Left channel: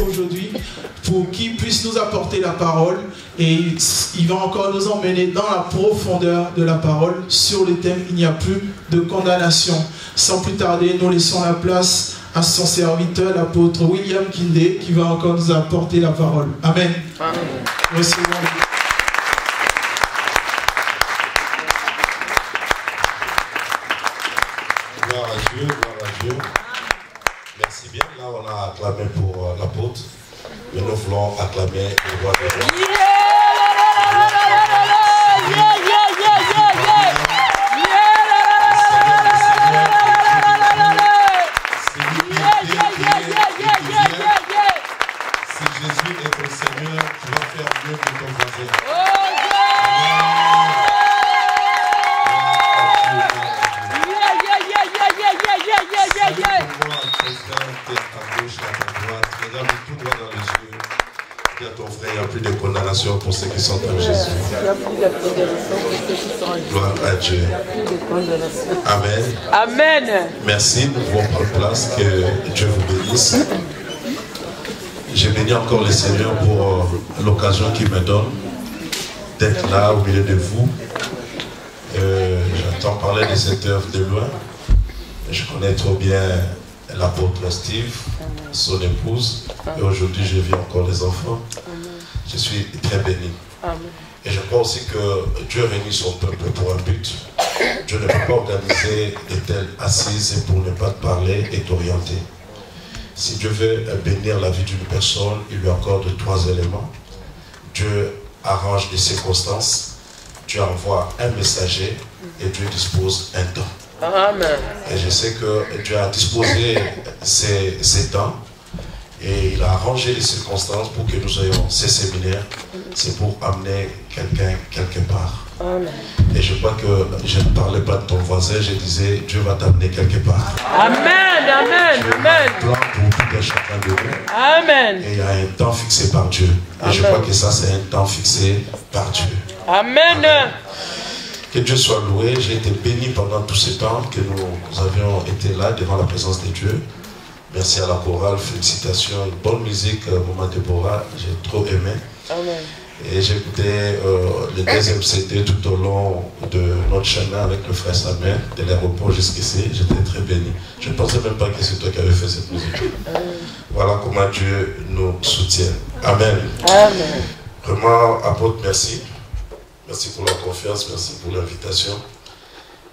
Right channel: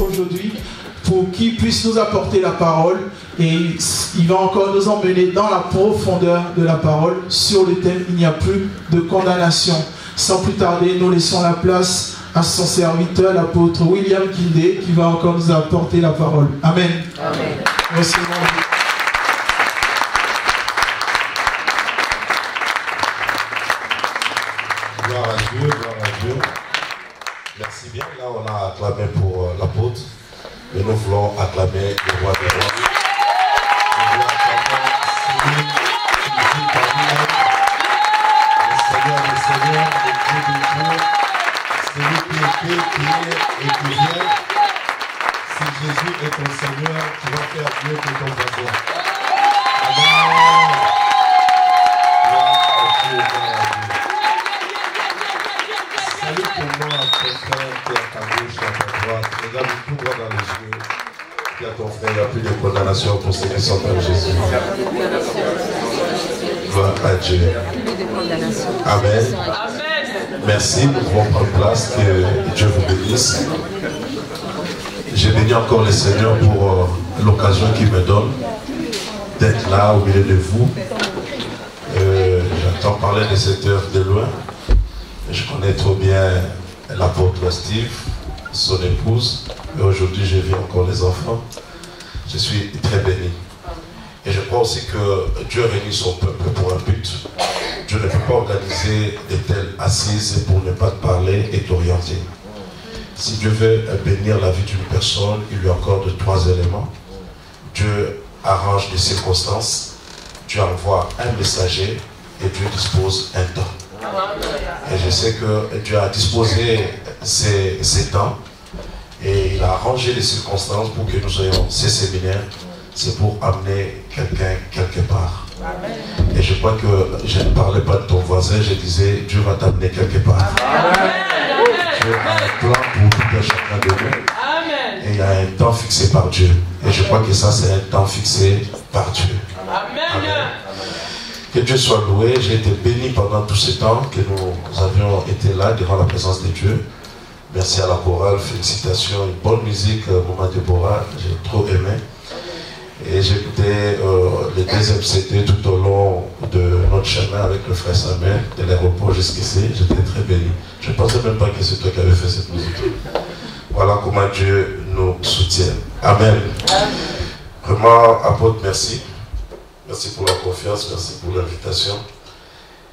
aujourd'hui pour qu'il puisse nous apporter la parole et il va encore nous emmener dans la profondeur de la parole sur le thème « Il n'y a plus de condamnation ». Sans plus tarder, nous laissons la place à son serviteur, l'apôtre William Kindé, qui va encore nous apporter la parole. Amen. Amen. Merci beaucoup. Gloire à Dieu, gloire à Dieu. Merci bien. Là, on a acclamé pour l'apôtre, mais nous voulons acclamer le roi des rois. Jésus est ton Seigneur, tu vas faire mieux que ton voisin. Salut pour moi, ton frère qui est à ta gauche, à ta droite. Regarde tout droit dans les yeux. Dis à ton frère, il n'y a plus de condamnation pour ceux qui sont en Jésus. Gloire à Dieu. Amen. Amen. Merci, nous pouvons prendre place, que Dieu vous bénisse. J'ai béni encore le Seigneur pour l'occasion qu'il me donne d'être là au milieu de vous. J'entends parler de cette œuvre de loin. Je connais trop bien l'apôtre Steve, son épouse. Et aujourd'hui, je vis encore les enfants. Je suis très béni. Et je crois aussi que Dieu a réuni son peuple pour un but. Dieu ne peut pas organiser de telles assises pour ne pas te parler et t'orienter. Si Dieu veut bénir la vie d'une personne, il lui accorde 3 éléments. Dieu arrange des circonstances, Dieu envoie un messager et Dieu dispose un temps. Et je sais que Dieu a disposé ces temps et il a arrangé les circonstances pour que nous ayons ces séminaires. C'est pour amener quelqu'un quelque part. Et je crois que je ne parlais pas de ton voisin, je disais Dieu va t'amener quelque part. Amen. Dieu a un plan pour tout un chacun de nous. Amen. Et il y a un temps fixé par Dieu. Et je crois que ça, c'est un temps fixé par Dieu. Amen. Amen. Que Dieu soit loué. J'ai été béni pendant tout ce temps que nous avions été là devant la présence de Dieu. Merci à la chorale, félicitations, une bonne musique, Maman Déborah, j'ai trop aimé. Et j'ai écouté le deuxième CD tout au long de notre chemin avec le frère Samuel, de l'aéroport jusqu'ici. J'étais très béni. Je ne pensais même pas que c'est toi qui avais fait cette musique. Voilà comment Dieu nous soutient. Amen. Amen. Vraiment, apôtre, merci. Merci pour la confiance, merci pour l'invitation.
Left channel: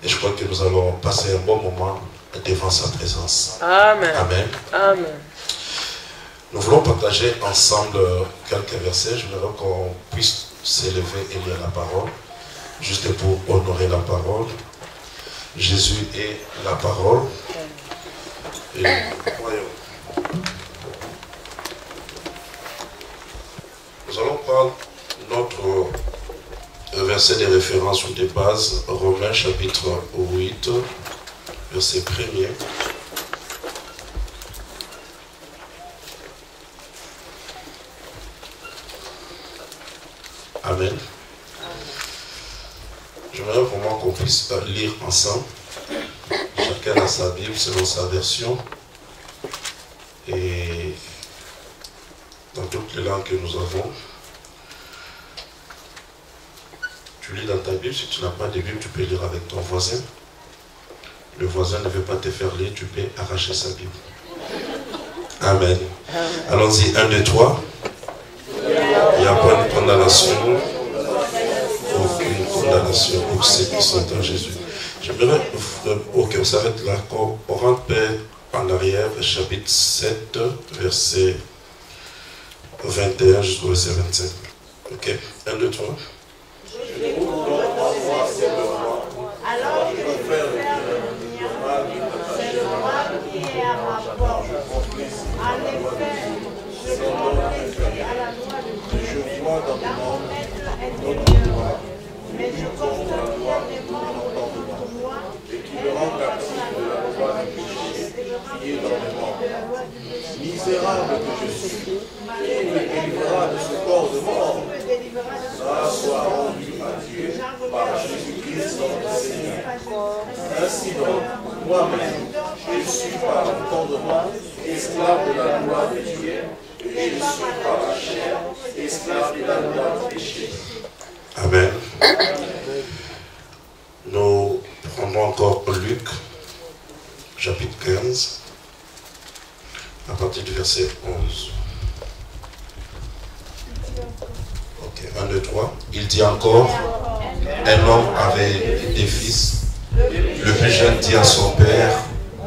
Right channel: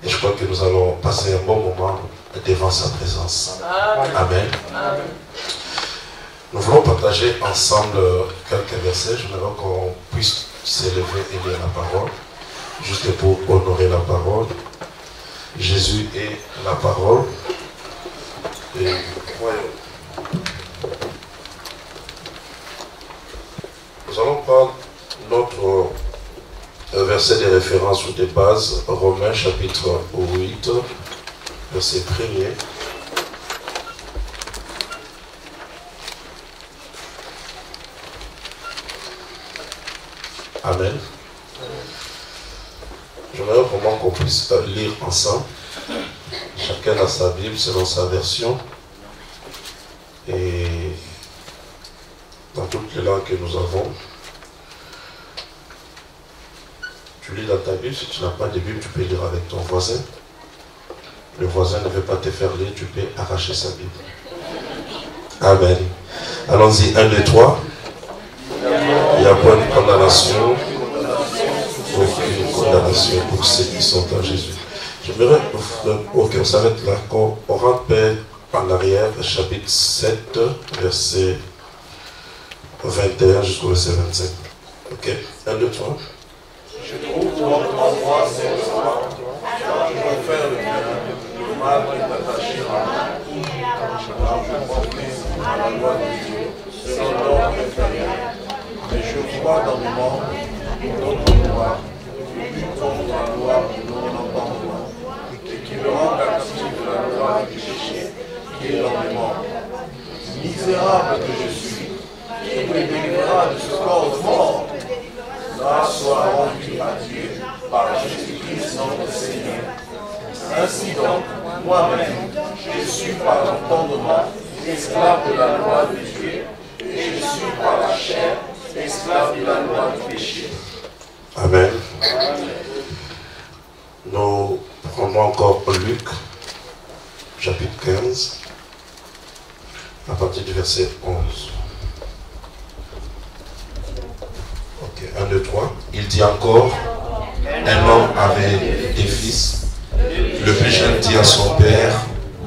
Et je crois que nous allons passer un bon moment devant sa présence. Amen. Amen. Amen. Nous voulons partager ensemble quelques versets. J'aimerais qu'on puisse s'élever et lire la parole, juste pour honorer la parole. Jésus est la parole. Et voyons. Nous allons prendre notre verset de référence ou de base, Romains chapitre 8, verset 1er. Amen. J'aimerais vraiment qu'on puisse lire ensemble. Chacun a sa Bible selon sa version. Et dans toutes les langues que nous avons. Tu lis dans ta Bible. Si tu n'as pas de Bible, tu peux lire avec ton voisin. Le voisin ne veut pas te faire lire, tu peux arracher sa Bible. Amen. Allons-y, 1, 2, 3. Il n'y a pas de condamnation, aucune condamnation pour ceux qui sont en Jésus. J'aimerais, ok, on s'arrête là, on rentre en arrière, chapitre 7, verset 21 jusqu'au verset 25. Ok, 1, 2, 3. Je trouve donc en moi cette loi, alors je peux faire le bien, le mal qui est attaché à moi. Alors je confesse à la loi de Dieu, selon l'ordre inférieur. Mais je vois dans le monde d'autres lois, qui luttent contre la loi de mon entendement, et qui me rend captif de la loi du péché qui est dans le monde. Misérable que je suis, qui me délivrera de ce corps de mort? Grâce soit rendue à Dieu par Jésus-Christ notre Seigneur. Ainsi donc, moi-même, je suis par l'entendement esclave de la loi de Dieu, et je suis par la chair esclave de la loi du péché. Amen. Nous prenons encore Luc, chapitre 15, à partir du verset 11. Ok, 1, 2, 3. Il dit encore, un homme avait des fils. Le plus jeune dit à son père,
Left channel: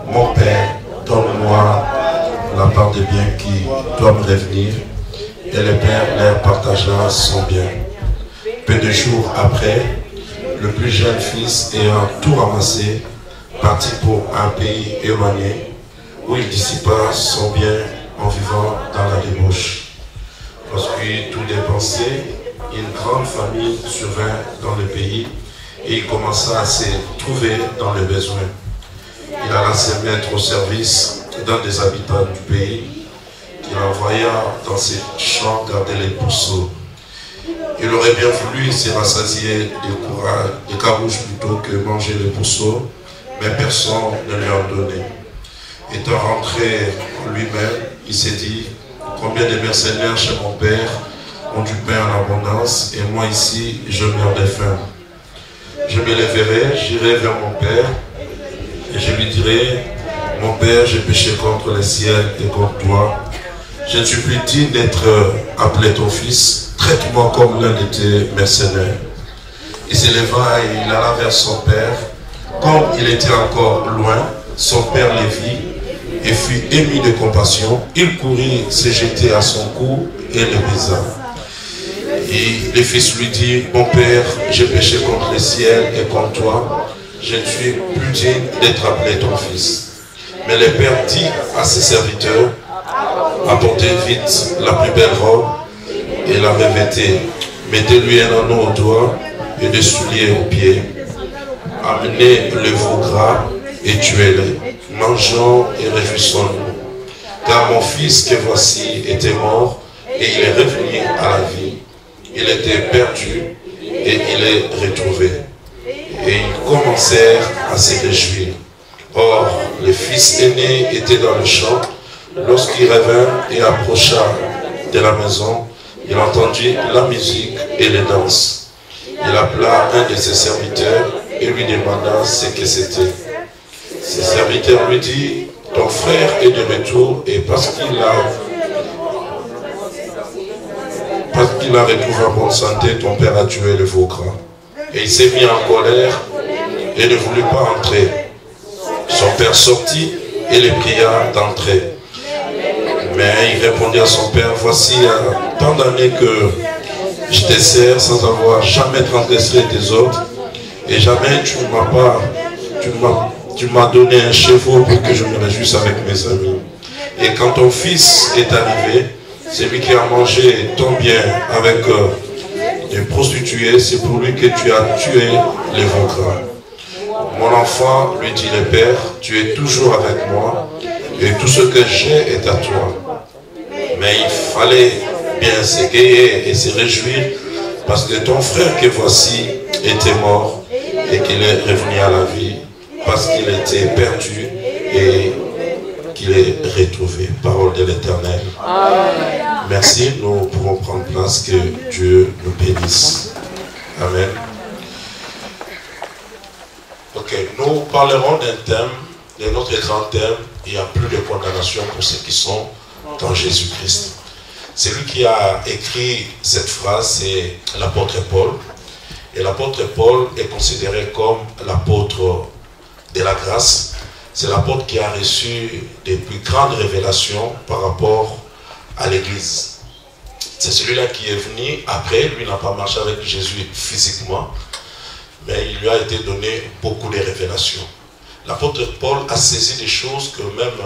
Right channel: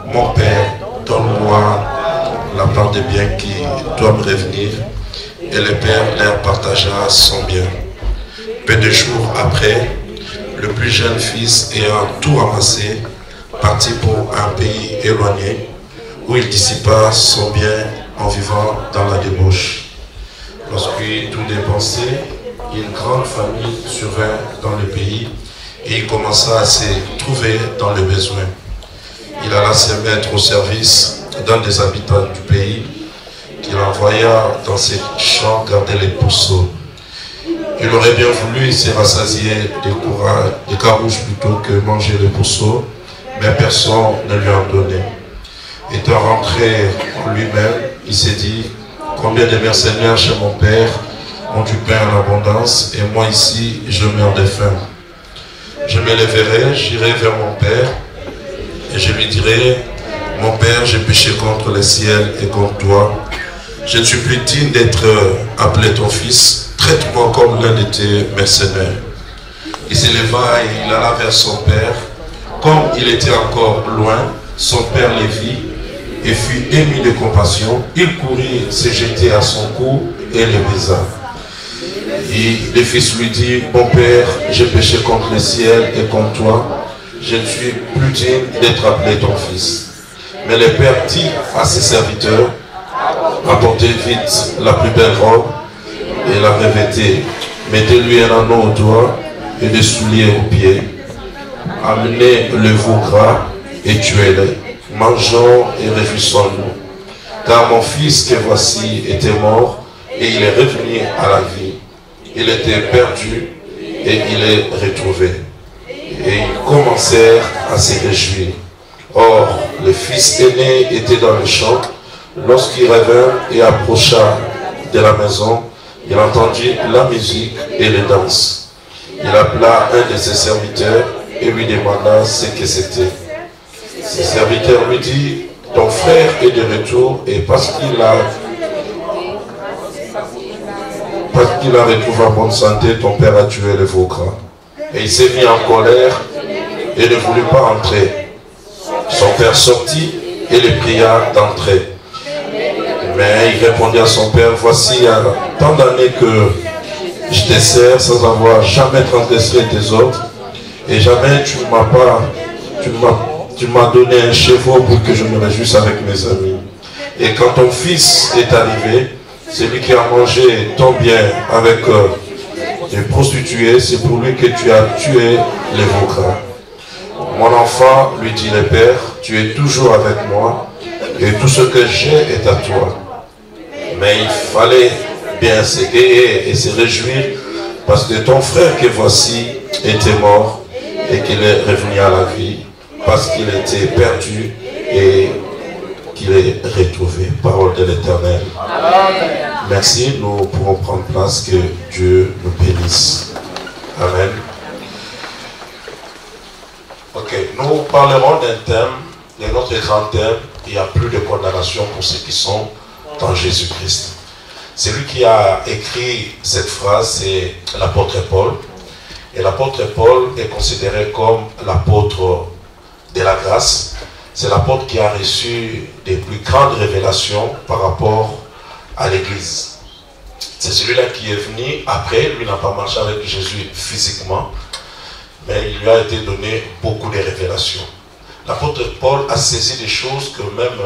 mon père, donne-moi la part des biens qui doit me revenir. Et le père leur partagea son bien. Peu de jours après, le plus jeune fils ayant tout ramassé, partit pour un pays éloigné, où il dissipa son bien en vivant dans la débauche. Lorsqu'il tout dépensé, une grande famine survint dans le pays, et il commença à se trouver dans le besoin. Il alla se mettre au service d'un des habitants du pays, qu'il envoya dans ses champs garder les pourceaux. Il aurait bien voulu se rassasier des carouges plutôt que manger les pourceaux, mais personne ne lui en donnait. Étant rentré en lui-même, il s'est dit, combien de mercenaires chez mon père ont du pain en abondance, et moi ici, je meurs de faim. Je me lèverai, j'irai vers mon père, et je lui dirai, mon père, j'ai péché contre le ciel et contre toi. Je ne suis plus digne d'être appelé ton fils. Traite-moi comme l'un de tes mercenaires. Il s'éleva et il alla vers son père. Comme il était encore loin, son père le vit et fut ému de compassion. Il courut se jeter à son cou et le baisa. Et le fils lui dit, mon père, j'ai péché contre le ciel et contre toi. Je ne suis plus digne d'être appelé ton fils. Mais le père dit à ses serviteurs, apportez vite la plus belle robe et la revêtez. Mettez-lui un anneau au doigt et des souliers aux pieds. Amenez le veau gras et tuez-le. Mangeons et réjouissons-nous. Car mon fils que voici était mort et il est revenu à la vie. Il était perdu et il est retrouvé. Et ils commencèrent à se réjouir. Or, le fils aîné était dans le champ. Lorsqu'il revint et approcha de la maison, il entendit la musique et les danses. Il appela un de ses serviteurs et lui demanda ce que c'était. Ses serviteurs lui dit, ton frère est de retour et parce qu'il a retrouvé en bonne santé, ton père a tué le veau gras. Et il s'est mis en colère et ne voulut pas entrer. Son père sortit et le pria d'entrer. Mais il répondit à son père, voici tant d'années que je te sers sans avoir jamais transgressé tes ordres, et jamais tu m'as donné un chevreau pour que je me réjouisse avec mes amis. Et quand ton fils est arrivé, celui qui a mangé ton bien avec des prostituées, c'est pour lui que tu as tué les veaux gras. Mon enfant, lui dit le père, tu es toujours avec moi, et tout ce que j'ai est à toi. Mais il fallait bien s'égayer et se réjouir parce que ton frère que voici était mort et qu'il est revenu à la vie, parce qu'il était perdu et qu'il est retrouvé. Parole de l'Éternel. Merci, nous pouvons prendre place, que Dieu nous bénisse. Amen. Ok, nous parlerons d'un thème, de notre grand thème, il n'y a plus de condamnation pour ceux qui sont dans Jésus-Christ. Celui qui a écrit cette phrase, c'est l'apôtre Paul. Et l'apôtre Paul est considéré comme l'apôtre de la grâce. C'est l'apôtre qui a reçu des plus grandes révélations par rapport à l'Église. C'est celui-là qui est venu après. Lui n'a pas marché avec Jésus physiquement, mais il lui a été donné beaucoup de révélations. L'apôtre Paul a saisi des choses que même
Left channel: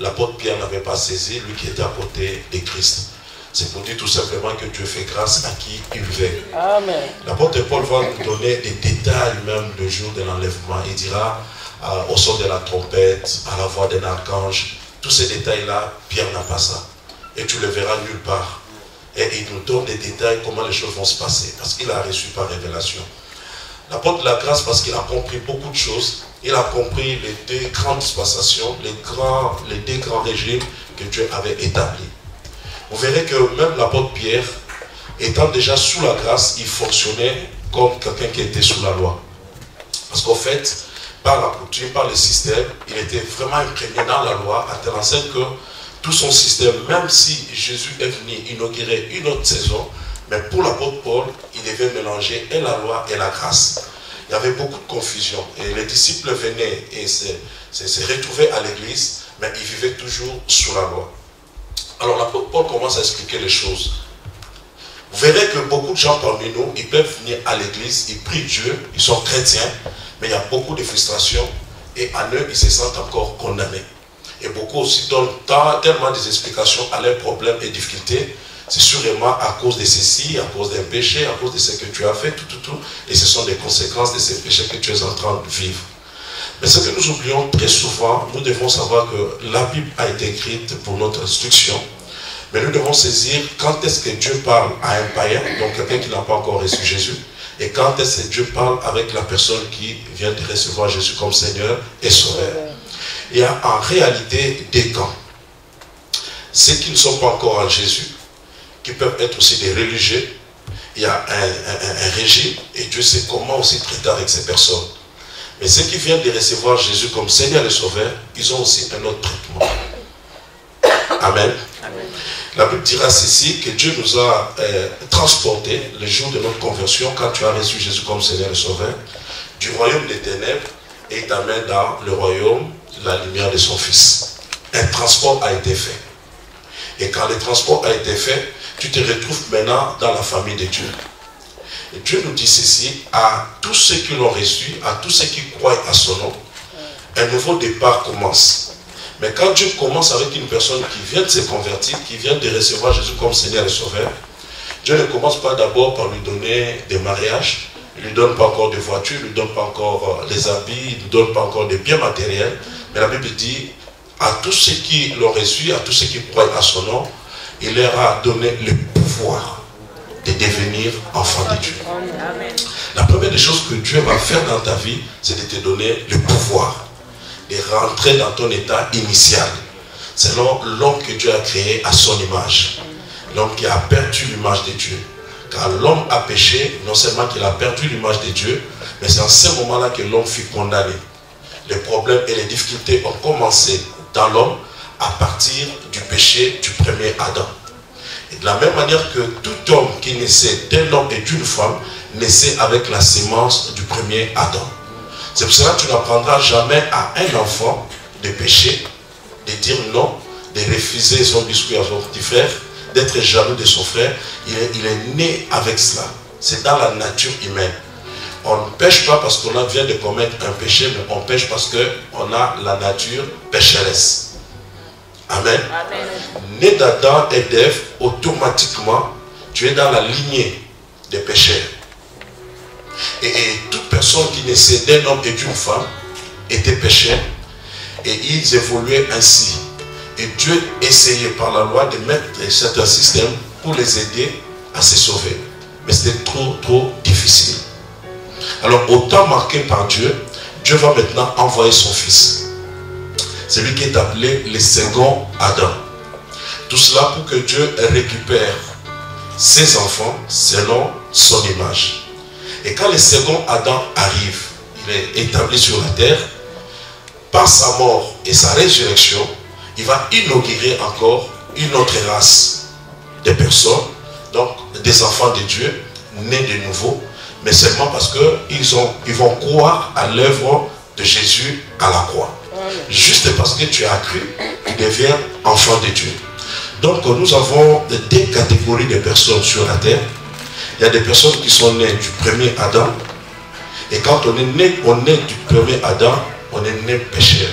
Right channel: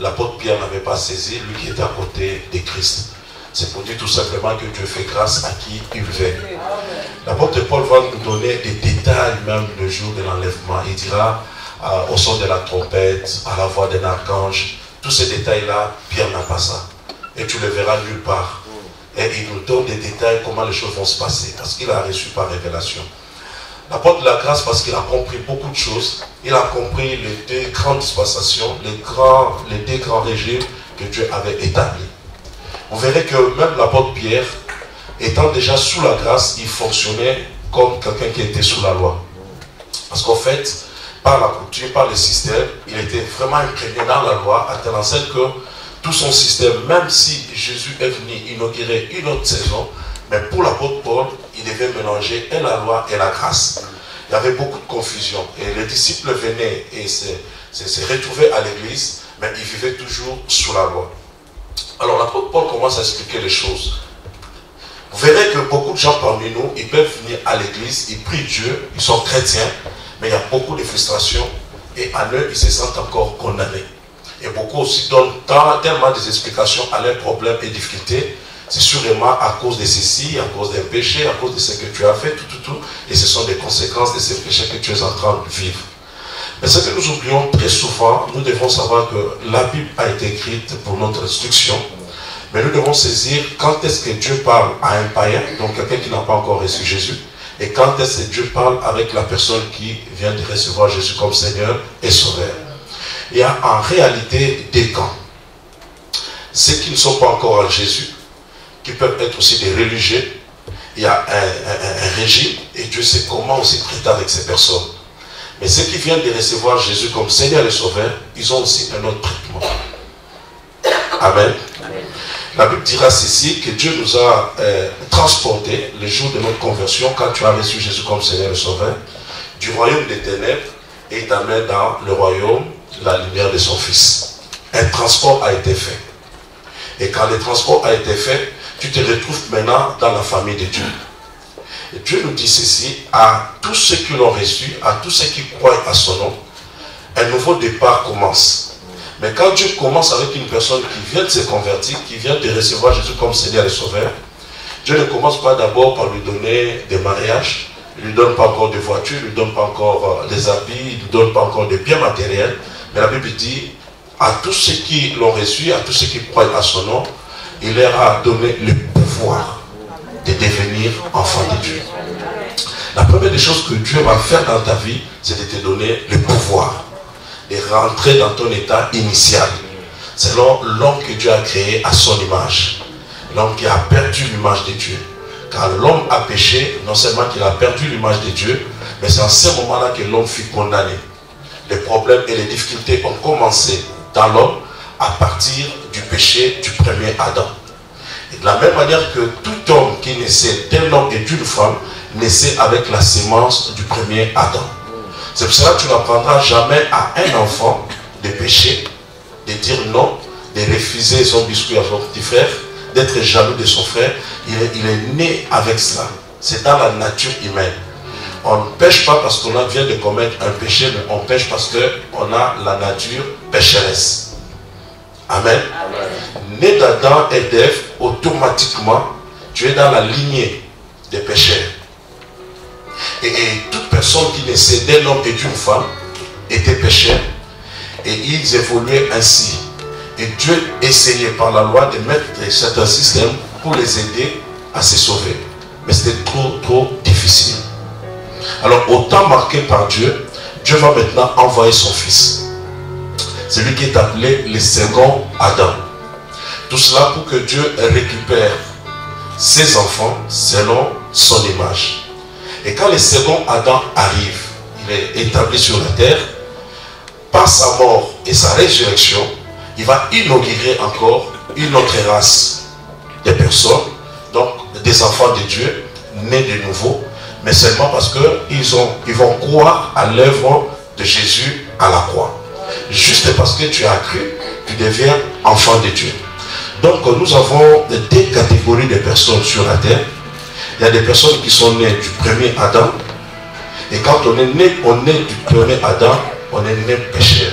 l'apôtre Pierre n'avait pas saisi, lui qui était à côté de Christ. C'est pour dire tout simplement que Dieu fait grâce à qui il veut. L'apôtre Paul va nous donner des détails même le jour de l'enlèvement. Il dira au son de la trompette, à la voix d'un archange, tous ces détails-là, Pierre n'a pas ça. Et tu le verras nulle part. Et il nous donne des détails, comment les choses vont se passer, parce qu'il a reçu par révélation. L'apôtre de la grâce, parce qu'il a compris beaucoup de choses, il a compris les deux grandes dispensations, les deux grands régimes que Dieu avait établis. vous verrez que même l'apôtre Pierre, étant déjà sous la grâce, il fonctionnait comme quelqu'un qui était sous la loi. Parce qu'en fait, par la coutume, par le système, il était vraiment imprégné dans la loi, à telle enseigne que tout son système, même si Jésus est venu inaugurer une autre saison, mais pour l'apôtre Paul, il devait mélanger et la loi et la grâce. Il y avait beaucoup de confusion. Et les disciples venaient et se retrouvaient à l'église, mais ils vivaient toujours sous la loi. Alors l'apôtre Paul commence à expliquer les choses. Vous verrez que beaucoup de gens parmi nous, ils peuvent venir à l'église, ils prient Dieu, ils sont chrétiens, mais il y a beaucoup de frustration et en eux, ils se sentent encore condamnés. Et beaucoup aussi donnent tellement des explications à leurs problèmes et difficultés. C'est sûrement à cause de ceci, à cause d'un péché, à cause de ce que tu as fait, tout. Et ce sont des conséquences de ces péchés que tu es en train de vivre. Mais ce que nous oublions très souvent, nous devons savoir que la Bible a été écrite pour notre instruction. Mais nous devons saisir quand est-ce que Dieu parle à un païen, donc quelqu'un qui n'a pas encore reçu Jésus, et quand est-ce que Dieu parle avec la personne qui vient de recevoir Jésus comme Seigneur et Sauveur. Il y a en réalité des camps. Ceux qui ne sont pas encore en Jésus, qui peuvent être aussi des religieux, il y a un régime, et Dieu sait comment aussi traiter avec ces personnes. Mais ceux qui viennent de recevoir Jésus comme Seigneur et Sauveur, ils ont aussi un autre traitement. Amen. Amen. La Bible dira ceci, que Dieu nous a transportés le jour de notre conversion, quand tu as reçu Jésus comme Seigneur et Sauveur, du royaume des ténèbres, et t'amène dans le royaume de la lumière de son Fils. Un transport a été fait. Et quand le transport a été fait, tu te retrouves maintenant dans la famille de Dieu. Et Dieu nous dit ceci, à tous ceux qui l'ont reçu, à tous ceux qui croient à son nom, un nouveau départ commence. Mais quand Dieu commence avec une personne qui vient de se convertir, qui vient de recevoir Jésus comme Seigneur et Sauveur, Dieu ne commence pas d'abord par lui donner des mariages, il ne lui donne pas encore de voitures, il ne lui donne pas encore des habits, il ne lui donne pas encore des biens matériels. Mais la Bible dit, à tous ceux qui l'ont reçu, à tous ceux qui croient à son nom, il leur a donné le pouvoir de devenir enfants de Dieu. La première des choses que Dieu va faire dans ta vie, c'est de te donner le pouvoir de rentrer dans ton état initial, selon l'homme que Dieu a créé à son image. L'homme qui a perdu l'image de Dieu. Car l'homme a péché, non seulement qu'il a perdu l'image de Dieu, mais c'est en ce moment-là que l'homme fut condamné. Les problèmes et les difficultés ont commencé dans l'homme à partir du péché du premier Adam. Et de la même manière que tout homme qui naissait d'un homme et d'une femme, naissait avec la sémence du premier Adam. C'est pour cela que tu n'apprendras jamais à un enfant de pécher, de dire non, de refuser son biscuit à son petit frère, d'être jaloux de son frère. Il est né avec cela. C'est dans la nature humaine. On ne pêche pas parce qu'on vient de commettre un péché, mais on pêche parce qu'on a la nature pécheresse. Amen. Amen. Né d'Adam et d'Ève, automatiquement, tu es dans la lignée des pécheurs. Et toute personne qui naissait d'un homme et d'une femme était pécheur. Et ils évoluaient ainsi. Et Dieu essayait par la loi de mettre certains systèmes pour les aider à se sauver. Mais c'était trop difficile. Alors au temps marqué par Dieu, Dieu va maintenant envoyer son Fils. Celui qui est appelé le second Adam. Tout cela pour que Dieu récupère ses enfants selon son image. Et quand le second Adam arrive, il est établi sur la terre, par sa mort et sa résurrection, il va inaugurer encore une autre race de personnes, donc des enfants de Dieu, nés de nouveau, mais seulement parce qu'ils vont croire à l'œuvre de Jésus à la croix. Juste parce que tu as cru, tu deviens enfant de Dieu. Donc nous avons deux catégories de personnes sur la terre. Il y a des personnes qui sont nées du premier Adam. Et quand on est né du premier Adam, on est né pécheur.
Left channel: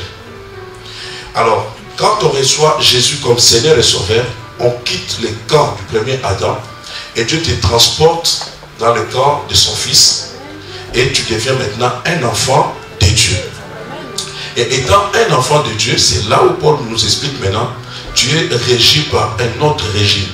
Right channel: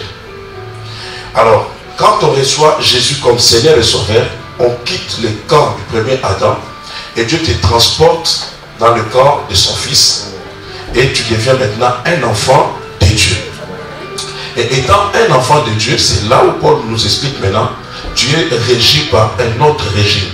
Alors, quand on reçoit Jésus comme Seigneur et Sauveur, on quitte le camp du premier Adam et Dieu te transporte dans le camp de son Fils. Et tu deviens maintenant un enfant de Dieu. Et étant un enfant de Dieu, c'est là où Paul nous explique maintenant, tu es régi par un autre régime.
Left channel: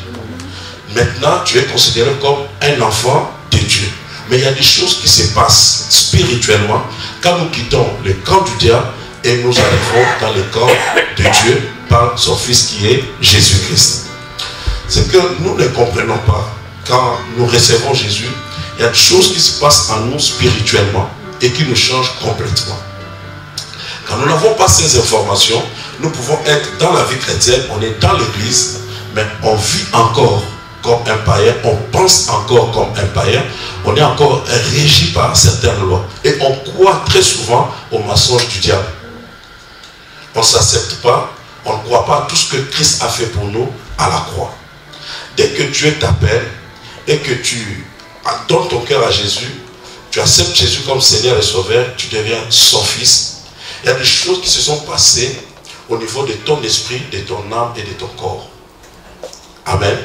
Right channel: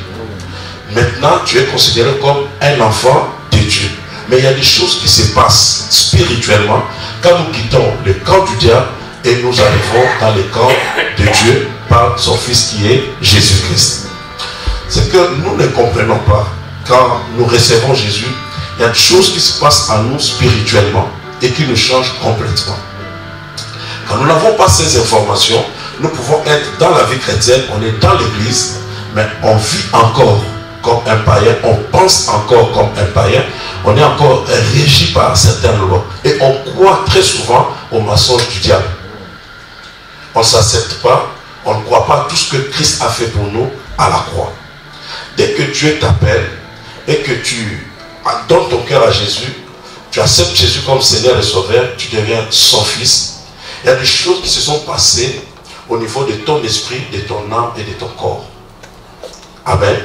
Maintenant, tu es considéré comme un enfant de Dieu. Mais il y a des choses qui se passent spirituellement quand nous quittons le camp du diable et nous arrivons dans le camp de Dieu par son Fils qui est Jésus-Christ. c'est que nous ne comprenons pas. Quand nous recevons Jésus, il y a des choses qui se passent en nous spirituellement et qui nous changent complètement. Quand nous n'avons pas ces informations, nous pouvons être dans la vie chrétienne, on est dans l'église, mais on vit encore comme un païen, on pense encore comme un païen, on est encore régi par certaines lois. Et on croit très souvent au mensonge du diable. On ne s'accepte pas, on ne croit pas à tout ce que Christ a fait pour nous à la croix. Dès que Dieu t'appelle et que tu donnes ton cœur à Jésus, tu acceptes Jésus comme Seigneur et Sauveur, tu deviens son fils. Il y a des choses qui se sont passées au niveau de ton esprit, de ton âme et de ton corps. Amen.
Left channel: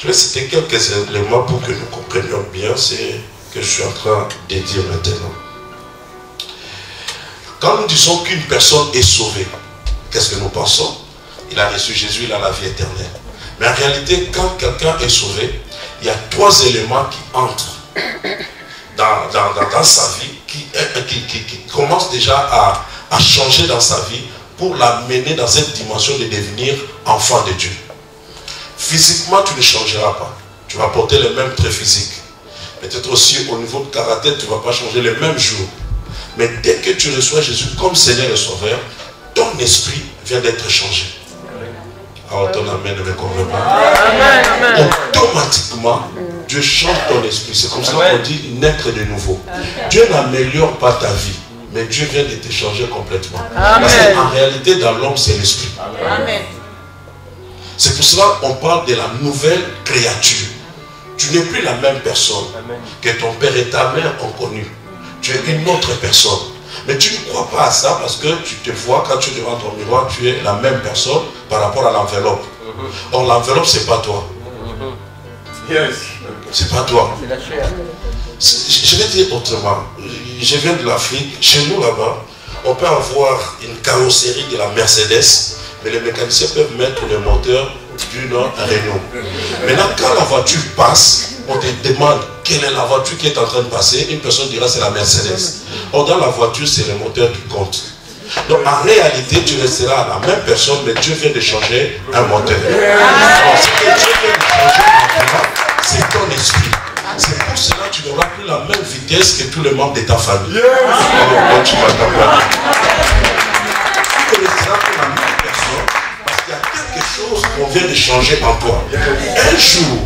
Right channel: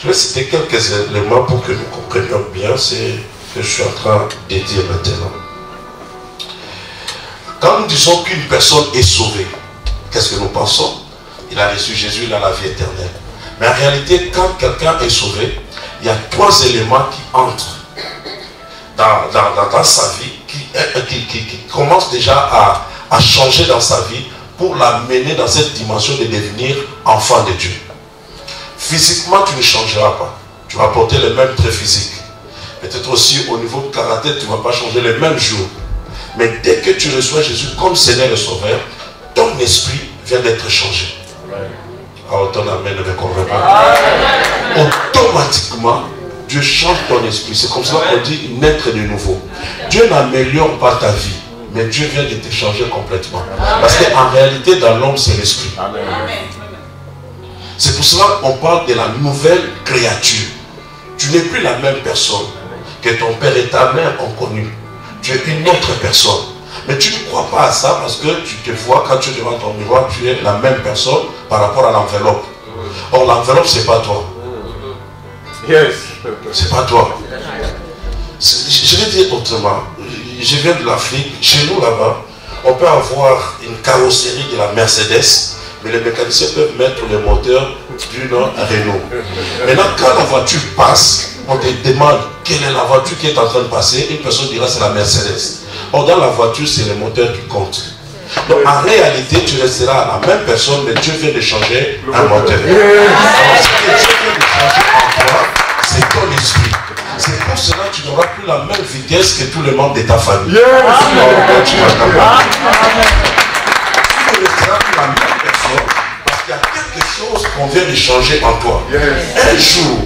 Je vais citer quelques éléments pour que nous comprenions bien ce que je suis en train de dire maintenant. Quand nous disons qu'une personne est sauvée, qu'est-ce que nous pensons? Il a reçu Jésus, il a la vie éternelle. Mais en réalité, quand quelqu'un est sauvé, il y a 3 éléments qui entrent dans sa vie, qui commencent déjà à changer dans sa vie pour l'amener dans cette dimension de devenir enfant de Dieu. Physiquement, tu ne changeras pas. Tu vas porter les mêmes traits physiques. Peut-être aussi au niveau de caractère, tu ne vas pas changer les mêmes jours. Mais dès que tu reçois Jésus comme Seigneur et Sauveur, ton esprit vient d'être changé. Alors ton amen ne me convainc pas. Automatiquement, Dieu change ton esprit. C'est comme ça qu'on dit naître de nouveau. Dieu n'améliore pas ta vie, mais Dieu vient de te changer complètement. Parce qu'en réalité, dans l'homme, c'est l'esprit. C'est pour cela qu'on parle de la nouvelle créature. Tu n'es plus la même personne que ton père et ta mère ont connu. Tu es une autre personne. Mais tu ne crois pas à ça parce que tu te vois, quand tu es devant ton miroir, tu es la même personne par rapport à l'enveloppe. Or, l'enveloppe, ce n'est pas toi. C'est pas toi. Je vais dire autrement. Je viens de l'Afrique. Chez nous, là-bas, on peut avoir une carrosserie de la Mercedes, mais les mécaniciens peuvent mettre le moteur d'une Renault. Maintenant, quand la voiture passe, on te demande quelle est la voiture qui est en train de passer. Une personne dira c'est la Mercedes. Or, dans la voiture, c'est le moteur qui compte. Donc, en réalité, tu resteras la même personne, mais Dieu vient de changer un moteur. Alors, ce que Dieu vient de changer en toi, c'est ton esprit. C'est pour cela que tu n'auras plus la même vitesse que tous les membres de ta famille. Alors, tu vas t'avoir. Tu ne resteras plus la même personne parce qu'il y a quelque chose qu'on vient de changer en toi. Un jour,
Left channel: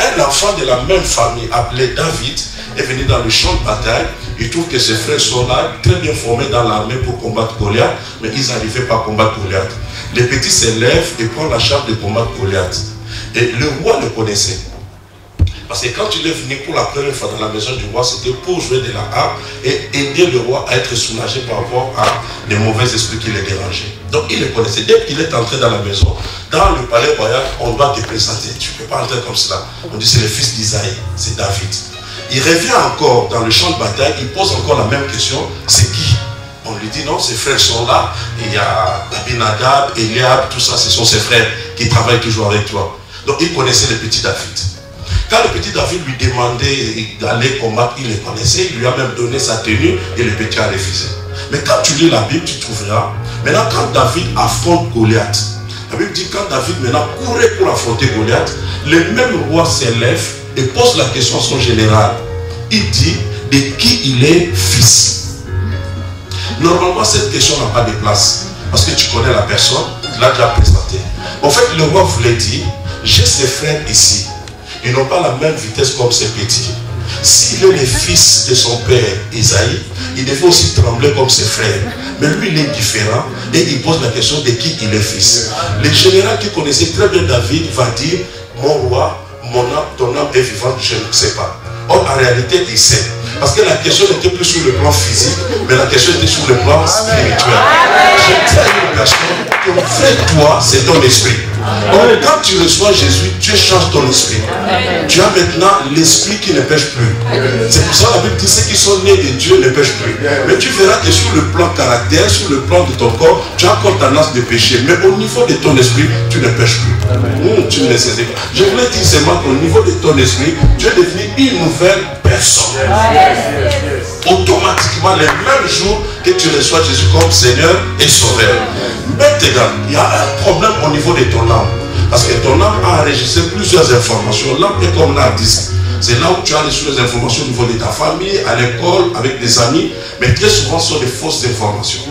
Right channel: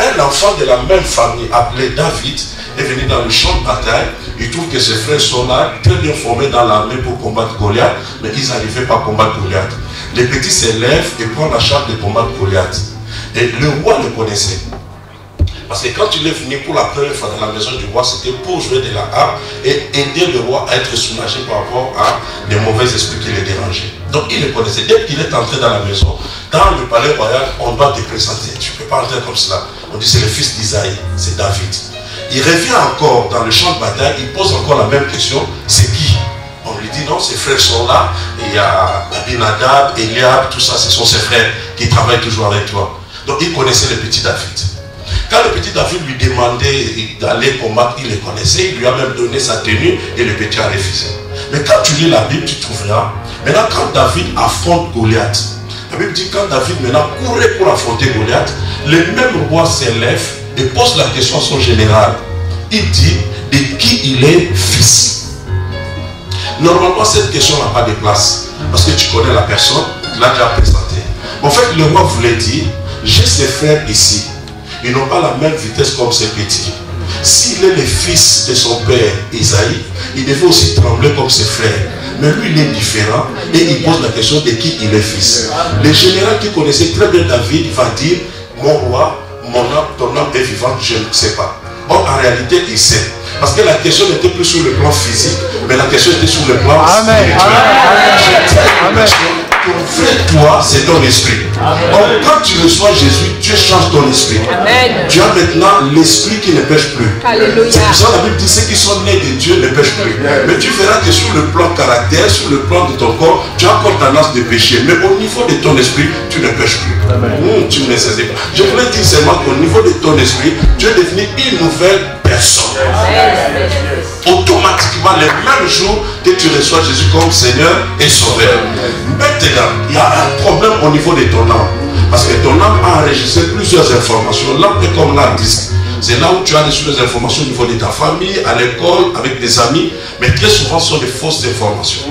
un enfant de la même famille appelé David est venu dans le champ de bataille. Il trouve que ses frères sont là, très bien formés dans l'armée pour combattre Goliath, mais ils n'arrivaient pas à combattre Goliath. Les petits s'élèvent et prennent la charge de combattre Goliath. Et le roi le connaissait. Parce que quand il est venu pour la première fois dans la maison du roi, c'était pour jouer de la harpe et aider le roi à être soulagé par rapport à des mauvais esprits qui le dérangeaient. Donc il le connaissait. Dès qu'il est entré dans la maison, dans le palais royal, on doit te présenter. Tu ne peux pas entrer comme cela. On dit c'est le fils d'Isaïe, c'est David. Il revient encore dans le champ de bataille, il pose encore la même question, c'est qui? On lui dit non, ses frères sont là, il y a Abinadab, Eliab, tout ça, ce sont ses frères qui travaillent toujours avec toi. Donc il connaissait le petit David. Quand le petit David lui demandait d'aller combattre, il le connaissait, il lui a même donné sa tenue et le petit a refusé. Mais quand tu lis la Bible, tu trouveras, maintenant quand David affronte Goliath, la Bible dit quand David maintenant courait pour affronter Goliath, le même roi s'élève et pose la question à son général. Il dit de qui il est fils. Normalement, cette question n'a pas de place. Parce que tu connais la personne, tu l'as déjà présenté. En fait, le roi voulait dire, j'ai ses frères ici. Ils n'ont pas la même vitesse comme ces petits. S'il est le fils de son père Isaïe, il devait aussi trembler comme ses frères. Mais lui, il est différent et il pose la question de qui il est fils. Le général qui connaissait très bien David va dire, mon roi, mon âme, ton âme est vivante, je ne sais pas. Or, en réalité, il sait. Parce que la question n'était plus sur le plan physique, mais la question était sur le plan spirituel. Je tiens une personne, ton vrai toi, c'est ton esprit. Or, quand tu reçois Jésus, Dieu change ton esprit. Tu as maintenant l'esprit qui ne pêche plus. C'est pour ça que la Bible dit ceux qui sont nés de Dieu ne pêchent plus. Mais tu verras que sur le plan caractère, sur le plan de ton corps, tu as encore tendance de pécher. Mais au niveau de ton esprit, tu ne pêches plus. Tu ne sais pas. Je voulais dire seulement qu'au niveau de ton esprit, tu es devenu une nouvelle personne. Automatiquement, le même jour que tu reçois Jésus comme Seigneur et Sauveur. Maintenant, il y a un problème au niveau de ton âme. Parce que ton âme a enregistré plusieurs informations. L'âme est comme l'hard disk. C'est là où tu as reçu les informations au niveau de ta famille, à l'école, avec des amis. Mais très souvent, ce sont des fausses informations.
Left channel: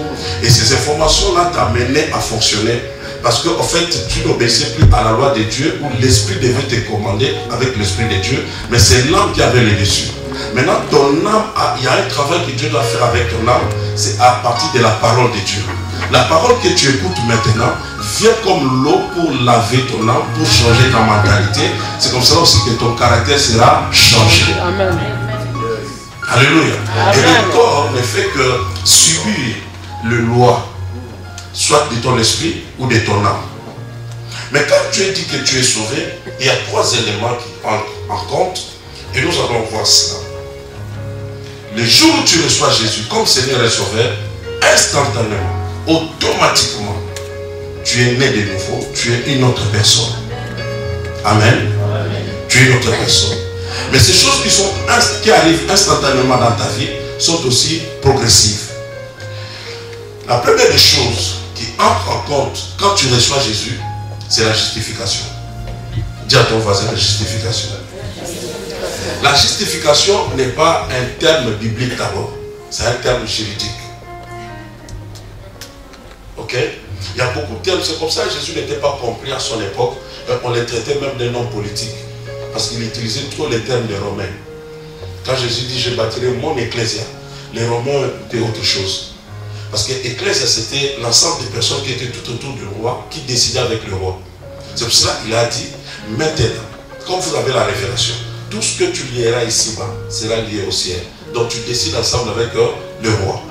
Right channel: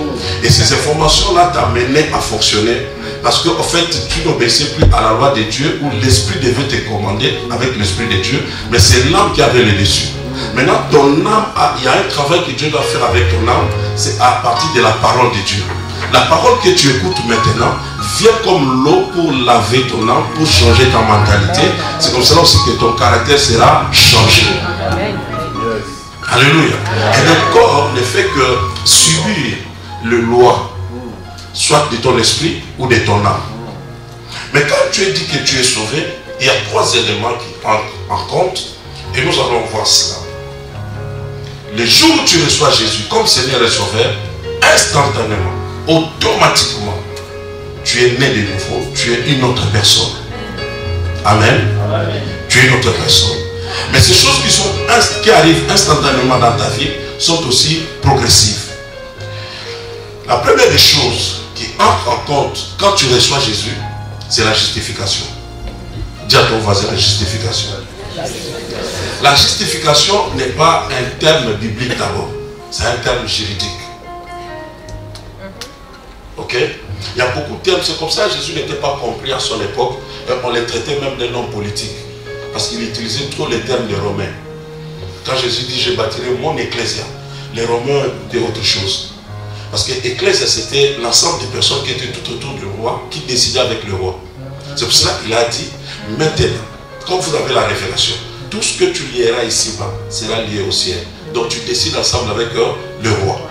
Et ces informations-là t'amenaient à fonctionner. Parce qu'en fait, tu n'obéissais plus à la loi de Dieu où l'esprit devait te commander avec l'esprit de Dieu. Mais c'est l'âme qui avait le dessus. Maintenant, ton âme, il y a un travail que Dieu doit faire avec ton âme. C'est à partir de la parole de Dieu. La parole que tu écoutes maintenant vient comme l'eau pour laver ton âme, pour changer ta mentalité. C'est comme ça aussi que ton caractère sera changé. Alléluia. Et le corps ne fait que subir le loi, soit de ton esprit ou de ton âme. Mais quand tu es dit que tu es sauvé, il y a 3 éléments qui entrent en compte et nous allons voir cela. Le jour où tu reçois Jésus comme Seigneur et Sauveur, instantanément, automatiquement, tu es né de nouveau, tu es une autre personne. Amen. Amen. Tu es une autre personne. Mais ces choses qui arrivent instantanément dans ta vie sont aussi progressives. La première des choses qui entre en compte quand tu reçois Jésus, c'est la justification. Dis à ton voisin la justification. La justification n'est pas un terme biblique d'abord, c'est un terme juridique. Ok? Il y a beaucoup de termes, c'est comme ça que Jésus n'était pas compris à son époque. On les traitait même d'un homme politique. Parce qu'il utilisait trop les termes des Romains. Quand Jésus dit je bâtirai mon ecclésia, les Romains écoutaient autre chose. Parce que l'ecclésia c'était l'ensemble des personnes qui étaient tout autour du roi, qui décidaient avec le roi. C'est pour cela qu'il a dit, maintenant, quand vous avez la révélation, tout ce que tu lieras ici-bas sera lié au ciel. Donc tu décides ensemble avec le roi.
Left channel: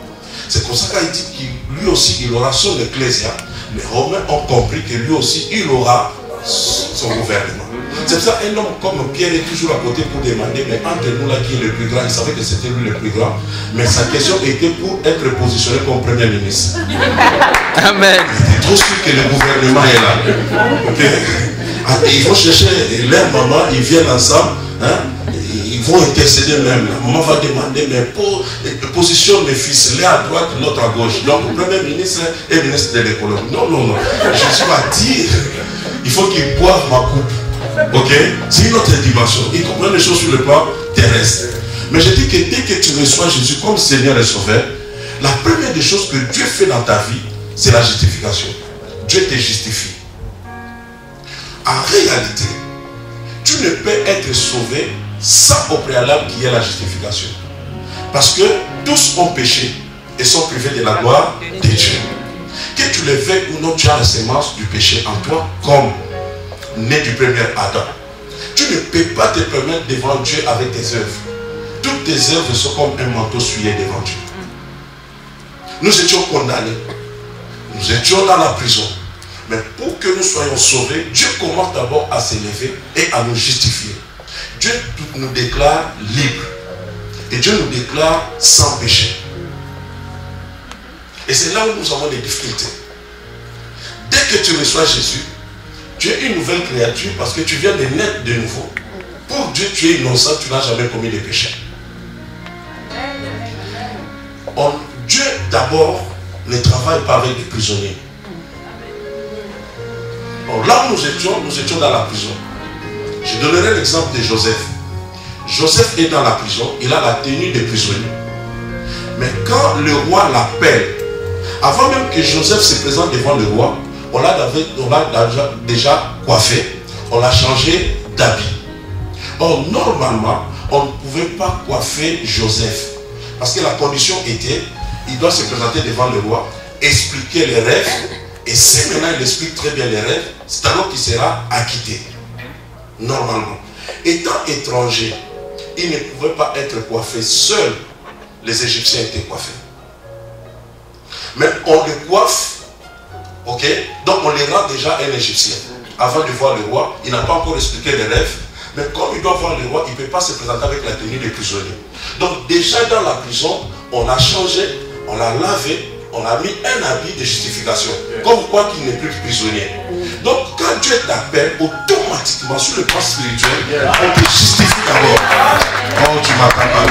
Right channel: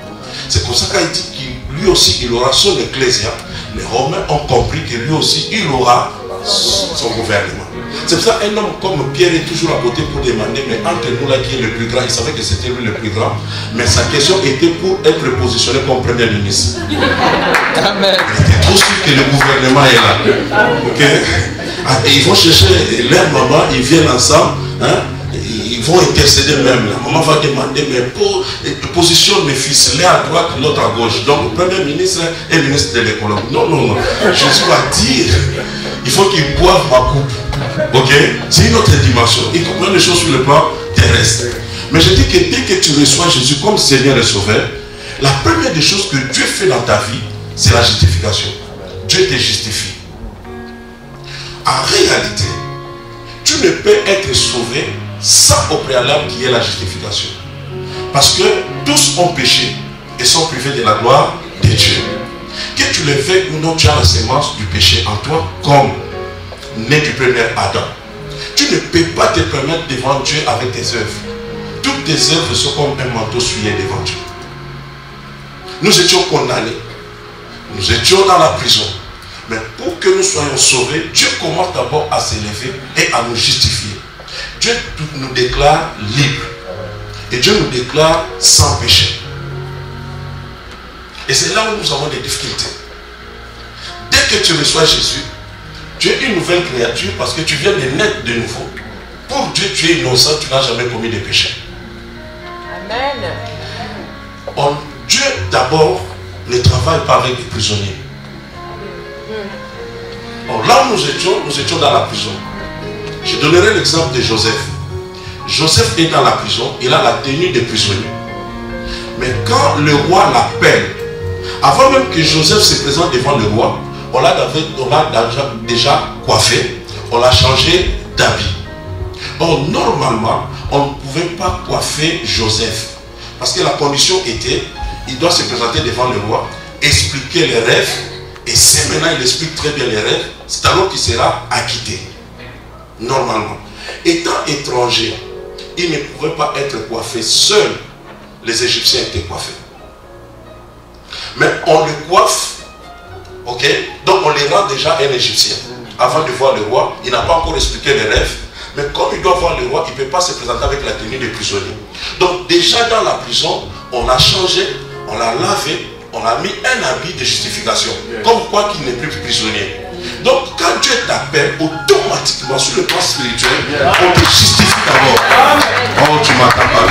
C'est pour ça qu'il dit qu'il lui aussi il aura son ecclésia. Les Romains ont compris que lui aussi il aura son gouvernement. C'est pour ça qu'un homme comme Pierre est toujours à côté pour demander, mais entre nous là qui est le plus grand, il savait que c'était lui le plus grand, mais sa question était pour être positionné comme premier ministre. Amen. Il était trop sûr que le gouvernement est là. Okay. Et ils vont chercher leur maman, ils viennent ensemble, hein? Ils vont intercéder même. La maman va demander, mais positionne mes fils, l'un à droite, l'autre à gauche. Donc le premier ministre est ministre de l'économie. Non, non, non. Jésus va dire, il faut qu'ils boivent ma coupe. Ok? C'est une autre dimension. Ils comprennent les choses sur le plan terrestre. Mais je dis que dès que tu reçois Jésus comme Seigneur et Sauveur, la première des choses que Dieu fait dans ta vie, c'est la justification. Dieu te justifie. En réalité, tu ne peux être sauvé sans au préalable qu'il y ait la justification. Parce que tous ont péché et sont privés de la gloire de Dieu. Que tu le veuilles ou non, tu as la sémence du péché en toi comme né du premier Adam. Tu ne peux pas te permettre devant Dieu avec tes œuvres. Toutes tes œuvres sont comme un manteau souillé devant Dieu. Nous étions condamnés. Nous étions dans la prison. Mais pour que nous soyons sauvés, Dieu commence d'abord à s'élever et à nous justifier. Dieu nous déclare libres. Et Dieu nous déclare sans péché. Et c'est là où nous avons des difficultés. Dès que tu reçois Jésus, tu es une nouvelle créature parce que tu viens de naître de nouveau. Pour Dieu, tu es innocent, tu n'as jamais commis de péché. Amen. Dieu d'abord ne travaille pas avec des prisonniers. Là où nous étions dans la prison. Je donnerai l'exemple de Joseph. Joseph est dans la prison, il a la tenue de prisonnier. Mais quand le roi l'appelle, avant même que Joseph se présente devant le roi, on l'a déjà coiffé, on l'a changé d'habit. Or, normalement, on ne pouvait pas coiffer Joseph. Parce que la condition était, il doit se présenter devant le roi, expliquer les rêves, et si maintenant il explique très bien les rêves, c'est alors qu'il sera acquitté. Normalement. Étant étranger, il ne pouvait pas être coiffé seul. Les Égyptiens étaient coiffés. Mais on le coiffe, ok? Donc on les rend déjà un Égyptien. Avant de voir le roi, il n'a pas encore expliqué les rêves. Mais comme il doit voir le roi, il ne peut pas se présenter avec la tenue des prisonniers. Donc déjà dans la prison, on a changé, on l'a lavé, on a mis un habit de justification. Comme quoi qu'il n'est plus prisonnier. Donc quand Dieu t'appelle, automatiquement sur le plan spirituel, on te justifie d'abord. Oh, tu m'attends pas.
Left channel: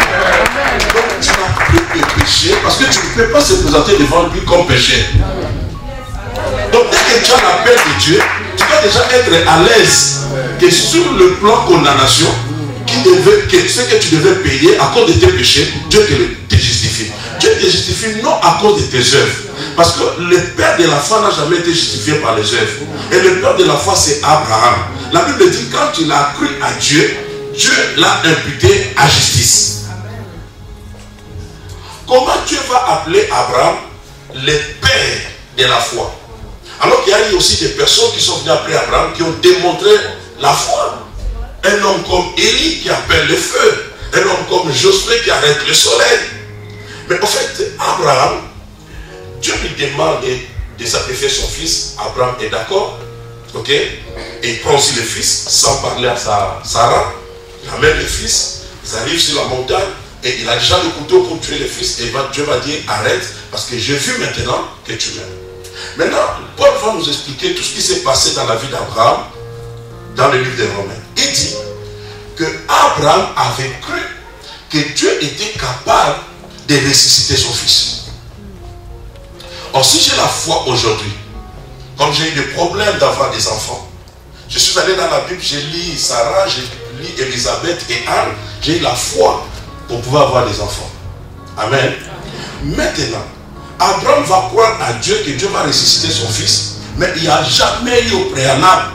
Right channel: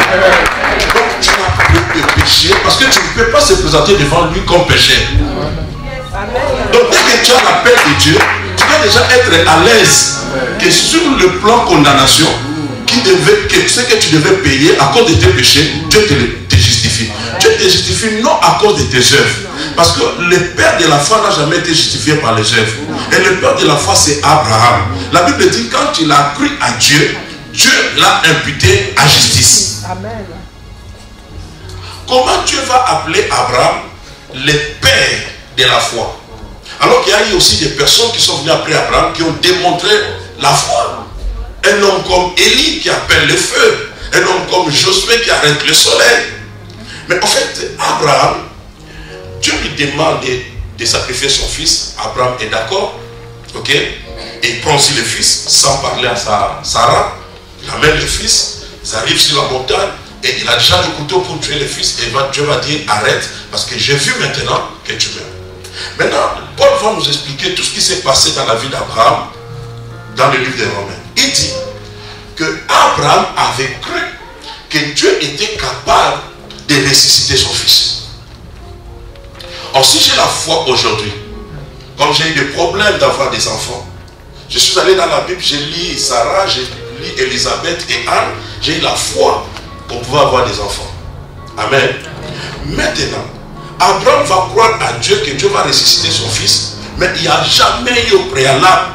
Donc tu n'as plus de péché parce que tu ne peux pas se présenter devant lui comme péché. Donc dès que tu as l'appel de Dieu, tu dois déjà être à l'aise que sur le plan condamnation, ce que tu devais payer à cause de tes péchés, Dieu te justifie. Dieu te justifie non à cause de tes œuvres. Parce que le père de la foi n'a jamais été justifié par les œuvres. Et le père de la foi, c'est Abraham. La Bible dit quand il a cru à Dieu, Dieu l'a imputé à justice. Amen. Comment Dieu va appeler Abraham le père de la foi? Alors qu'il y a eu aussi des personnes qui sont venues après Abraham qui ont démontré la foi. Un homme comme Élie qui appelle le feu. Un homme comme Josué qui arrête le soleil. Mais en fait, Abraham, Dieu lui demande de sacrifier son fils. Abraham est d'accord. Ok? Et il prend aussi le fils sans parler à Sarah. Il amène le fils. Ils arrivent sur la montagne. Et il a déjà le couteau pour tuer le fils. Et Dieu va dire arrête. Parce que j'ai vu maintenant que tu meurs. Maintenant, Paul va nous expliquer tout ce qui s'est passé dans la vie d'Abraham dans le livre des Romains. Il dit que Abraham avait cru que Dieu était capable de ressusciter son fils. Or, si j'ai la foi aujourd'hui, comme j'ai eu des problèmes d'avoir des enfants, je suis allé dans la Bible, j'ai lu Sarah, j'ai lu Élisabeth et Anne, j'ai eu la foi pour pouvoir avoir des enfants. Amen. Maintenant, Abraham va croire à Dieu que Dieu va ressusciter son fils, mais il n'y a jamais eu au préalable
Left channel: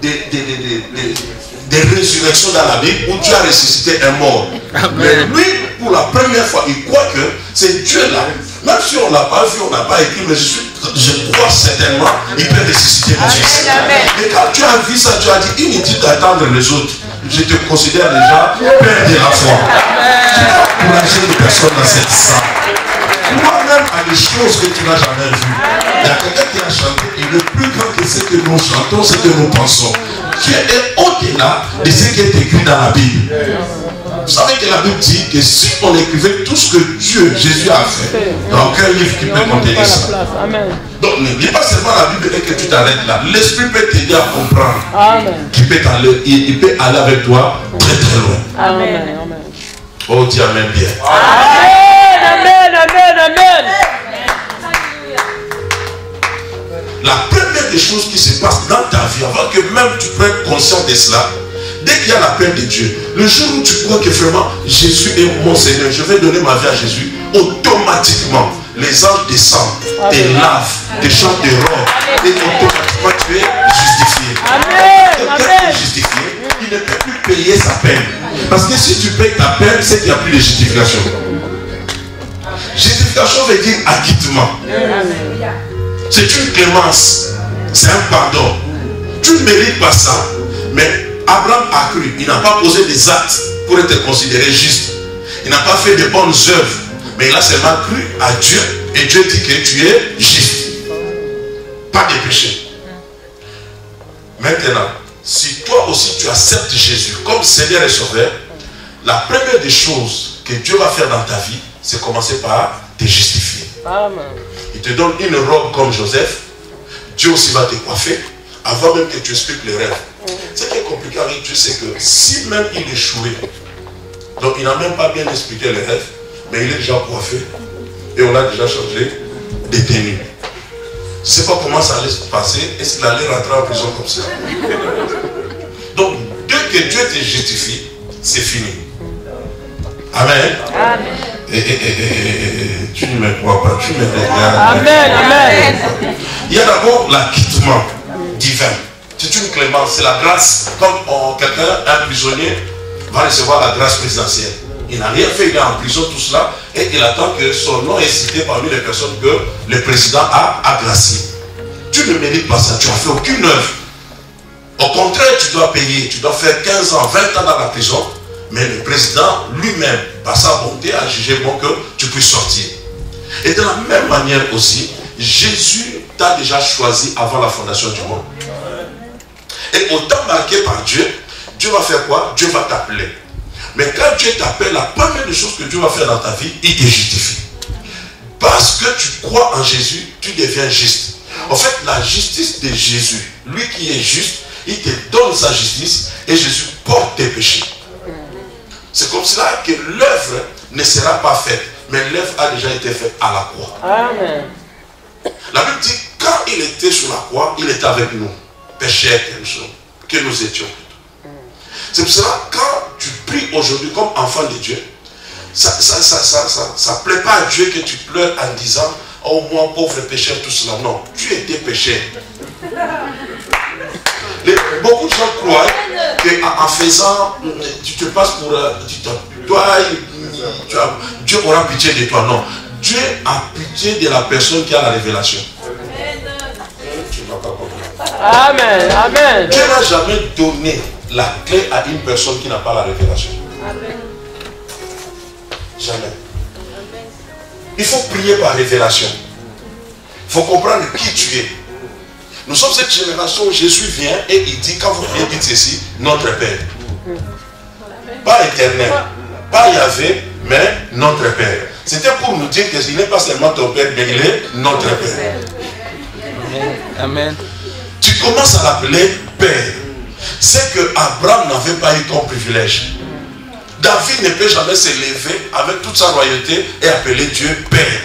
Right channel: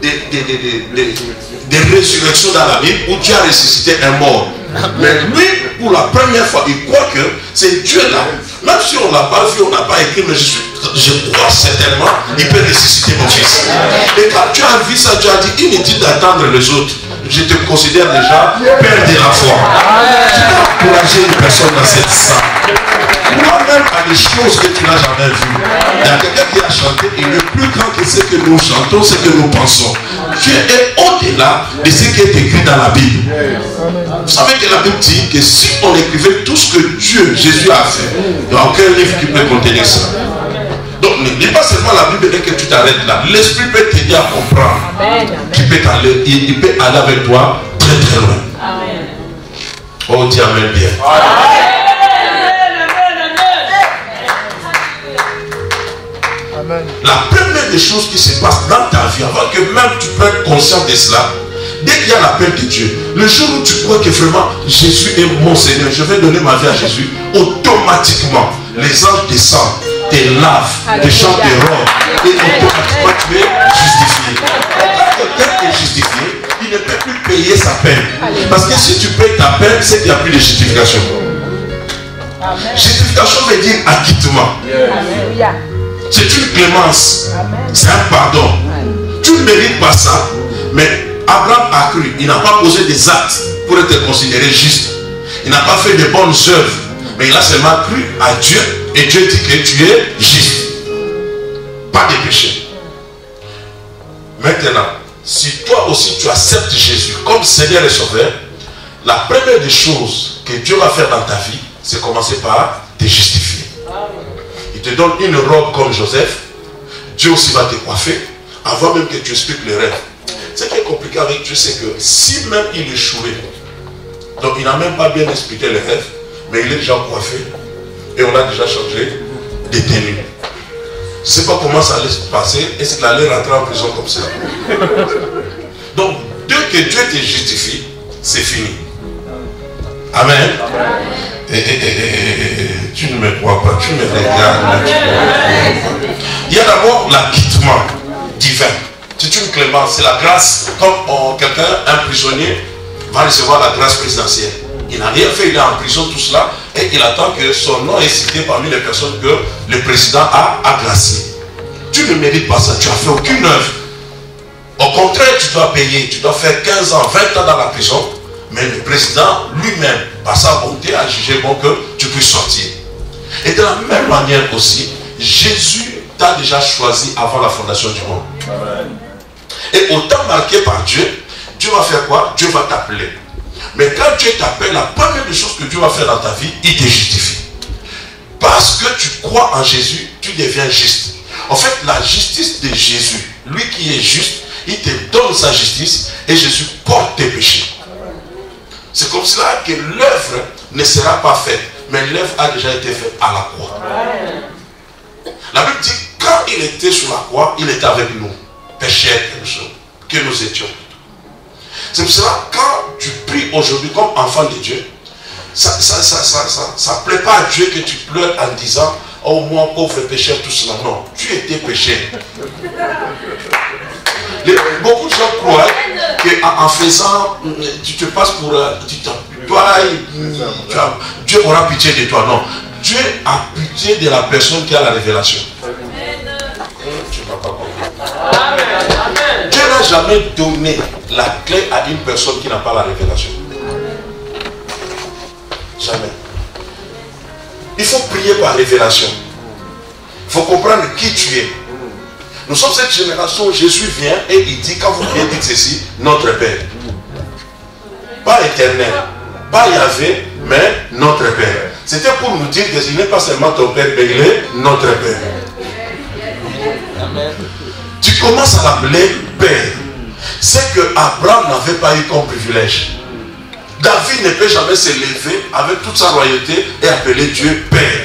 des résurrections dans la Bible où Dieu a ressuscité un mort. Mais lui, pour la première fois, il croit que c'est Dieu là. Même si on ne l'a pas vu, on n'a pas écrit, mais je crois certainement qu'il peut ressusciter mon fils. Et quand Dieu a vu ça, Dieu a dit inutile d'attendre les autres. Je te considère déjà père de la foi. Tu vas encourager une personne dans cette salle. Toi-même à des choses que tu n'as jamais vues. Il y a quelqu'un qui a chanté, il est plus grand que ce que nous chantons, ce que nous pensons. Dieu est au-delà de ce qui est écrit dans la Bible. Vous savez que la Bible dit que si on écrivait tout ce que Dieu, Jésus a fait, il n'y a aucun livre qui peut contenir ça. Donc ne lis pas seulement la Bible et que tu t'arrêtes là. L'Esprit peut t'aider à comprendre. Il peut aller avec toi très très loin. Amen. Oh, dis Amen bien. La première des choses qui se passe dans ta vie, avant que même tu prennes conscience de cela, dès qu'il y a l'appel de Dieu, le jour où tu crois que vraiment Jésus est mon Seigneur, je vais donner ma vie à Jésus, automatiquement les anges descendent, te lavent, te chantent des robes, et automatiquement tu es justifié. Quand quelqu'un est justifié, il ne peut plus payer sa peine. Parce que si tu payes ta peine, c'est qu'il n'y a plus de justification. Justification veut dire acquittement. C'est une clémence. C'est un pardon. Tu ne mérites pas ça. Mais Abraham a cru. Il n'a pas posé des actes pour être considéré juste. Il n'a pas fait de bonnes œuvres. Mais il a seulement cru à Dieu. Et Dieu dit que tu es juste. Pas de péché. Maintenant, si toi aussi tu acceptes Jésus comme Seigneur et Sauveur, la première des choses que Dieu va faire dans ta vie, c'est commencer par te justifier. Amen. Il te donne une robe comme Joseph. Dieu aussi va te coiffer avant même que tu expliques le rêve. Ce qui est compliqué avec Dieu, c'est que si même il échouait, donc il n'a même pas bien expliqué le rêve, mais il est déjà coiffé et on l'a déjà changé de tenue. Je ne sais pas comment ça allait se passer. Est-ce qu'il allait rentrer en prison comme ça? Donc, dès que Dieu te justifie, c'est fini. Amen. Tu ne me crois pas, tu me regardes. Amen. Il y a d'abord l'acquittement divin. C'est une clémence, c'est la grâce. Comme quelqu'un, un prisonnier, va recevoir la grâce présidentielle. Il n'a rien fait, il est en prison, tout cela, et il attend que son nom est cité parmi les personnes que le président a glacées. Tu ne mérites pas ça, tu n'as fait aucune œuvre. Au contraire, tu dois payer, tu dois faire 15 ans, 20 ans dans la prison, mais le président lui-même, par sa bonté, a jugé bon que tu puisses sortir. Et de la même manière aussi, Jésus t'a déjà choisi avant la fondation du monde. Et au temps marqué par Dieu, Dieu va faire quoi? Dieu va t'appeler. Mais quand Dieu t'appelle, la première des choses que Dieu va faire dans ta vie, il te justifie. Parce que tu crois en Jésus, tu deviens juste. En fait, la justice de Jésus, lui qui est juste, il te donne sa justice et Jésus porte tes péchés. C'est comme cela que l'œuvre ne sera pas faite, mais l'œuvre a déjà été faite à la croix. Amen. La Bible dit, quand il était sur la croix, il était avec nous. pécheurs que nous étions. C'est pour cela, quand tu pries aujourd'hui comme enfant de Dieu, ça ne plaît pas à Dieu que tu pleures en disant « Oh, moi, pauvre pécheur, tout cela. » Non, tu étais pécheur. Beaucoup de gens croient qu'en faisant, tu te passes pour... Dieu aura pitié de toi. Non. Dieu a pitié de la personne qui a la révélation. Tu ne m'as pas compris. Amen. Amen. Dieu n'a jamais donné la clé à une personne qui n'a pas la révélation. Jamais. Il faut prier par révélation. Il faut comprendre qui tu es. Nous sommes cette génération où Jésus vient et il dit, quand vous priez, dites ceci, notre Père. Pas éternel, pas Yahvé, mais notre Père. C'était pour nous dire que ce n'est pas seulement ton Père, mais il est notre Père. Amen. Tu commences à l'appeler Père. C'est que Abraham n'avait pas eu comme privilège. David ne peut jamais se lever avec toute sa royauté et appeler Dieu Père.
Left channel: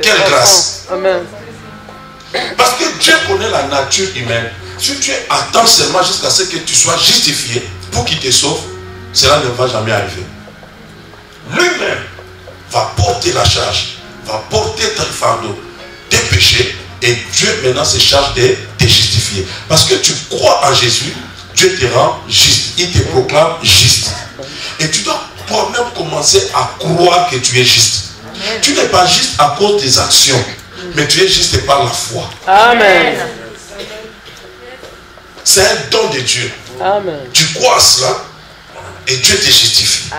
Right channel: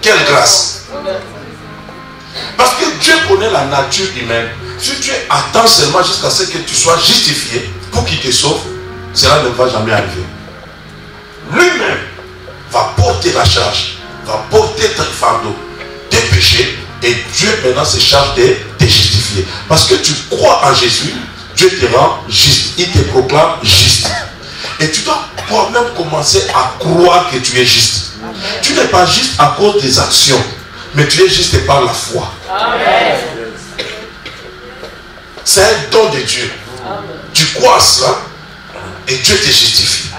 Quelle grâce. Amen. Parce que Dieu connaît la nature humaine. Si Dieu attend seulement jusqu'à ce que tu sois justifié pour qu'il te sauve, cela ne va jamais arriver. Lui-même va porter la charge, va porter ton fardeau, tes péchés, et Dieu maintenant se charge de te justifier. Parce que tu crois en Jésus, Dieu te rend juste, il te proclame juste. Et tu dois toi-même commencer à croire que tu es juste. Tu n'es pas juste à cause des actions, mais tu es juste par la foi. Amen. C'est un don de Dieu. Amen. Tu crois à cela et Dieu te justifie.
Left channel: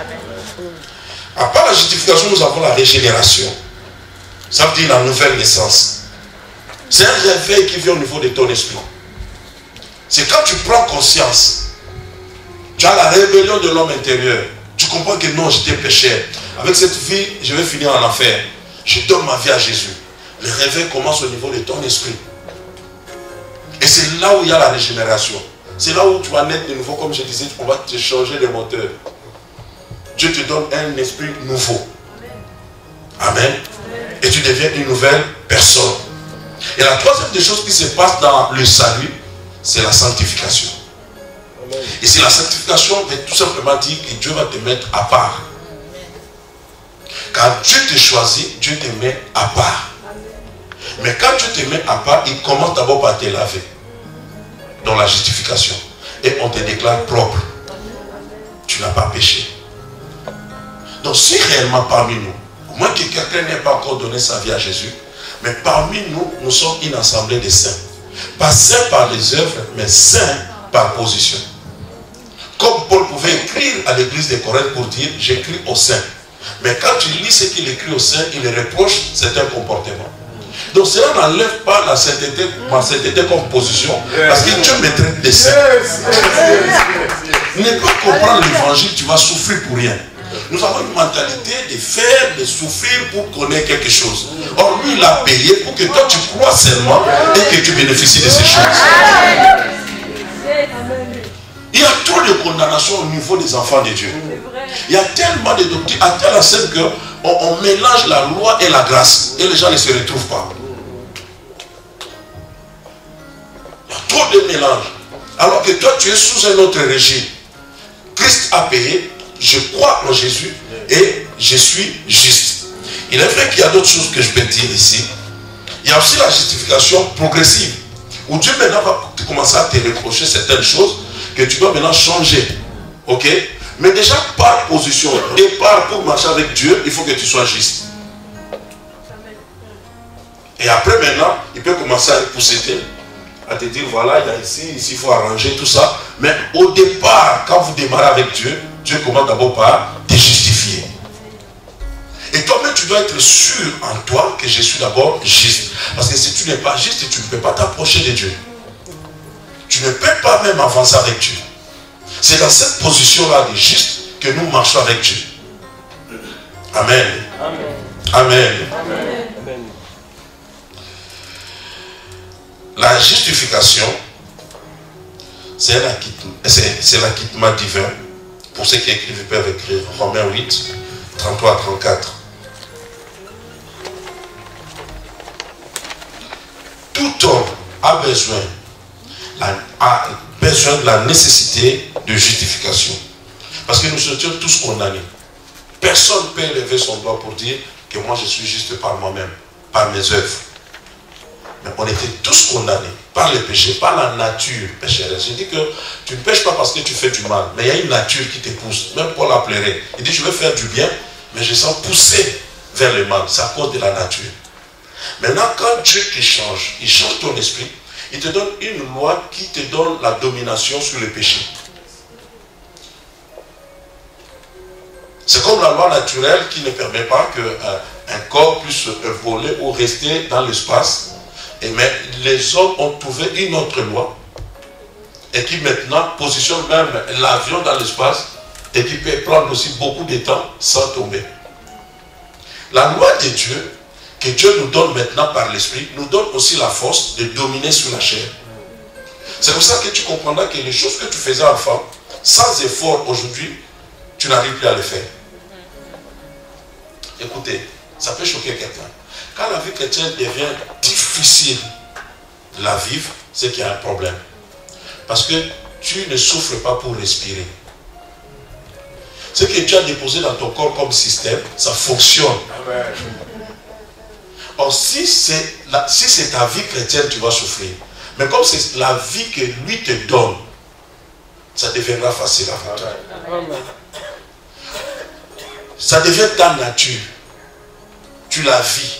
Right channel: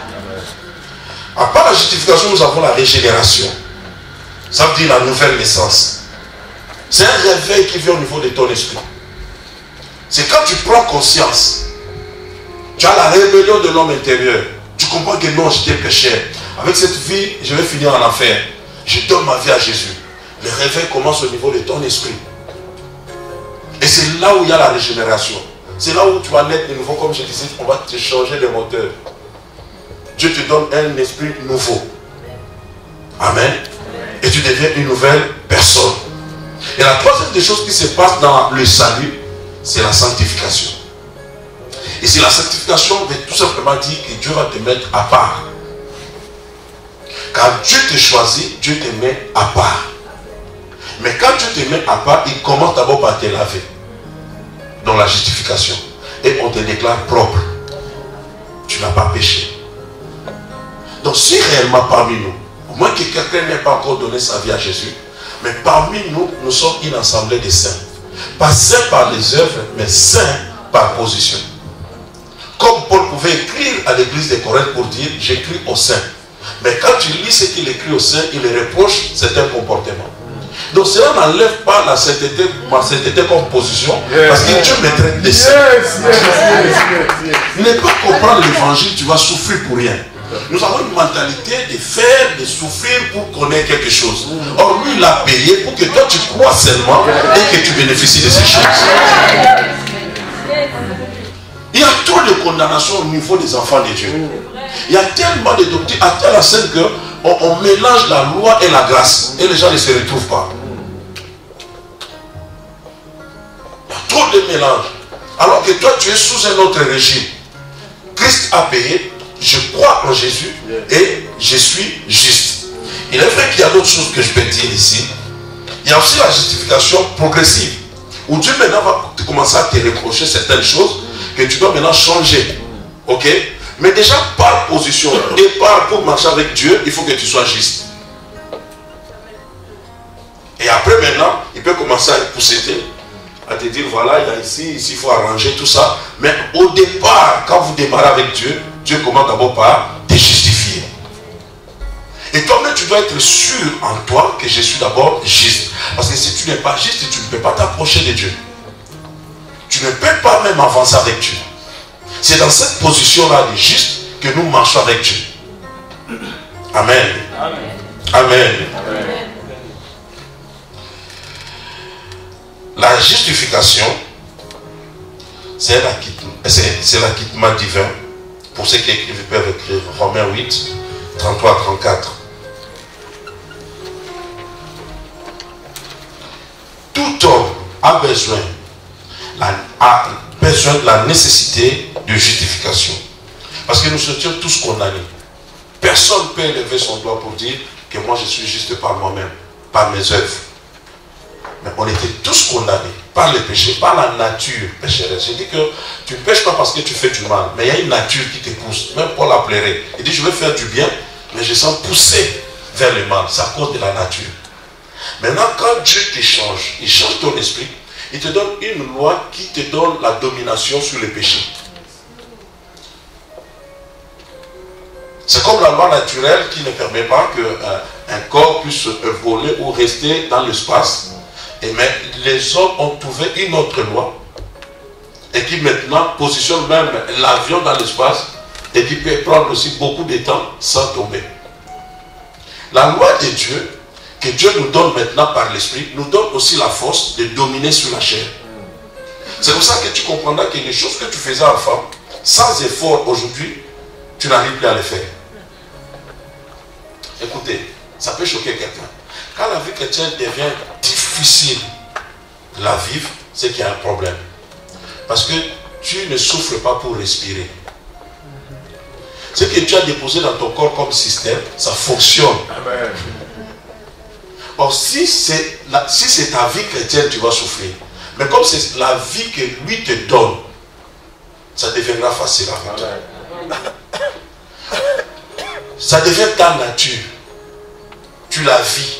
À part la justification, nous avons la régénération. Ça veut dire la nouvelle naissance. C'est un réveil qui vient au niveau de ton esprit. C'est quand tu prends conscience, tu as la rébellion de l'homme intérieur. Tu comprends que non, j'étais pécheur. Avec cette vie, je vais finir en enfer. Je donne ma vie à Jésus. Le réveil commence au niveau de ton esprit. Et c'est là où il y a la régénération. C'est là où tu vas naître de nouveau, comme je disais, on va te changer de moteur. Dieu te donne un esprit nouveau. Amen. Et tu deviens une nouvelle personne. Et la troisième des choses qui se passe dans le salut, c'est la sanctification. Et c'est la sanctification veut tout simplement dire que Dieu va te mettre à part. Quand Dieu te choisit, Dieu te met à part. Mais quand Dieu te met à part, il commence d'abord par te laver. Dans la justification. Et on te déclare propre. Tu n'as pas péché. Donc si réellement parmi nous, au moins que quelqu'un n'ait pas encore donné sa vie à Jésus, mais parmi nous, nous sommes une assemblée de saints. Pas saints par les œuvres, mais saints par position. Comme Paul pouvait écrire à l'église de Corinthe pour dire, j'écris aux saints. Mais quand tu lis ce qu'il écrit aux saints, il reproche certains comportements. Donc cela n'enlève pas la sainteté, ma sainteté comme position, parce que Dieu me traite de saint. Ne pas comprendre l'évangile, tu vas souffrir pour rien. Nous avons une mentalité de faire, de souffrir pour connaître quelque chose. Or lui, il a payé pour que toi tu crois seulement et que tu bénéficies de ces choses. Il y a trop de condamnation au niveau des enfants de Dieu. Il y a tellement de doctrines, à telle enseigne qu'on mélange la loi et la grâce. Et les gens ne se retrouvent pas. Il y a trop de mélange. Alors que toi, tu es sous un autre régime. Christ a payé, je crois en Jésus et je suis juste. Il est vrai qu'il y a d'autres choses que je peux dire ici. Il y a aussi la justification progressive. Où Dieu maintenant va commencer à te reprocher certaines choses que tu dois maintenant changer. Ok? Mais déjà, par position et pour marcher avec Dieu, il faut que tu sois juste. Et après maintenant, il peut commencer à pousser, à te dire, voilà, il y a ici, il faut arranger tout ça. Mais au départ, quand vous démarrez avec Dieu, Dieu commence d'abord par te justifier. Et toi-même, tu dois être sûr en toi que je suis d'abord juste. Parce que si tu n'es pas juste, tu ne peux pas t'approcher de Dieu. Tu ne peux pas même avancer avec Dieu. C'est dans cette position-là de juste que nous marchons avec Dieu. Amen. Amen. Amen. Amen. La justification, c'est l'acquittement divin. Pour ceux qui écrivent, ils peuvent écrire Romains 8, 33 à 34. Toute tout homme a besoin de la nécessité de justification. Parce que nous sommes tous condamnés. Personne ne peut lever son doigt pour dire que moi je suis juste par moi-même, par mes œuvres. Mais on était tous condamnés par le péché, par la nature pécheresse. Je dis que tu ne pêches pas parce que tu fais du mal, mais il y a une nature qui te pousse. Même Paul a pleuré. Il dit je veux faire du bien, mais je sens pousser vers le mal. C'est à cause de la nature. Maintenant, quand Dieu te change, il change ton esprit, il te donne une loi qui te donne la domination sur le péché. C'est comme la loi naturelle qui ne permet pas qu'un corps puisse voler ou rester dans l'espace. Mais les hommes ont trouvé une autre loi et qui maintenant positionne même l'avion dans l'espace et qui peut prendre aussi beaucoup de temps sans tomber. La loi de Dieu, que Dieu nous donne maintenant par l'esprit, nous donne aussi la force de dominer sur la chair. C'est pour ça que tu comprendras que les choses que tu faisais enfant, sans effort aujourd'hui, tu n'arrives plus à les faire. Écoutez, ça peut choquer quelqu'un. Quand la vie chrétienne devient difficile de la vivre, c'est qu'il y a un problème. Parce que tu ne souffres pas pour respirer. Ce que tu as déposé dans ton corps comme système, ça fonctionne. Amen. Or, si c'est ta vie chrétienne, tu vas souffrir. Mais comme c'est la vie que lui te donne, ça deviendra facile avec toi. Ça devient ta nature. Tu la vis.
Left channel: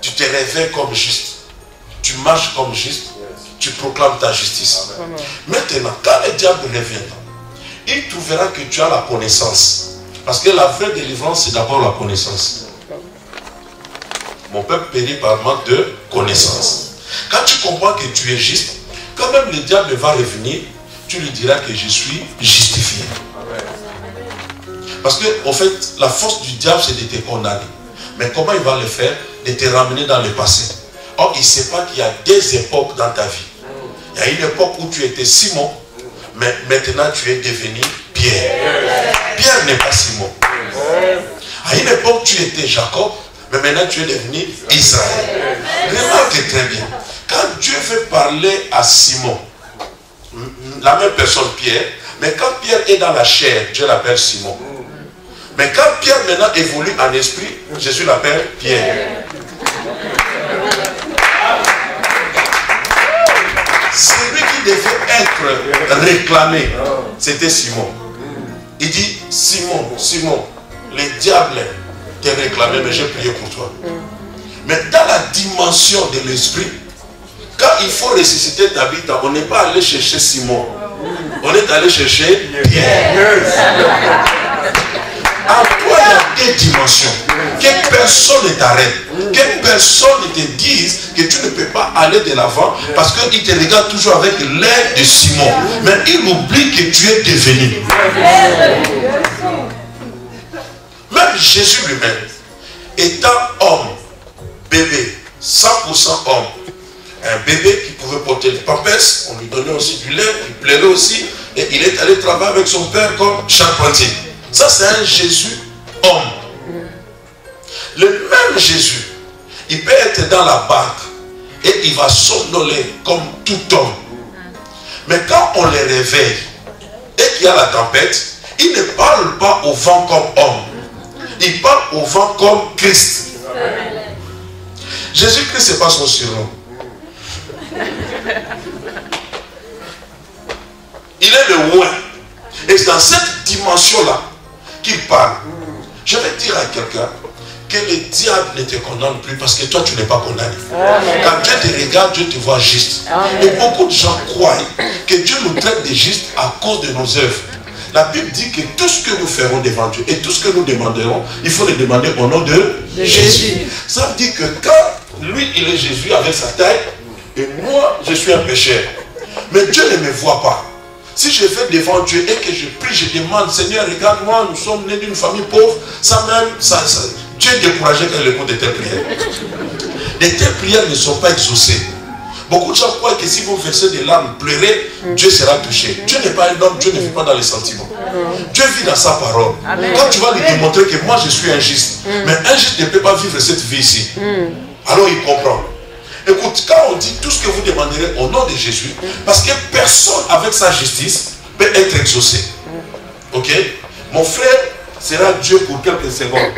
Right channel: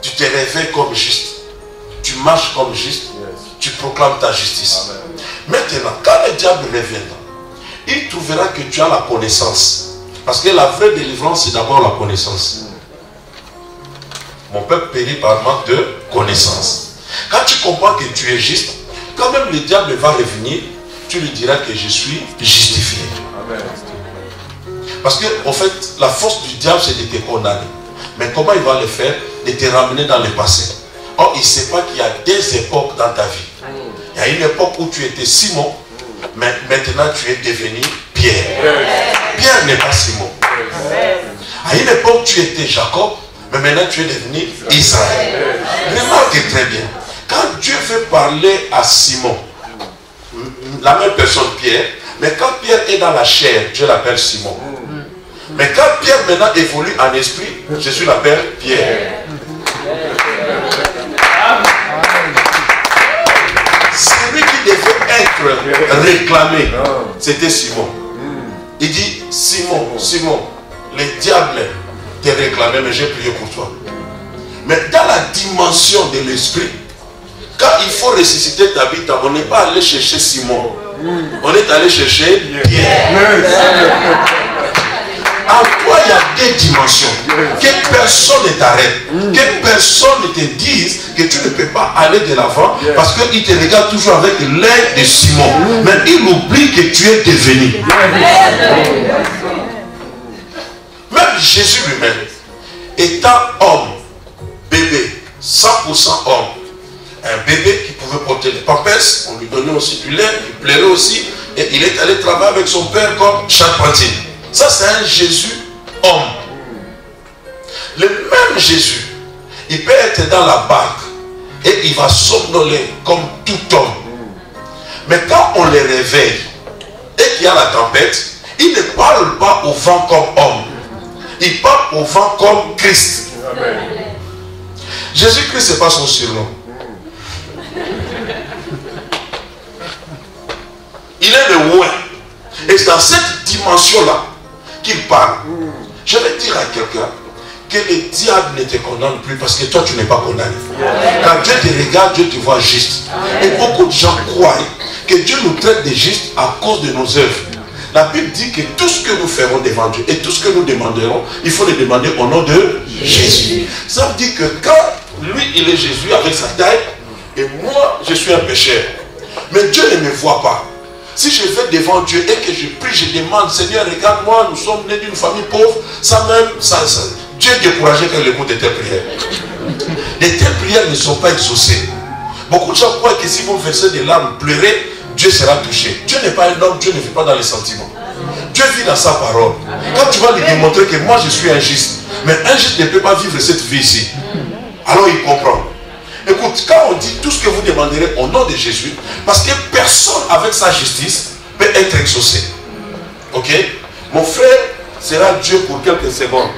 Tu te réveilles comme juste. Tu marches comme juste. Tu proclames ta justice. Amen. Maintenant, quand le diable reviendra, il trouvera que tu as la connaissance. Parce que la vraie délivrance, c'est d'abord la connaissance. Mon peuple périt par manque de connaissance. Quand tu comprends que tu es juste, quand même le diable va revenir, tu lui diras que je suis justifié. Amen. Parce que, en fait, la force du diable, c'est de te condamner. Mais comment il va le faire? De te ramener dans le passé. Or, il ne sait pas qu'il y a des époques dans ta vie. Il y a une époque où tu étais Simon, mais maintenant tu es devenu Pierre. Pierre n'est pas Simon. À une époque, tu étais Jacob, mais maintenant tu es devenu Israël. Remarque très bien. Quand Dieu veut parler à Simon, la même personne Pierre, mais quand Pierre est dans la chair, Dieu l'appelle Simon. Mais quand Pierre maintenant évolue en esprit, Jésus l'appelle Pierre. Celui qui devait être réclamé, c'était Simon. Il dit, Simon, Simon, le diable t'a réclamé, mais j'ai prié pour toi. Mais dans la dimension de l'esprit, quand il faut ressusciter ta vie, on n'est pas allé chercher Simon. On est allé chercher Pierre. En toi, il y a des dimensions. Que personne ne t'arrête. Que personne ne te dise que tu ne peux pas aller de l'avant parce qu'il te regarde toujours avec l'air de Simon. Mais il oublie que tu es devenu. Même Jésus lui-même, étant homme, bébé, 100% homme, un bébé qui pouvait porter les pampers, on lui donnait aussi du lait, il plairait aussi, et il est allé travailler avec son père comme charpentier. Ça, c'est un Jésus homme. Le même Jésus, il peut être dans la barque et il va somnoler comme tout homme. Mais quand on le réveille et qu'il y a la tempête, il ne parle pas au vent comme homme. Il parle au vent comme Christ. Jésus-Christ, ce n'est pas son surnom. Il est le roi. Et c'est dans cette dimension-là qu'il parle. Je vais dire à quelqu'un que le diable ne te condamne plus parce que toi tu n'es pas condamné. Quand Dieu te regarde, Dieu te voit juste. Et beaucoup de gens croient que Dieu nous traite de juste à cause de nos œuvres. La Bible dit que tout ce que nous ferons devant Dieu et tout ce que nous demanderons, il faut le demander au nom de Jésus. Ça veut dire que quand lui il est Jésus avec sa taille et moi je suis un pécheur, mais Dieu ne me voit pas. Si je vais devant Dieu et que je prie, je demande, Seigneur, regarde-moi, nous sommes nés d'une famille pauvre, ça même, Dieu est découragé quand il écoute de telles prières. De telles prières ne sont pas exaucées. Beaucoup de gens croient que si vous versez des larmes, pleurez, Dieu sera touché. Dieu n'est pas un homme, Dieu ne vit pas dans les sentiments. Dieu vit dans sa parole. Quand tu vas lui démontrer que moi je suis injuste, mais injuste ne peut pas vivre cette vie ici, alors il comprend. Écoute, quand on dit tout ce que vous demanderez au nom de Jésus, parce que personne avec sa justice peut être exaucé. Ok? Mon frère sera Dieu pour quelques secondes.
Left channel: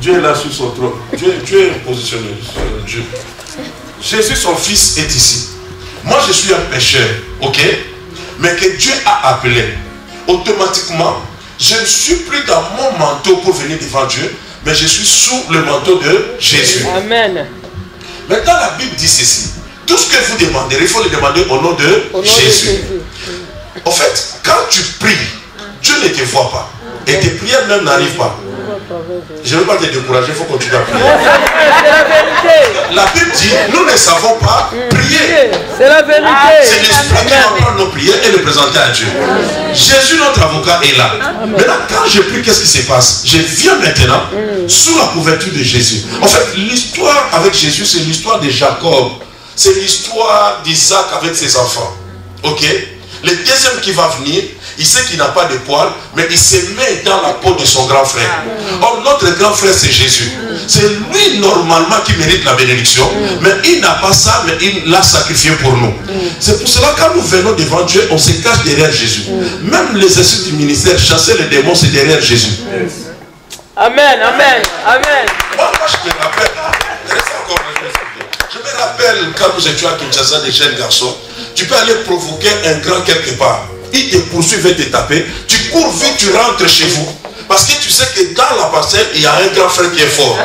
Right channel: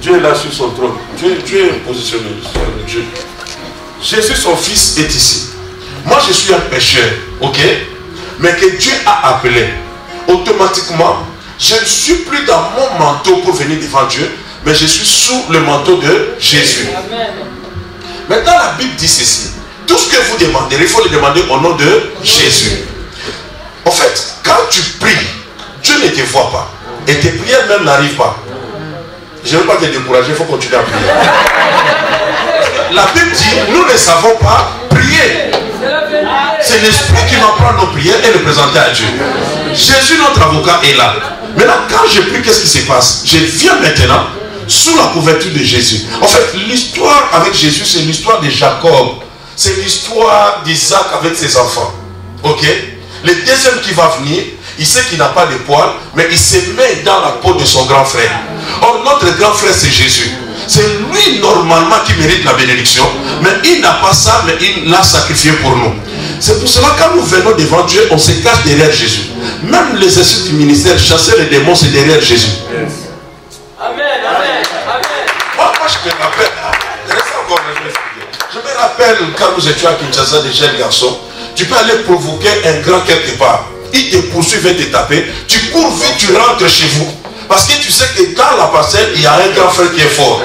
Dieu est là sur son trône. Dieu est positionné sur Dieu. Jésus, son fils, est ici. Moi, je suis un pécheur. Ok? Mais que Dieu a appelé. Automatiquement, je ne suis plus dans mon manteau pour venir devant Dieu, mais je suis sous le manteau de Jésus. Amen. Maintenant, la Bible dit ceci. Tout ce que vous demanderez, il faut le demander au nom de Jésus. En fait, quand tu pries, Dieu ne te voit pas. Et tes prières même n'arrivent pas. Je ne veux pas te décourager, il faut continuer à prier. La Bible dit, nous ne savons pas prier. C'est l'Esprit qui va prendre nos prières et les présenter à Dieu. Jésus, notre avocat, est là. Maintenant, quand je prie, qu'est-ce qui se passe? Je viens maintenant sous la couverture de Jésus. En fait, l'histoire avec Jésus, c'est l'histoire de Jacob. C'est l'histoire d'Isaac avec ses enfants. Ok? Le deuxième qui va venir, il sait qu'il n'a pas de poils, mais il se met dans la peau de son grand frère. Or, notre grand frère, c'est Jésus. C'est lui, normalement, qui mérite la bénédiction, mais il n'a pas ça, mais il l'a sacrifié pour nous. C'est pour cela que quand nous venons devant Dieu, on se cache derrière Jésus. Même l'exercice du ministère, chasser les démons, c'est derrière Jésus. Amen, amen, amen. Moi, je me rappelle, je me rappelle quand nous étions à Kinshasa, des jeunes garçons, tu peux aller provoquer un grand quelque part. Il te poursuit, va te taper. Tu cours vite, tu rentres chez vous. Parce que tu sais que dans la parcelle, il y a un grand frère qui est fort.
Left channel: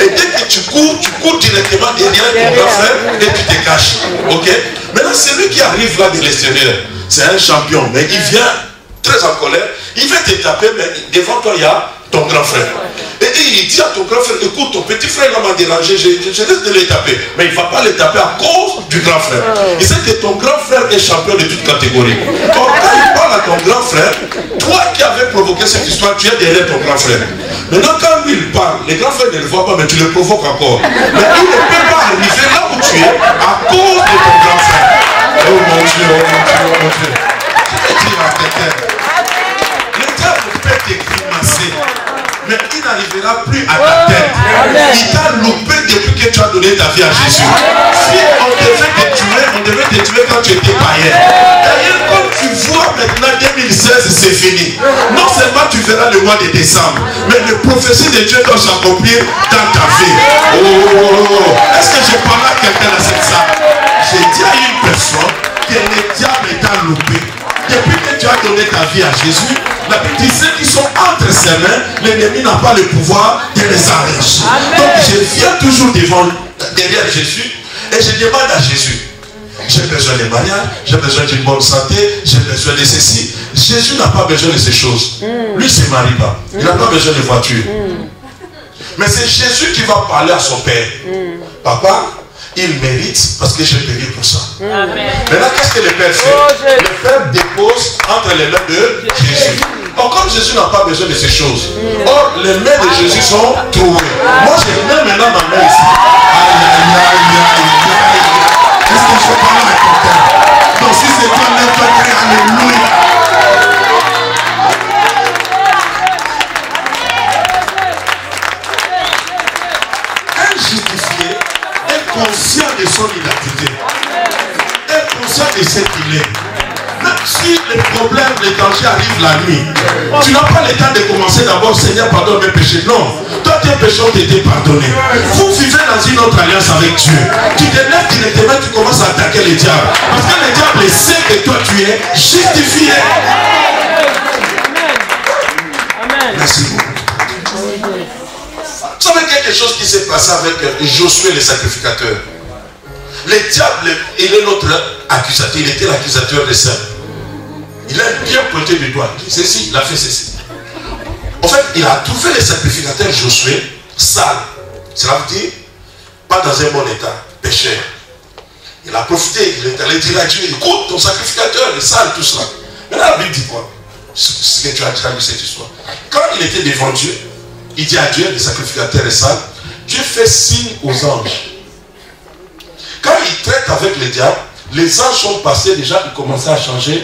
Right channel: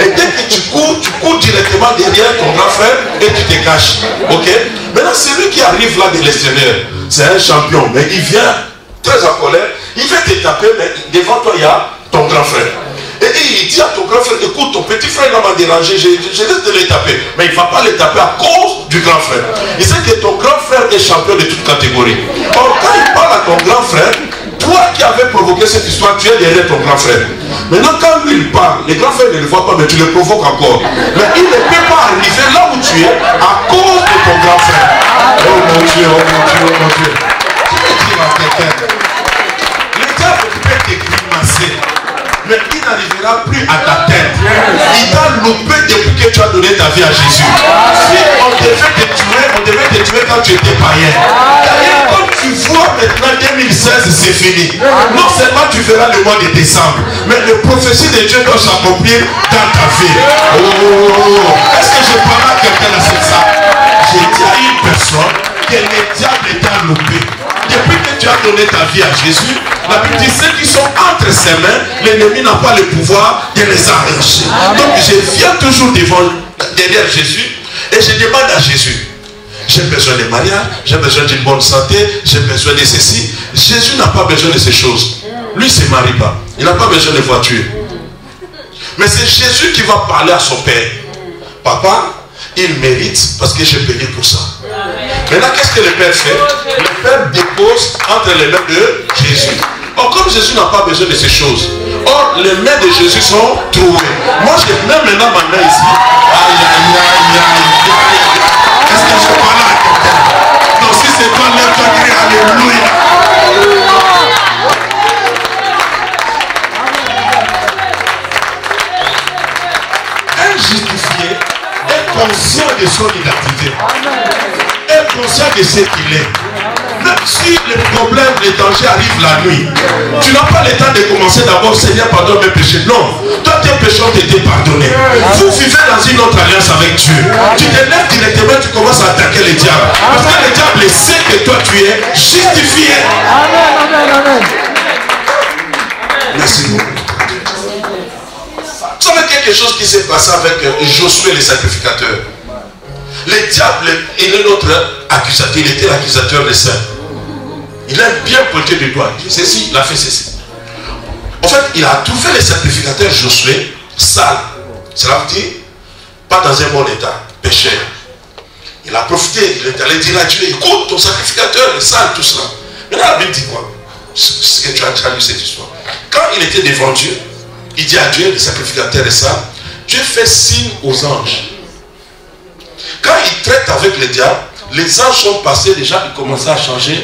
Et dès que tu cours directement derrière ton grand frère et tu te caches. Ok? Maintenant, celui qui arrive là de l'extérieur, c'est un champion, mais il vient très en colère. Il va te taper, mais devant toi, il y a ton grand frère. Et il dit à ton grand frère, écoute, ton petit frère m'a dérangé, je laisse de le taper. Mais il ne va pas le taper à cause du grand frère. Il sait que ton grand frère est champion de toute catégorie. Or, quand il parle à ton grand frère, toi qui avais provoqué cette histoire, tu es derrière ton grand frère. Maintenant, quand lui il parle, les grands frères ne le voient pas, mais tu le provoques encore. Mais il ne peut pas arriver là où tu es à cause de ton grand frère. Oh mon Dieu, oh mon Dieu, oh mon Dieu. Je vais dire à quelqu'un, le diable peut te grimacer, mais il n'arrivera plus à ta tête. Il t'a loupé depuis que tu as donné ta vie à Jésus. Si on devait te tuer quand tu étais païen. D'ailleurs, comme tu vois maintenant 2016, c'est fini. Non seulement tu verras le mois de décembre, mais les prophéties de Dieu doivent s'accomplir dans ta vie. Oh, est-ce que je parle à quelqu'un dans cette salle? J'ai dit à une personne que le diable est à loupé. Depuis que tu as donné ta vie à Jésus, la Bible dit ceux qui sont entre ses mains, l'ennemi n'a pas le pouvoir de les arracher. Donc je viens toujours derrière Jésus et je demande à Jésus. J'ai besoin de mariage, j'ai besoin d'une bonne santé, j'ai besoin de ceci. Jésus n'a pas besoin de ces choses. Lui ne se marie pas. Il n'a pas besoin de voiture. Mais c'est Jésus qui va parler à son père. Papa, il mérite parce que j'ai payé pour ça. Maintenant, qu'est-ce que le père fait? Le père dépose entre les mains de Jésus. Or, comme Jésus n'a pas besoin de ces choses, or, les mains de Jésus sont trouées. Moi, je mets maintenant ma main ici. Aïe, aïe, aïe, aïe, aïe. Est-ce que je parle à quelqu'un? Non, si c'est toi, lève-toi, crie alléluia. Un justifié est conscient de son identité. Est conscient de ce qu'il est. Même si les problèmes, les dangers arrivent la nuit, tu n'as pas le temps de commencer d'abord, Seigneur, pardonne mes péchés. Non, toi tes péchés ont été pardonnés. Vous vivez dans une autre alliance avec Dieu. Tu te lèves directement, tu commences à attaquer le diable. Parce que le diable sait que toi tu es justifié. Merci beaucoup. Vous savez quelque chose qui s'est passé avec Josué le sacrificateur. Le diable, il est notre accusateur. Il était l'accusateur des saints. Il a bien pointé du doigt. Il dit ceci, il a fait ceci. En fait, il a trouvé le sacrificateur Josué sale. Cela veut dire pas dans un bon état, pécheur. Il a profité, il est allé dire à Dieu, écoute, ton sacrificateur est sale, tout cela. Maintenant, la Bible dit quoi? Ce que tu as traduit cette histoire. Quand il était devant Dieu, il dit à Dieu, le sacrificateur est sale. Dieu fait signe aux anges. Quand il traite avec le diable, les anges sont passés déjà, ils commençaient à changer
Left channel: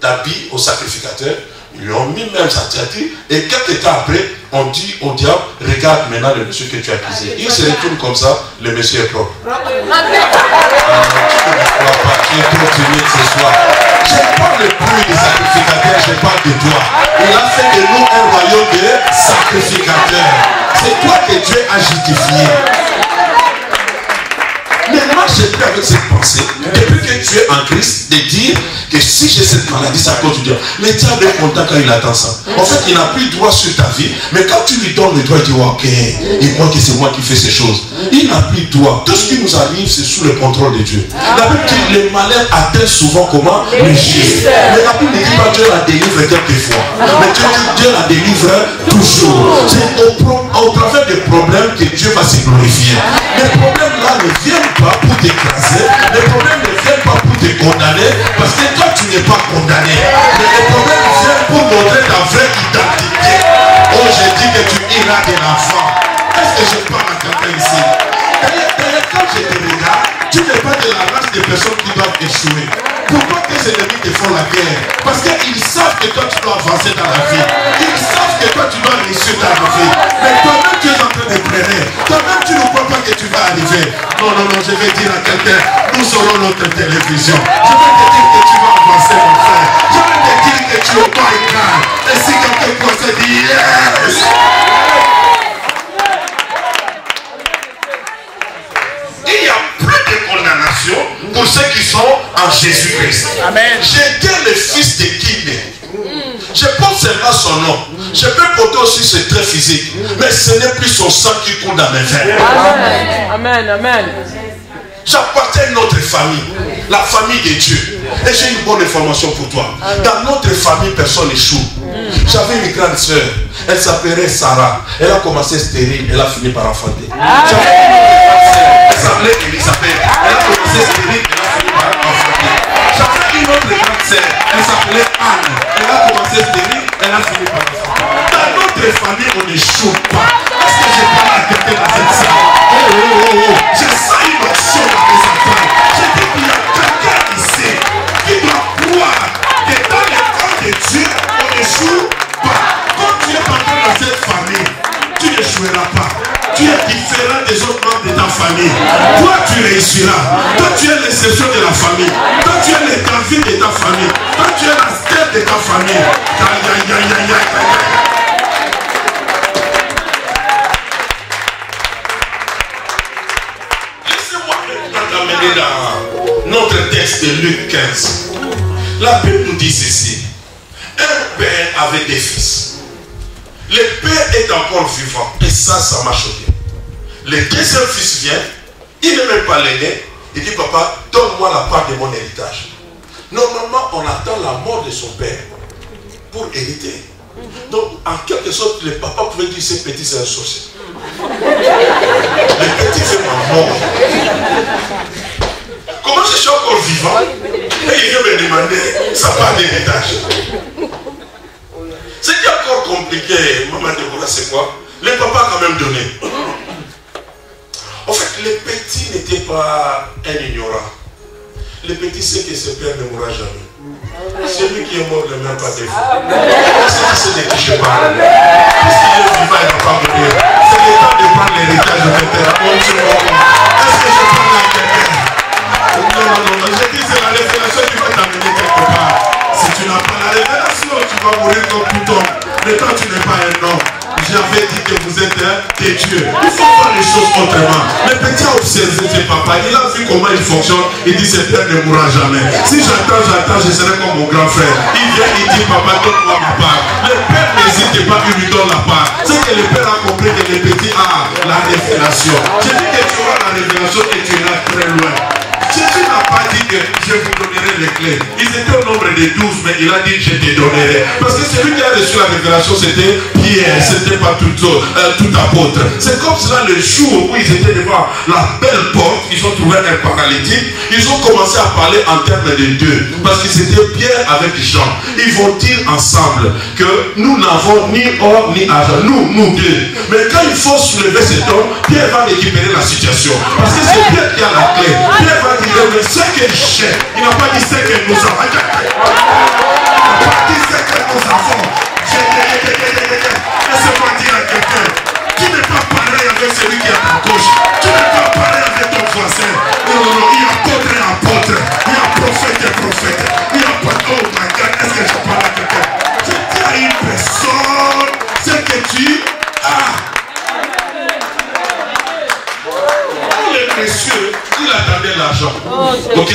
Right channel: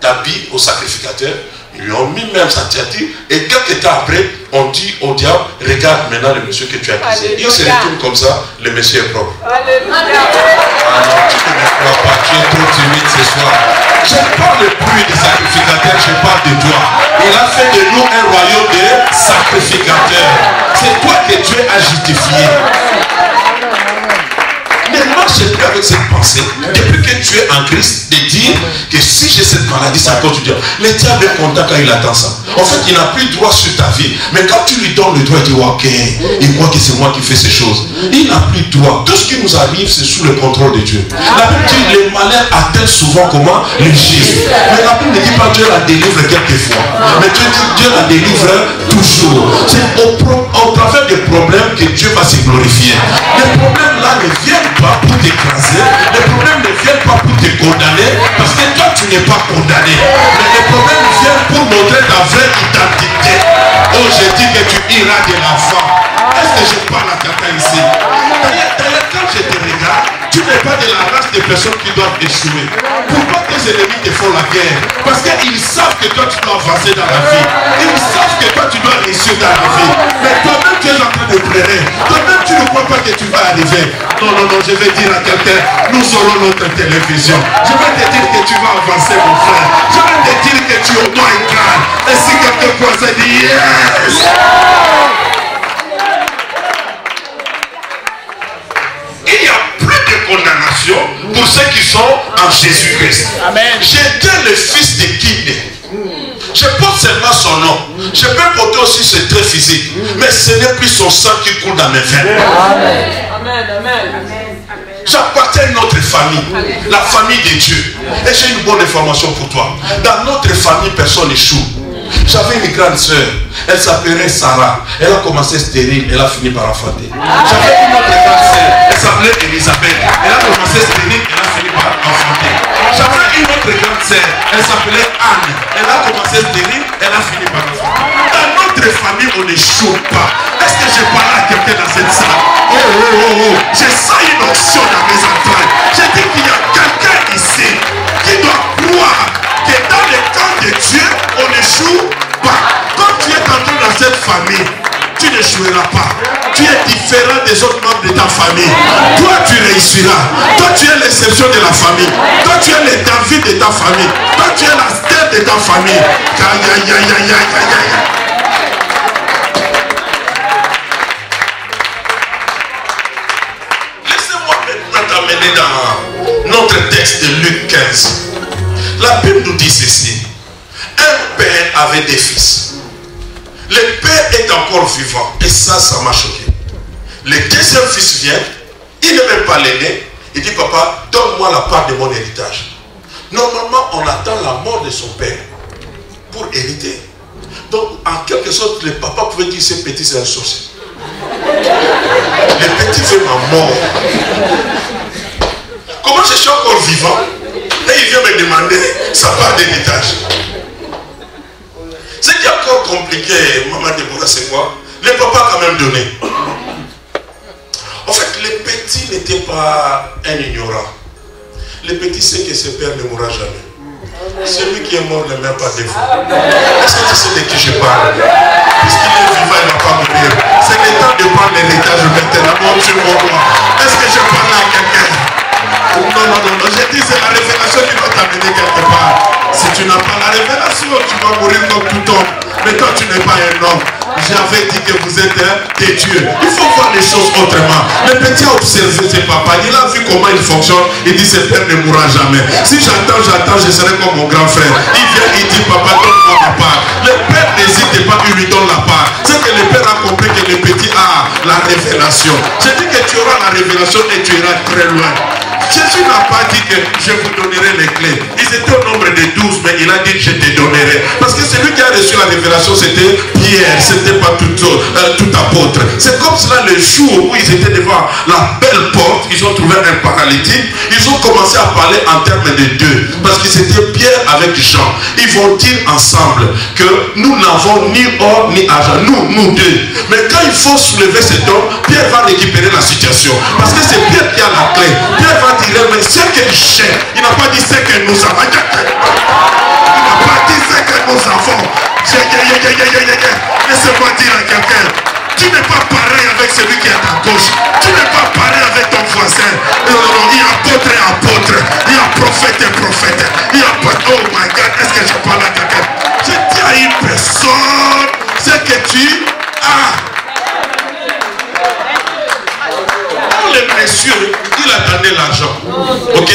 d'habit au sacrificateur. Ils lui ont mis même sa tiature et quelques temps après, on dit au diable, regarde maintenant le monsieur que tu as accusé. Il se retourne comme ça, le monsieur est propre. Tu ne me crois pas, tu es trop timide ce soir. Je parle plus des sacrificateurs, je parle de toi. Il a fait de nous un royaume de sacrificateurs. C'est toi que Dieu a justifié. Maintenant, j'ai pris avec cette pensée, depuis que tu es en Christ, de dire que si j'ai cette maladie, c'est à cause de Dieu. Mais tu es bien content quand il attend ça. En fait, il n'a plus droit sur ta vie. Mais quand tu lui donnes le droit, il dit ok, il croit que c'est moi qui fais ces choses. Il n'a plus droit. Tout ce qui nous arrive, c'est sous le contrôle de Dieu. La Bible dit le malheur atteint souvent comment? Le juste. Mais la Bible ne dit pas Dieu la délivre quelquefois. Mais Dieu dit Dieu la délivre toujours. C'est au travers des problèmes que Dieu va se glorifier. Les problèmes là ne viennent pas pour t'écraser, les problèmes ne viennent pas pour te condamner, parce que toi tu n'es pas condamné. Mais les problèmes viennent pour montrer ta vraie identité. Oh, je dis que tu iras de l'enfant. Est-ce que je parle à quelqu'un ici? D'ailleurs, quand je te regarde, tu n'es pas de la race des personnes qui doivent échouer. Pourquoi tes ennemis te font la guerre? Parce qu'ils savent que toi tu dois avancer dans la vie. Ils savent que toi tu dois réussir dans la vie. Mais toi-même tu es en train de pleurer. Toi-même tu ne crois pas que tu vas arriver. Non, non, non, je vais dire à quelqu'un, nous aurons notre télévision. Je vais te dire que tu vas avancer, mon frère. Je vais te dire que tu auras une grâce. Et si quelqu'un croit, ça dit yes. Il n'y a plus de condamnation pour ceux qui sont en Jésus-Christ. Amen. J'étais le fils de Kinde. Je porte seulement son nom. Je peux porter aussi ses traits physiques. Mais ce n'est plus son sang qui coule dans mes veines. Amen. Amen. Amen. J'appartiens à notre famille, la famille de Dieu. Et j'ai une bonne information pour toi. Dans notre famille, personne n'échoue. J'avais une grande soeur. Elle s'appelait Sarah. Elle a commencé stérile. Elle a fini par enfanter. J'avais une autre grande soeur. Elle s'appelait Elisabeth. Elle a commencé stérile. Elle a fini par enfanter. J'avais une autre grande soeur. Elle s'appelait Anne. Elle a commencé stérile. Elle a fini par enfanter. Dans notre famille, on n'échoue pas. Est-ce que je parle à quelqu'un dans cette salle? Oh, oh, oh, oh. Je sens une option dans mes enfants. Je dis qu'il y a quelqu'un ici qui doit croire que dans le camp de Dieu, on n'échoue pas. Quand tu es entré dans cette famille, tu n'échoueras pas. Tu es différent des autres membres de ta famille. Toi, tu réussiras. Toi, tu es l'exception de la famille. Toi, tu es l'étendue de ta famille. Toi, tu es la stèle de ta famille. Laissez-moi maintenant t'amener dans notre texte de Luc 15. La Bible nous dit ceci. Un père avait des fils. Le père est encore vivant. Et ça m'a choqué. Le deuxième fils vient. Il n'est même pas l'aîné. Il dit, papa, donne-moi la part de mon héritage. Normalement, on attend la mort de son père pour hériter. Donc, en quelque sorte, le papa pouvait dire, ce petit, c'est un sorcier. Le petit fait ma mort. Comment je suis encore vivant? Et il vient me demander sa part d'héritage. C'est encore compliqué, maman Déborah, c'est quoi? Le papa a quand même donné. En fait, le petit n'était pas un ignorant. Le petit sait que ses pères ne mourra jamais. Celui qui est mort ne meurt pas des fois. Est-ce que tu sais de qui je parle? Puisqu'il est vivant, il ne va pas mourir. C'est le temps de prendre l'héritage maintenant. Est-ce que je parle à quelqu'un? Non, non, non. J'ai dit, c'est la révélation qui va t'amener quelque part. Si tu n'as pas la révélation, tu vas mourir comme tout homme. Mais toi, tu n'es pas un homme. J'avais dit que vous êtes des dieux. Il faut voir les choses autrement. Le petit a observé ses papas. Il a vu comment il fonctionne. Il dit, ce père ne mourra jamais. Si j'attends, je serai comme mon grand frère. Il vient, il dit, papa, donne-moi ma part. Le père n'hésite pas, il lui donne la part. C'est que le père a compris que le petit a la révélation. Je dis que tu auras la révélation et tu iras très loin. Jésus n'a pas dit que je vous donnerai les clés. Ils étaient au nombre de 12, mais il a dit je te donnerai. Parce que celui qui a reçu la révélation, c'était Pierre, c'était pas tout apôtre. C'est comme cela le jour où ils étaient devant la belle porte, ils ont trouvé un paralytique, ils ont commencé à parler en termes de deux. Parce que c'était Pierre avec Jean. Ils vont dire ensemble que nous n'avons ni or ni argent. Nous deux. Mais quand il faut soulever cet homme, Pierre va récupérer la situation. Parce que c'est Pierre qui a la clé. Pierre va dire, mais c'est qu'il cherche. Il n'a pas dit c'est que nous avons. Il n'a pas dit c'est que nous avons. Laissez-moi dire à Ok?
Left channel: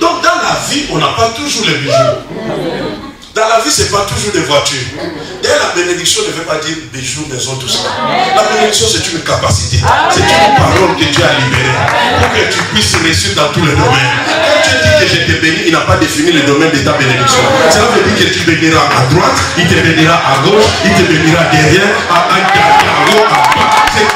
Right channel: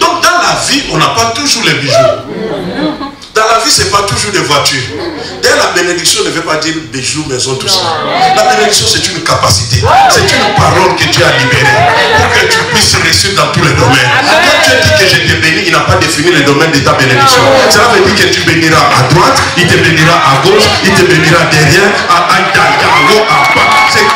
Donc dans la vie, on n'a pas toujours les bijoux. Dans la vie, ce n'est pas toujours des voitures. D'ailleurs, la bénédiction ne veut pas dire bijoux, maison, tout ça. La bénédiction, c'est une capacité. C'est une parole que Dieu a libérée pour que tu puisses réussir dans tous les domaines. Quand tu dis que je te bénis, il n'a pas défini le domaine de ta bénédiction. Cela veut dire que tu béniras à droite, il te bénira à gauche, il te bénira derrière, à haut, à bas. C'est une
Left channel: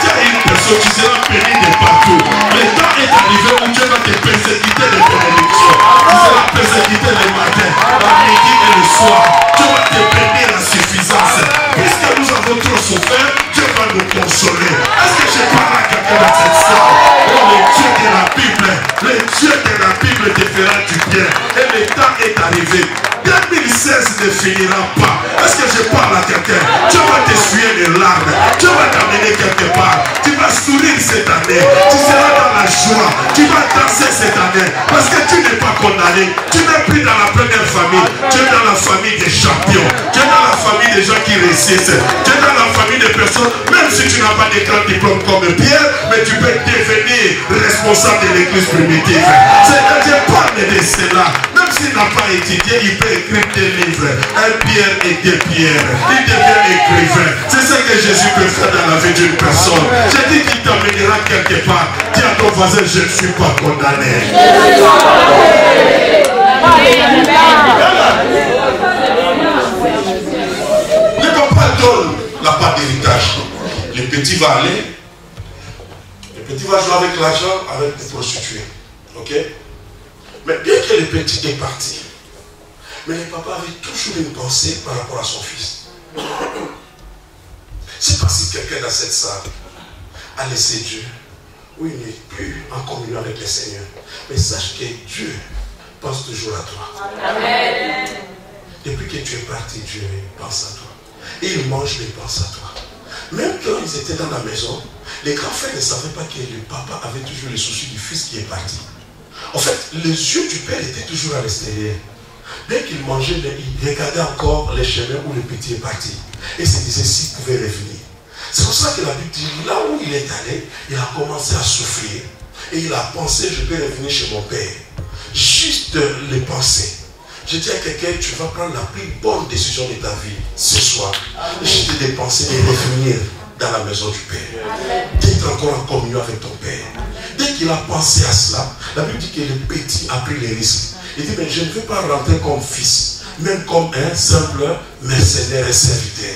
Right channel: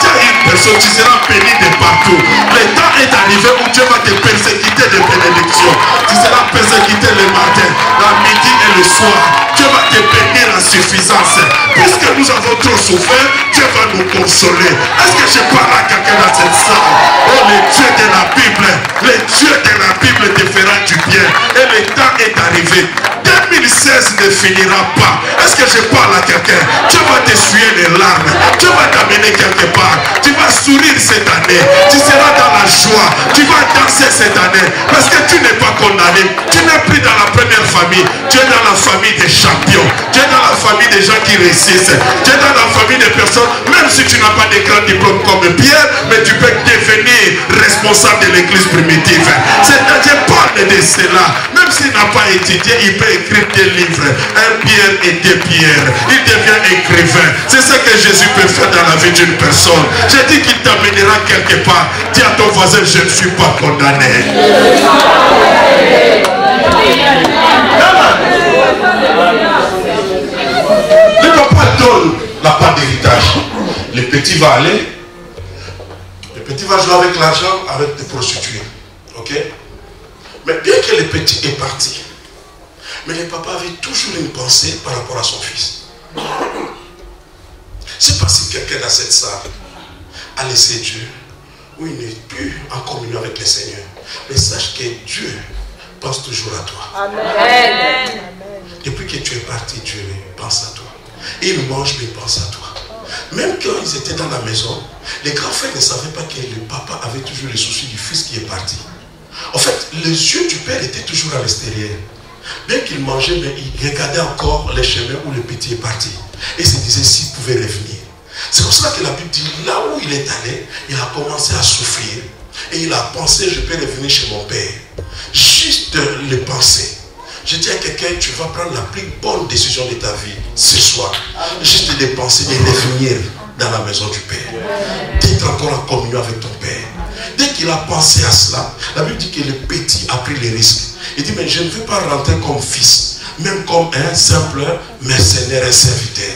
personne, tu seras béni de partout. Mais quand est arrivé où Dieu va te persécuter de bénédiction, tu seras persécuté le matin, la midi et le soir. Dieu va te bénir en suffisance. Puisque nous avons trop souffert, Dieu va nous consoler. Est-ce que je parle à quelqu'un dans cette salle? Oh, le Dieu de la Bible, le Dieu de la Bible te fera du bien. Et le temps est arrivé. 2016 ne finira pas. Est-ce que je parle à quelqu'un? Dieu va t'essuyer les larmes. Dieu va t'amener quelque part. Tu vas sourire cette année. Tu seras dans la joie. Tu vas danser cette année. Parce que tu n'es pas condamné. Tu n'es plus dans la première famille. Tu es dans la famille des champions. Tu es dans la famille des gens qui réussissent. Tu es dans la famille des personnes, même si tu n'as pas de grand diplôme comme Pierre, mais tu peux devenir responsable de l'église primitive. C'est-à-dire, parle de cela. Même s'il n'a pas étudié, il peut écrire des livres. Un Pierre et deux Pierre. Il devient écrivain. C'est ce que Jésus peut faire dans la vie d'une personne. J'ai dit qu'il t'amènera quelque part. Dis à ton voisin, je ne suis pas condamné. Le papa donne la part d'héritage. Le petit va aller. Le petit va jouer avec l'argent, avec des prostituées. Ok? Mais bien que le petit est parti, mais le papa avait toujours une pensée par rapport à son fils. C'est pas si quelqu'un dans cette salle a laissé Dieu, ou il n'est plus en communion avec le Seigneur. Mais sache que Dieu pense toujours à toi. Amen. Depuis que tu es parti, Dieu pense à toi. Il mange, il pense à toi. Même quand ils étaient dans la maison, les grands frères ne savaient pas que le papa avait toujours le souci du fils qui est parti. En fait, les yeux du père étaient toujours à l'extérieur. Bien qu'il mangeait, mais il regardait encore les chemins où le petit est parti. Et se disait s'il pouvait revenir. C'est pour cela que la Bible dit, là où il est allé, il a commencé à souffrir. Et il a pensé, je peux revenir chez mon père. Juste le penser. Je dis à quelqu'un, tu vas prendre la plus bonne décision de ta vie ce soir. Juste de penser de revenir dans la maison du Père. D'être encore en communion avec ton Père. Dès qu'il a pensé à cela, la Bible dit que le petit a pris les risques. Il dit, mais je ne veux pas rentrer comme fils, même comme un simple mercenaire et serviteur.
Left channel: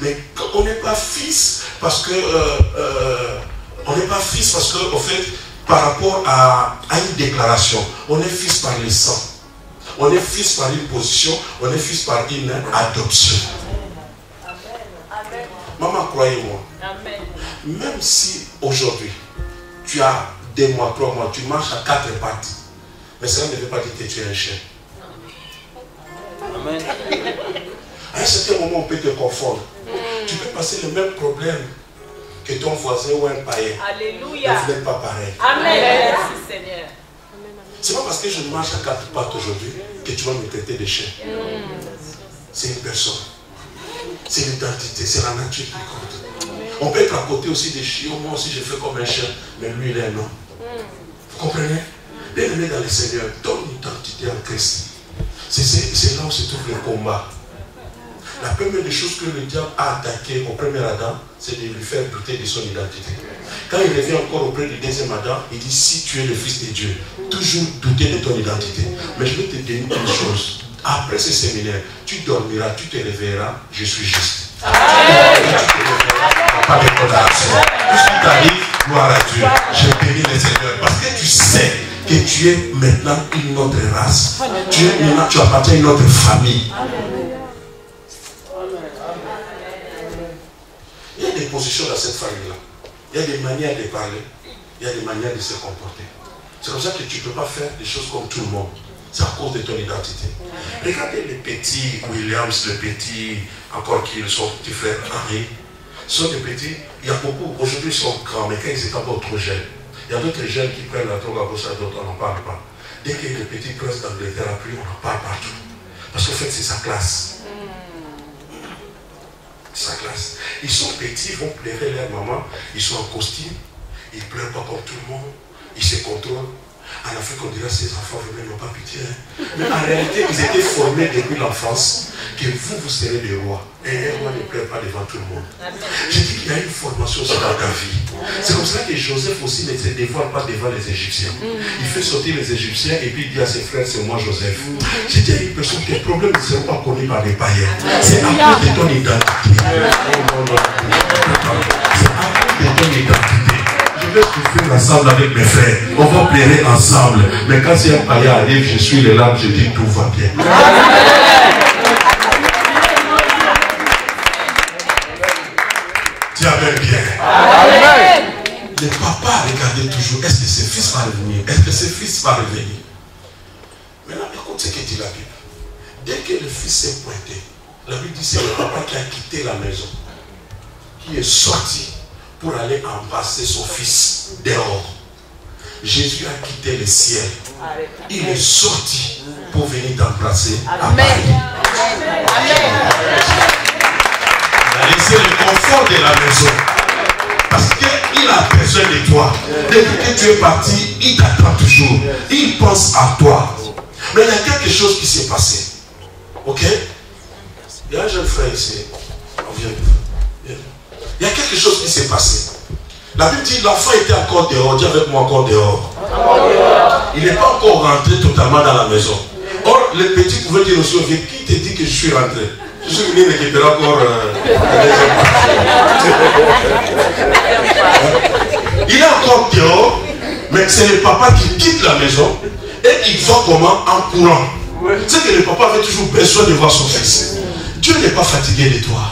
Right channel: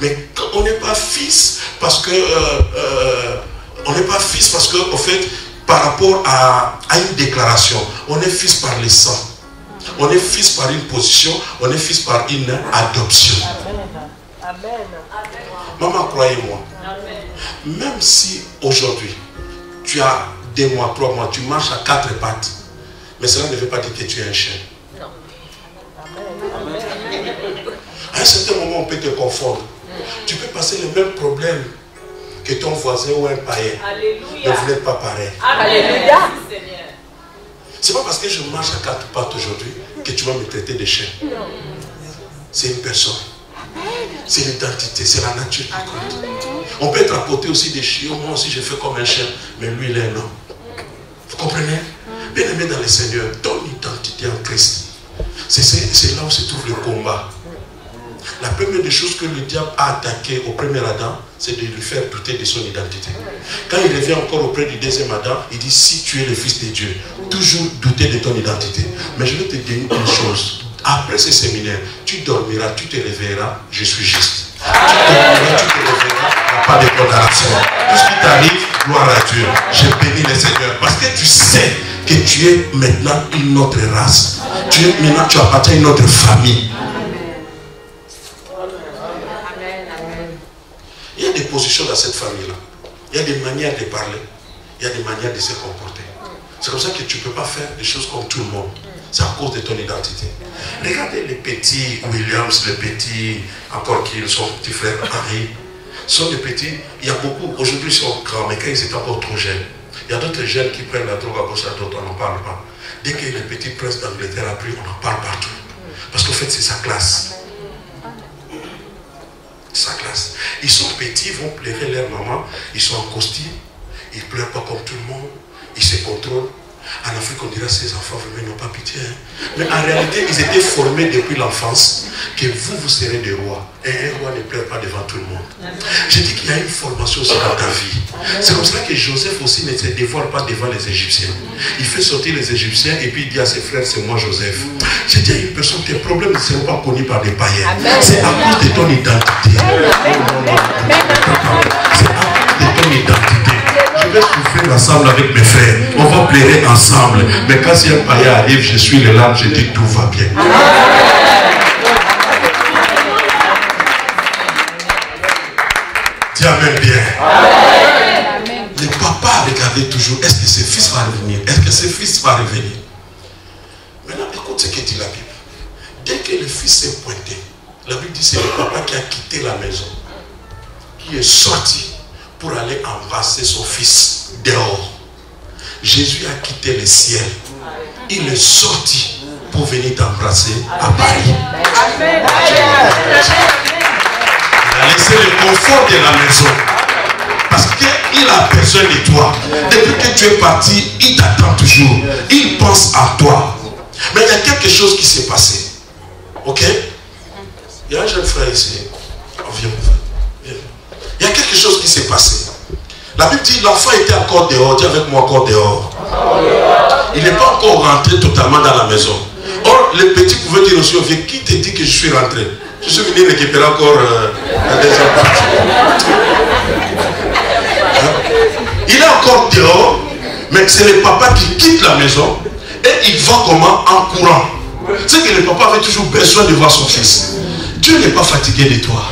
Mais on n'est pas fils parce que, au fait, par rapport à une déclaration, on est fils par le sang. On est fils par une position, on est fils par une adoption. Amen. Amen. Maman, croyez-moi, même si aujourd'hui, tu as 2 mois, 3 mois, tu marches à 4 pattes, mais cela ne veut pas dire que tu es un chien. Amen. À un certain moment, on peut te confondre. Tu peux passer le même problème que ton voisin ou un païen. Alléluia. Ne vous n'êtes pas pareil. Amen. Merci Seigneur. C'est pas parce que je marche à 4 pattes aujourd'hui que tu vas me traiter de chien. C'est une personne. C'est l'identité, c'est la nature qui compte. On peut être à côté aussi des chiens. Moi aussi, je fais comme un chien, mais lui, il est un homme. Vous comprenez? Bien aimé dans le Seigneur, ton identité en Christ. C'est là où se trouve le combat. La première des choses que le diable a attaqué au premier Adam, c'est de lui faire douter de son identité. Quand il revient encore auprès du deuxième Adam, il dit, si tu es le Fils de Dieu, toujours douter de ton identité. Mais je vais te dire une chose. Après ce séminaire, tu dormiras, tu te réveilleras, je suis juste. Tu dormiras, tu te réveilleras, il n'y a pas de condamnation. Tout ce qui t'arrive, gloire à Dieu. Je bénis le Seigneur. Parce que tu sais que tu es maintenant une autre race. Tu appartiens à une autre famille. Il y a des positions dans cette famille-là. Il y a des manières de parler. Il y a des manières de se comporter. C'est comme ça que tu ne peux pas faire des choses comme tout le monde. C'est à cause de ton identité. Regardez les petits Williams, les petits, encore qui sont petits frères Henri. Sont des petits, il y a beaucoup, aujourd'hui ils sont grands, mais quand ils étaient encore trop jeunes, il y a d'autres jeunes qui prennent la drogue à gauche à droite, on n'en parle pas. Dès que le petit prince d'Angleterre a pris, on en parle partout. Parce qu'en fait, c'est sa classe. Sa classe. Ils sont petits, ils vont pleurer leur maman, ils sont en costume, ils ne pleurent pas comme tout le monde, ils se contrôlent. En Afrique, on dirait ces enfants vraiment n'ont pas pitié. Hein. Mais en réalité, ils étaient formés depuis l'enfance que vous serez des rois. Et un roi ne pleure pas devant tout le monde. J'ai dit qu'il y a une formation aussi dans ta vie. C'est comme ça que Joseph aussi ne se dévoile pas devant les Égyptiens. Il fait sortir les Égyptiens et puis il dit à ses frères, c'est moi Joseph. J'ai dit à une personne, tes problèmes ne seront pas connus par les païens. C'est à cause de ton identité. C'est à cause de ton identité. Je vais souffrir ensemble avec mes frères. On va pleurer ensemble. Mais quand si un païen arrive, je suis le larmes, je dis tout va bien. Dis amen bien. Le papa regardait toujours, est-ce que ses fils vont revenir? Est-ce que ses fils vont revenir? Maintenant, écoute ce que dit la Bible. Dès que le fils s'est pointé, la Bible dit c'est le papa qui a quitté la maison, qui est sorti pour aller embrasser son fils dehors. Jésus a quitté le ciel. Il est sorti pour venir t'embrasser à Paris. Il a laissé le confort de la maison. Parce qu'il a besoin de toi. Depuis que tu es parti, il t'attend toujours. Il pense à toi. Mais il y a quelque chose qui s'est passé. Ok? Il y a un jeune frère ici. Oh, viens. Il y a quelque chose qui s'est passé. La Bible dit l'enfant était encore dehors. Dis avec moi encore dehors. Il n'est pas encore rentré totalement dans la maison. Or, le petit pouvait dire aussi, qui te dit que je suis rentré? Je suis venu récupérer encore la deuxième partie. Il est encore dehors, mais c'est le papa qui quitte la maison et il va comment? En courant. C'est que le papa avait toujours besoin de voir son fils. Dieu n'est pas fatigué de toi.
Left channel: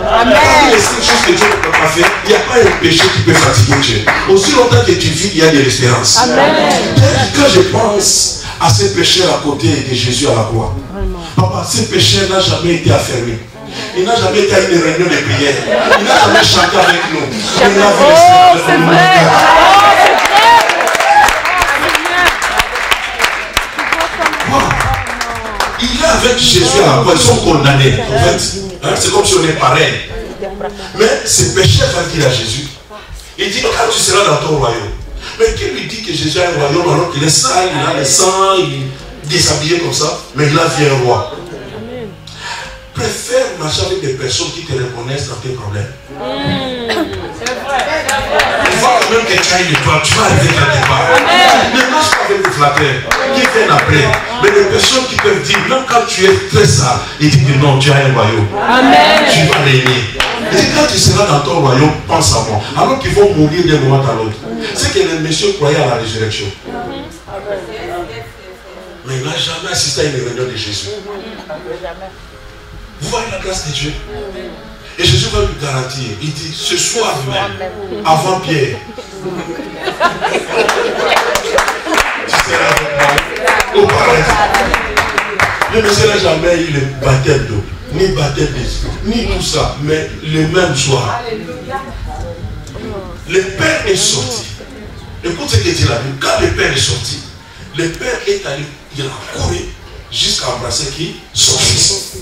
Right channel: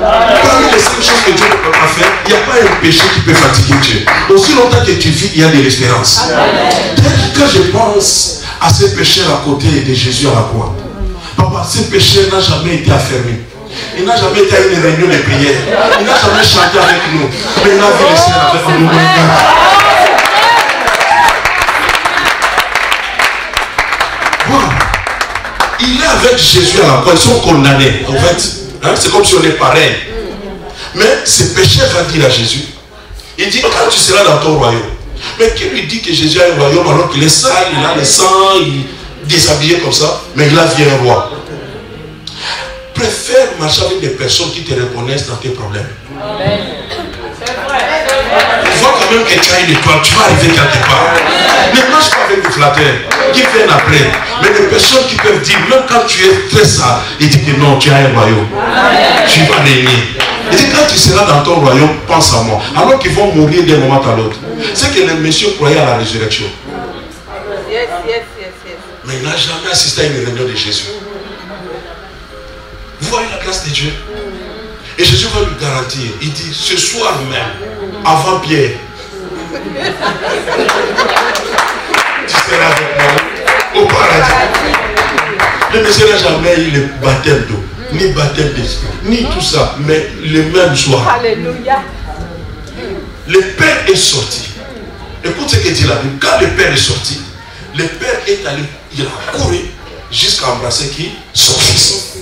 Parmi les 5 choses que Dieu ne peut pas faire, il n'y a pas un péché qui peut fatiguer Dieu. Aussi longtemps que tu vis, il y a de l'espérance. Quand je pense à ces pécheurs à côté de Jésus à la croix, papa, ce pécheur n'a jamais été affermi. Il n'a jamais été à une réunion de prière. Il n'a jamais chanté avec nous. Il n'a vu le Seigneur avec nous. Wow. Il est avec Jésus à la croix. Ils sont condamnés. En fait, hein, c'est comme si on est pareil. Mais ce pécheur va dire à Jésus, il dit, quand tu seras dans ton royaume. Mais qui lui dit que Jésus a un royaume alors qu'il est sale, il a le sang, il est déshabillé comme ça, mais il a vu un roi. Préfère marcher avec des personnes qui te reconnaissent dans tes problèmes. Tu vois quand même que tu as une étoile, tu vas arriver quelque part. Ne marche pas avec des flatteurs qui viennent après. Mais des personnes qui peuvent dire, même quand tu es très sale, ils disent que non, tu as un royaume. Tu vas régner. Et quand tu seras dans ton royaume, pense à moi. Alors qu'ils vont mourir d'un moment à l'autre. C'est que le monsieur croyait à la résurrection. Mais il n'a jamais assisté à une réunion de Jésus. Vous voyez la grâce de Dieu. Et Jésus va lui garantir. Il dit, ce soir même, avant Pierre, tu seras avec moi au paradis. Le monsieur n'a jamais eu le baptême d'eau, ni baptême d'esprit, ni tout ça, mais le même soir. Alléluia. Le Père est sorti. Écoute ce que dit la Bible. Quand le Père est sorti, le Père est allé, il a couru jusqu'à embrasser qui? Son fils.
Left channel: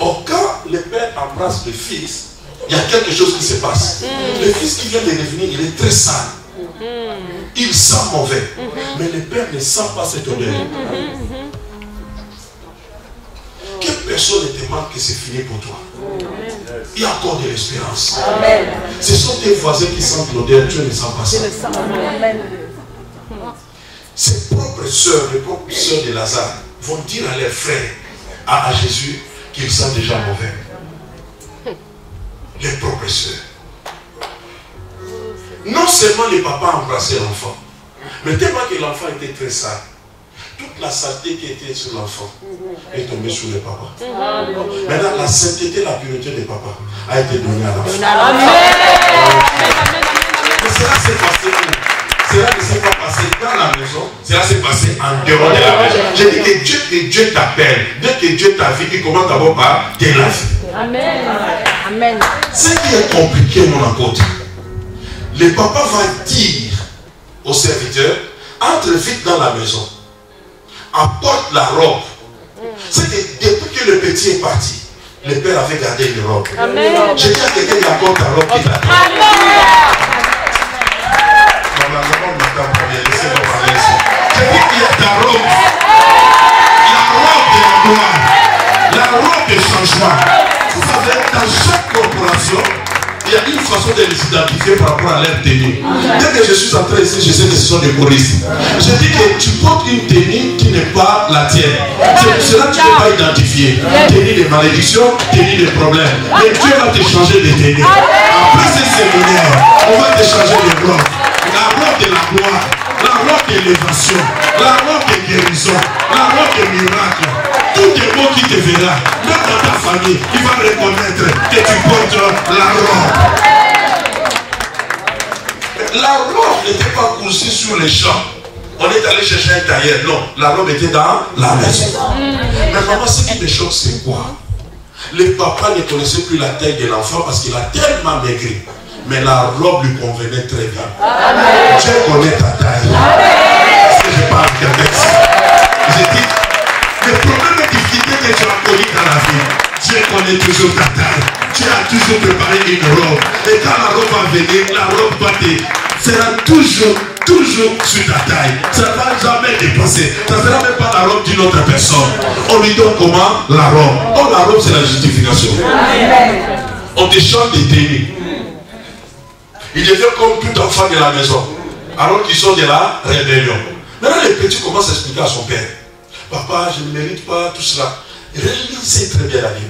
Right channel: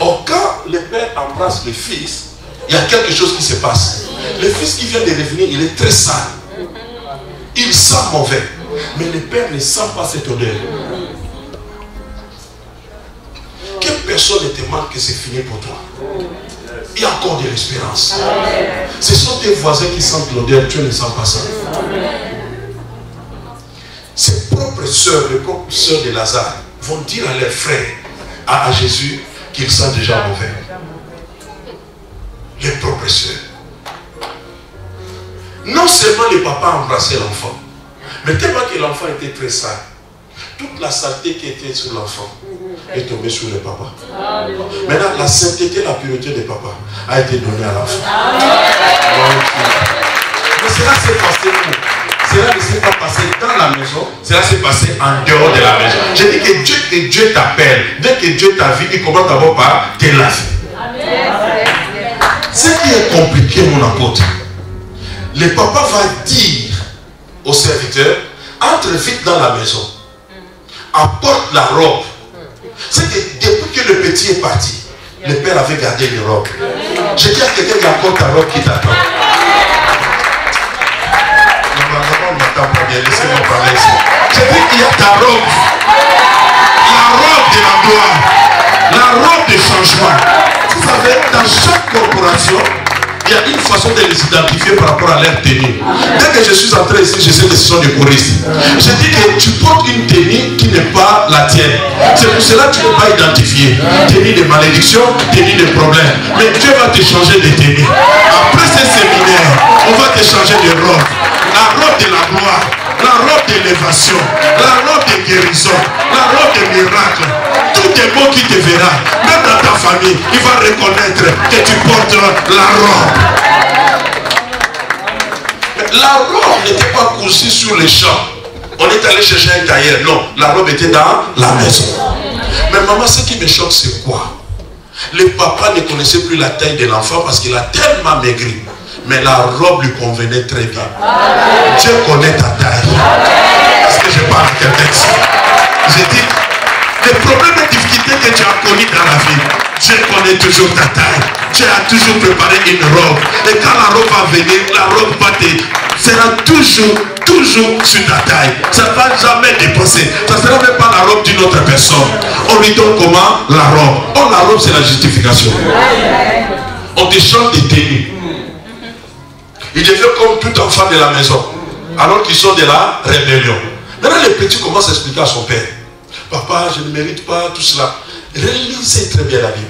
Or, quand le Père embrasse le Fils, il y a quelque chose qui se passe. Le Fils qui vient de revenir, il est très sale. Il sent mauvais. Mais le Père ne sent pas cette odeur. Que personne ne te demande que c'est fini pour toi. Il y a encore de l'espérance. Ce sont tes voisins qui sentent l'odeur, tu ne sens pas ça. Ses propres sœurs, les propres sœurs de Lazare, vont dire à leurs frères, à Jésus, qu'ils sentent déjà mauvais. Les propres sœurs. Non seulement le papa embrassait l'enfant, mais tellement que l'enfant était très sale, toute la saleté qui était sur l'enfant est tombée sur le papa. Maintenant, la sainteté, la pureté du papa a été donnée à l'enfant. Mais cela s'est passé où? Cela ne s'est pas passé dans la maison, cela s'est passé en dehors de la maison. J'ai dit que Dieu t'appelle. Dès que Dieu t'a vu, il commence d'abord par te laver. Amen. Ce qui est compliqué, mon apôtre, le papa va dire au serviteur, entre vite dans la maison, apporte la robe. C'est que depuis que le petit est parti, le père avait gardé une robe. J'ai dit à quelqu'un qui apporte ta robe qui t'attend. mais laissez-moi parler ici. Je dis qu'il y a ta robe. La robe de la gloire. La robe de changement. Vous savez, dans chaque corporation, il y a une façon de les identifier par rapport à leur tenue. Dès que je suis entré ici, je sais que ce sont des choristes. Je dis que tu portes une tenue qui n'est pas la tienne. C'est pour cela que tu n'es pas identifié. Tenue de malédiction, tenue de problème. Mais Dieu va te changer de tenue. Après ce séminaire, on va te changer de robe. La robe de la gloire, la robe d'élévation, la robe de guérison, la robe de miracle. Tout le monde qui te verra, même dans ta famille, il va reconnaître que tu portes la robe. La robe n'était pas cousue sur les champs. On est allé chercher un tailleur. Non, la robe était dans la maison. Mais maman, ce qui me choque, c'est quoi? Le papa ne connaissait plus la taille de l'enfant parce qu'il a tellement maigri. Mais la robe lui convenait très bien. Dieu connaît ta taille. Est-ce que je parle de texte? J'ai dit, les problèmes et difficultés que tu as connus dans la vie, Dieu connaît toujours ta taille. Dieu a toujours préparé une robe. Et quand la robe va venir, la robe sera toujours sur ta taille. Ça ne va jamais dépasser. Ça ne sera même pas la robe d'une autre personne. On lui donne comment? La robe. Oh, la robe, c'est la justification. On te change des tenues. Ils deviennent comme tout enfant de la maison. Alors qu'ils sont de la rébellion. Maintenant, les petits commencent à expliquer à son père. Papa, je ne mérite pas tout cela. Réalisez très bien la Bible.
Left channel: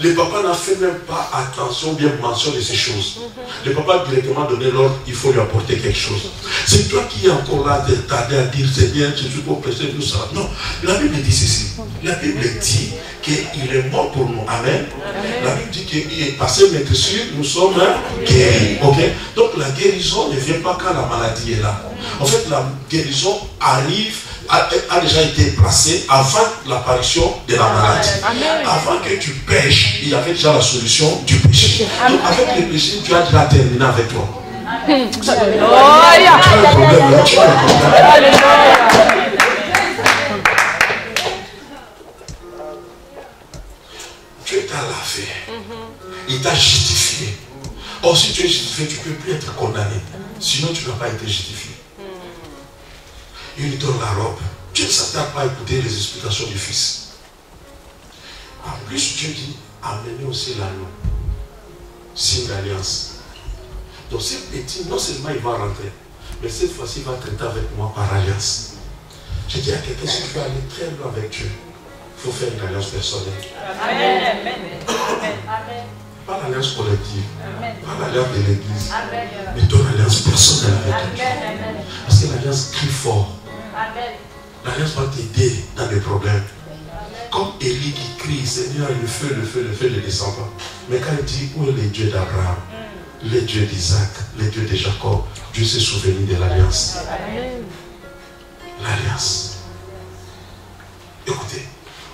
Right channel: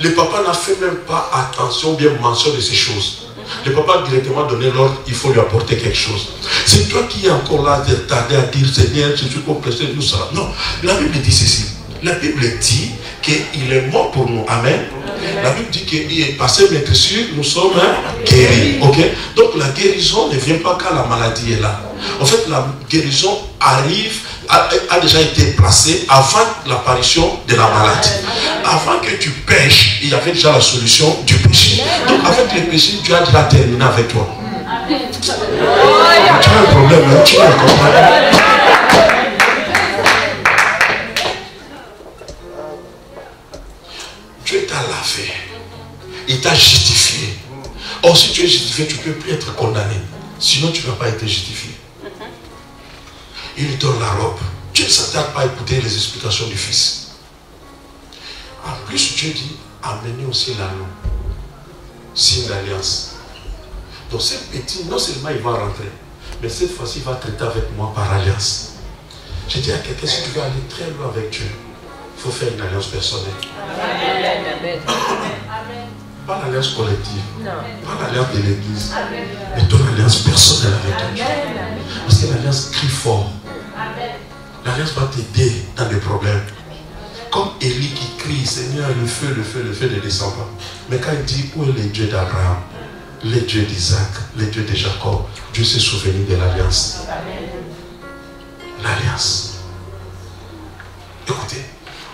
Le papa n'a fait même pas attention, bien mention de ces choses. Le papa a directement donné l'ordre, il faut lui apporter quelque chose. C'est toi qui es encore là, tardé à dire, Seigneur, je suis complexé, tout ça. Non, la Bible dit ceci. La Bible dit qu'il est mort pour nous. Amen. La Bible dit qu'il est passé, mais que sûr, nous sommes guéris. Okay? Donc la guérison ne vient pas quand la maladie est là. En fait, la guérison arrive, a déjà été placée avant l'apparition de la maladie. Avant que tu pêches, il y avait déjà la solution du péché. Donc avec le péché, tu as déjà terminé avec toi. Tu as un problème, hein? Tu as un problème. Dieu t'a lavé. Il t'a justifié. Or, si tu es justifié, tu ne peux plus être condamné. Sinon, tu n'as pas été justifié. Il lui donne la robe. Dieu ne s'attarde pas à écouter les explications du Fils. En plus, Dieu dit, amenez aussi l'anneau. Signe d'alliance. Donc, ce petit, non seulement il va rentrer, mais cette fois-ci, il va traiter avec moi par alliance. Je dis à quelqu'un, si tu veux aller très loin avec Dieu, il faut faire une alliance personnelle. Pas l'alliance collective, pas l'alliance de l'église, mais ton alliance personnelle avec Dieu. Parce que l'alliance crie fort. L'alliance va t'aider dans les problèmes. Comme Élie qui crie, Seigneur, le feu ne descend pas. Mais quand il dit, où est le Dieu d'Abraham, le Dieu d'Isaac, le Dieu de Jacob, Dieu s'est souvenu de l'alliance. L'alliance. Écoutez,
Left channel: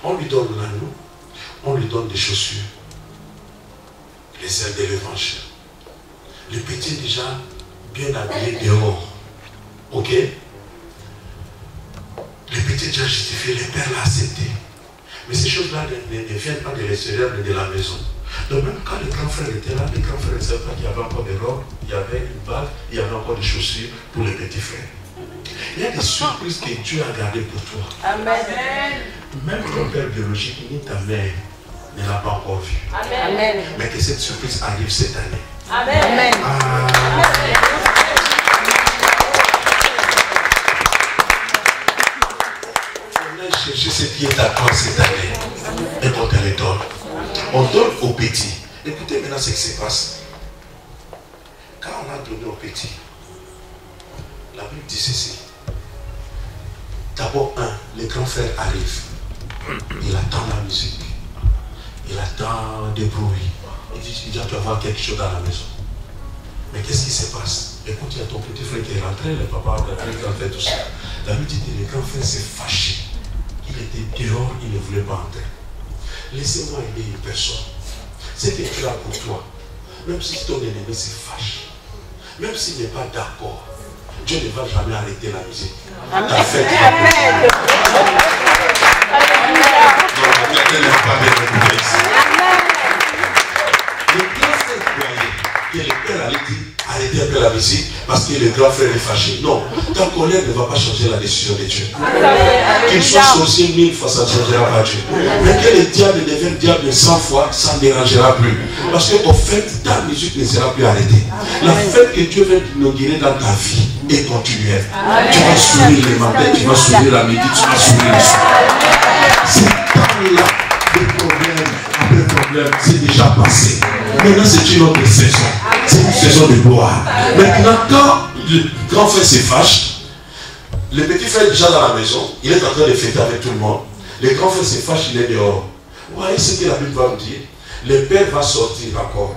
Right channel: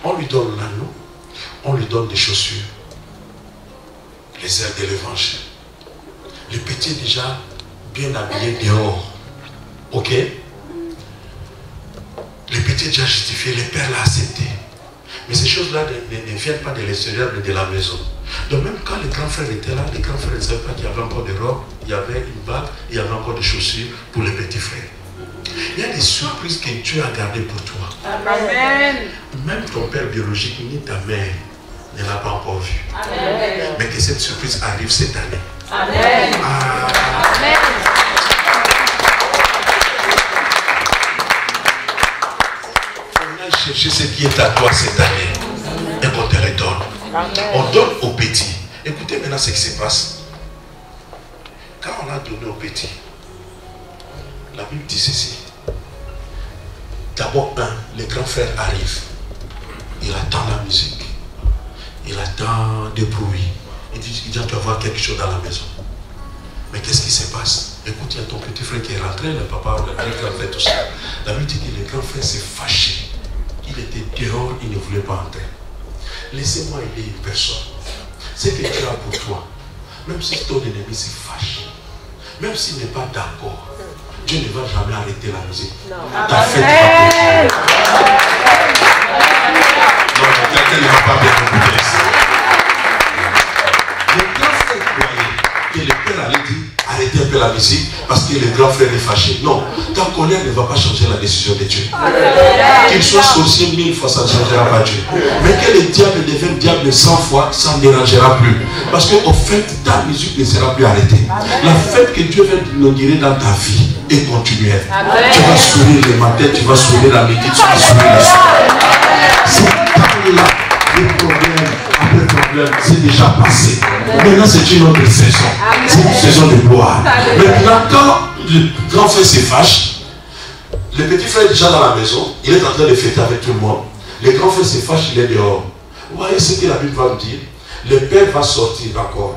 on lui donne l'anneau, on lui donne des chaussures, les ailes de l'évangile. Le petit est déjà bien habillé dehors. Ok? Le petit est déjà justifié, le père l'a accepté. Mais ces choses-là ne viennent pas de l'extérieur, mais de la maison. Donc même quand le grand frère était là, le grand frère ne savait pas qu'il y avait encore des robes, il y avait une bague, il y avait encore des chaussures pour le petit frère. Il y a des surprises que Dieu a gardées pour toi. Amen. Même ton père biologique ni ta mère ne l'a pas encore vu. Amen. Mais que cette surprise arrive cette année. Amen. Amen. On a cherché ce qui est à toi cette année et qu'on te le donne. On donne aux petits. Écoutez maintenant ce qui se passe. Quand on a donné aux petits, la Bible dit ceci. D'abord, le grand frère arrive. Il attend la musique. Il attend des bruits. Il dit, il doit y avoir quelque chose dans la maison. Mais qu'est-ce qui se passe? Écoute, il y a ton petit frère qui est rentré, le papa, le grand frère, tout ça. La Bible dit que le grand frère s'est fâché. Il était dehors, il ne voulait pas entrer. Laissez-moi aider une personne. Ce que tu as pour toi, même si ton ennemi se fâche, même s'il n'est pas d'accord, Dieu ne va jamais arrêter la musique. Ta fête va continuer. Non, quelqu'un ne va pas bien écouter ici. Le grand frère croyait que le père allait dire arrêter un peu la musique parce que le grand frère est fâché. Non, ta colère ne va pas changer la décision de Dieu. Qu'il soit sorcier 1000 fois, ça ne changera pas Dieu. Mais que le diable devienne diable 100 fois, ça ne dérangera plus. Parce qu'au fait, ta musique ne sera plus arrêtée. La fête que Dieu veut inaugurer dans ta vie est continuelle. Tu vas sourire le matin, tu vas sourire la midi, tu vas sourire le soir. C'est là le problème. Le problème, c'est déjà passé. Maintenant, c'est une autre saison. C'est une saison de gloire. Maintenant, quand le grand frère se fâche, le petit frère est déjà dans la maison, il est en train de fêter avec tout le monde. Le grand frère se fâche, il est dehors. Vous voyez ce que la Bible va nous dire? Le père va sortir, d'accord.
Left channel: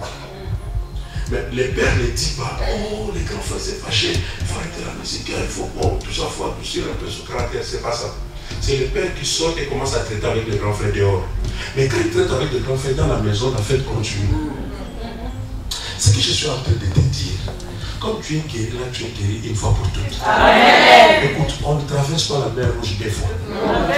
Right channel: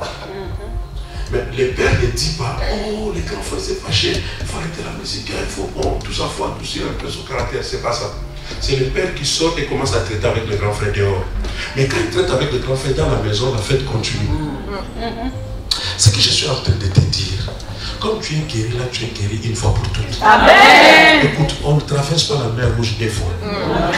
Mais le père ne dit pas, oh, le grand frère s'est fâché, il faut arrêter la musique, il faut, oh, tout ça, il faut adoucir un peu son caractère, c'est pas ça. C'est le père qui sort et commence à traiter avec le grand frère dehors. Mais quand il traite avec le grand frère dans la maison, la fête continue. Ce que je suis en train de te dire, comme tu es guéri, là tu es guéri une fois pour toutes. Amen. Écoute, on ne traverse pas la mer rouge des fois.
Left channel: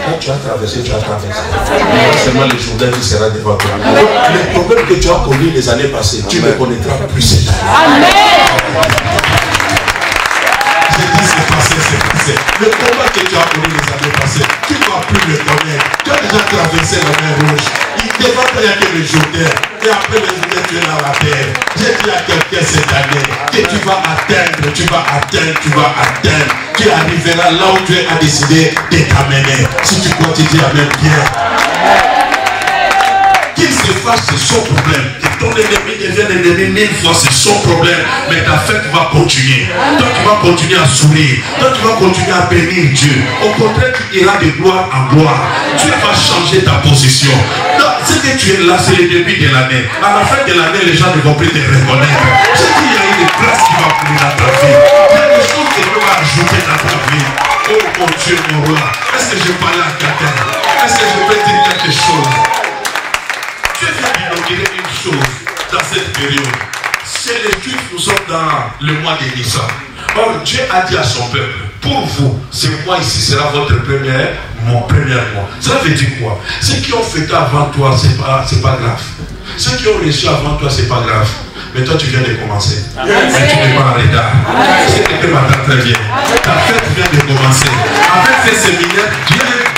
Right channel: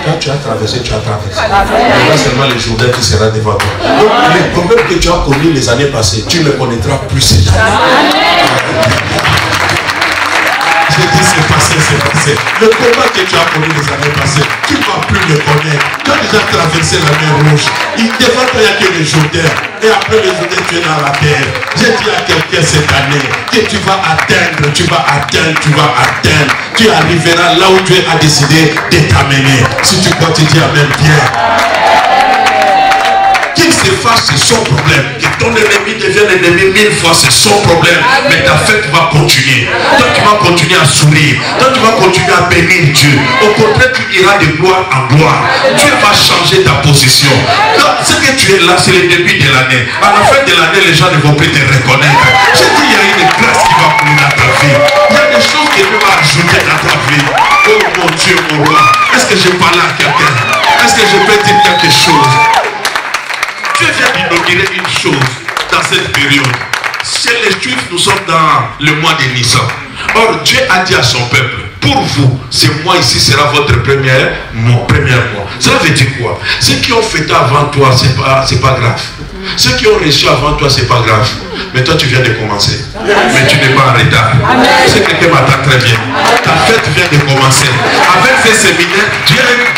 Quand tu as traversé, tu as traversé. Mais pas seulement le Jourdain qui sera devant toi. Donc les problèmes que tu as connus les années passées, tu ne connaîtras plus cette année. Amen. J'ai dit c'est passé, c'est passé. Le combat que tu as connu les années passées, tu ne vas plus le connaître. Tu as déjà traversé la mer rouge. Devant toi, il n'y a que les Jourdains. Et après les Jourdains, tu es dans la terre. J'ai dit à quelqu'un cette année que tu vas atteindre, tu vas atteindre, tu vas atteindre. Tu arriveras là où Dieu a décidé de t'amener. Si tu crois, tu dis amen bien. Qu'il se fasse, c'est son problème. Que ton ennemi devienne ennemi 1000 fois, c'est son problème. Mais ta fête va continuer. Toi, tu vas continuer à sourire. Toi, tu vas continuer à bénir Dieu. Au contraire, tu iras de gloire en gloire. Dieu va changer ta position. Ce que tu es là, c'est le début de l'année. À la fin de l'année, les gens ne vont plus te reconnaître. Je dis, il y a une grâce qui va couler dans ta vie. Il y a des choses que Dieu va ajouter dans ta vie. Oh mon Dieu, mon roi. Est-ce que je parle à quelqu'un? Est-ce que je peux dire quelque chose? Dieu vient d'inaugurer une chose dans cette période. Chez les Juifs, nous sommes dans le mois de Nissan. Or, Dieu a dit à son peuple, pour vous, ce mois ici sera votre mon premier mois. Ça veut dire quoi? Ceux qui ont fêté avant toi, c'est pas grave. Ceux qui ont reçu avant toi, c'est pas grave. Mais toi, tu viens de commencer. Mais tu n'es pas en retard. C'est quelqu'un m'attend très bien. Ta fête vient de commencer. Avec ce séminaire, Dieu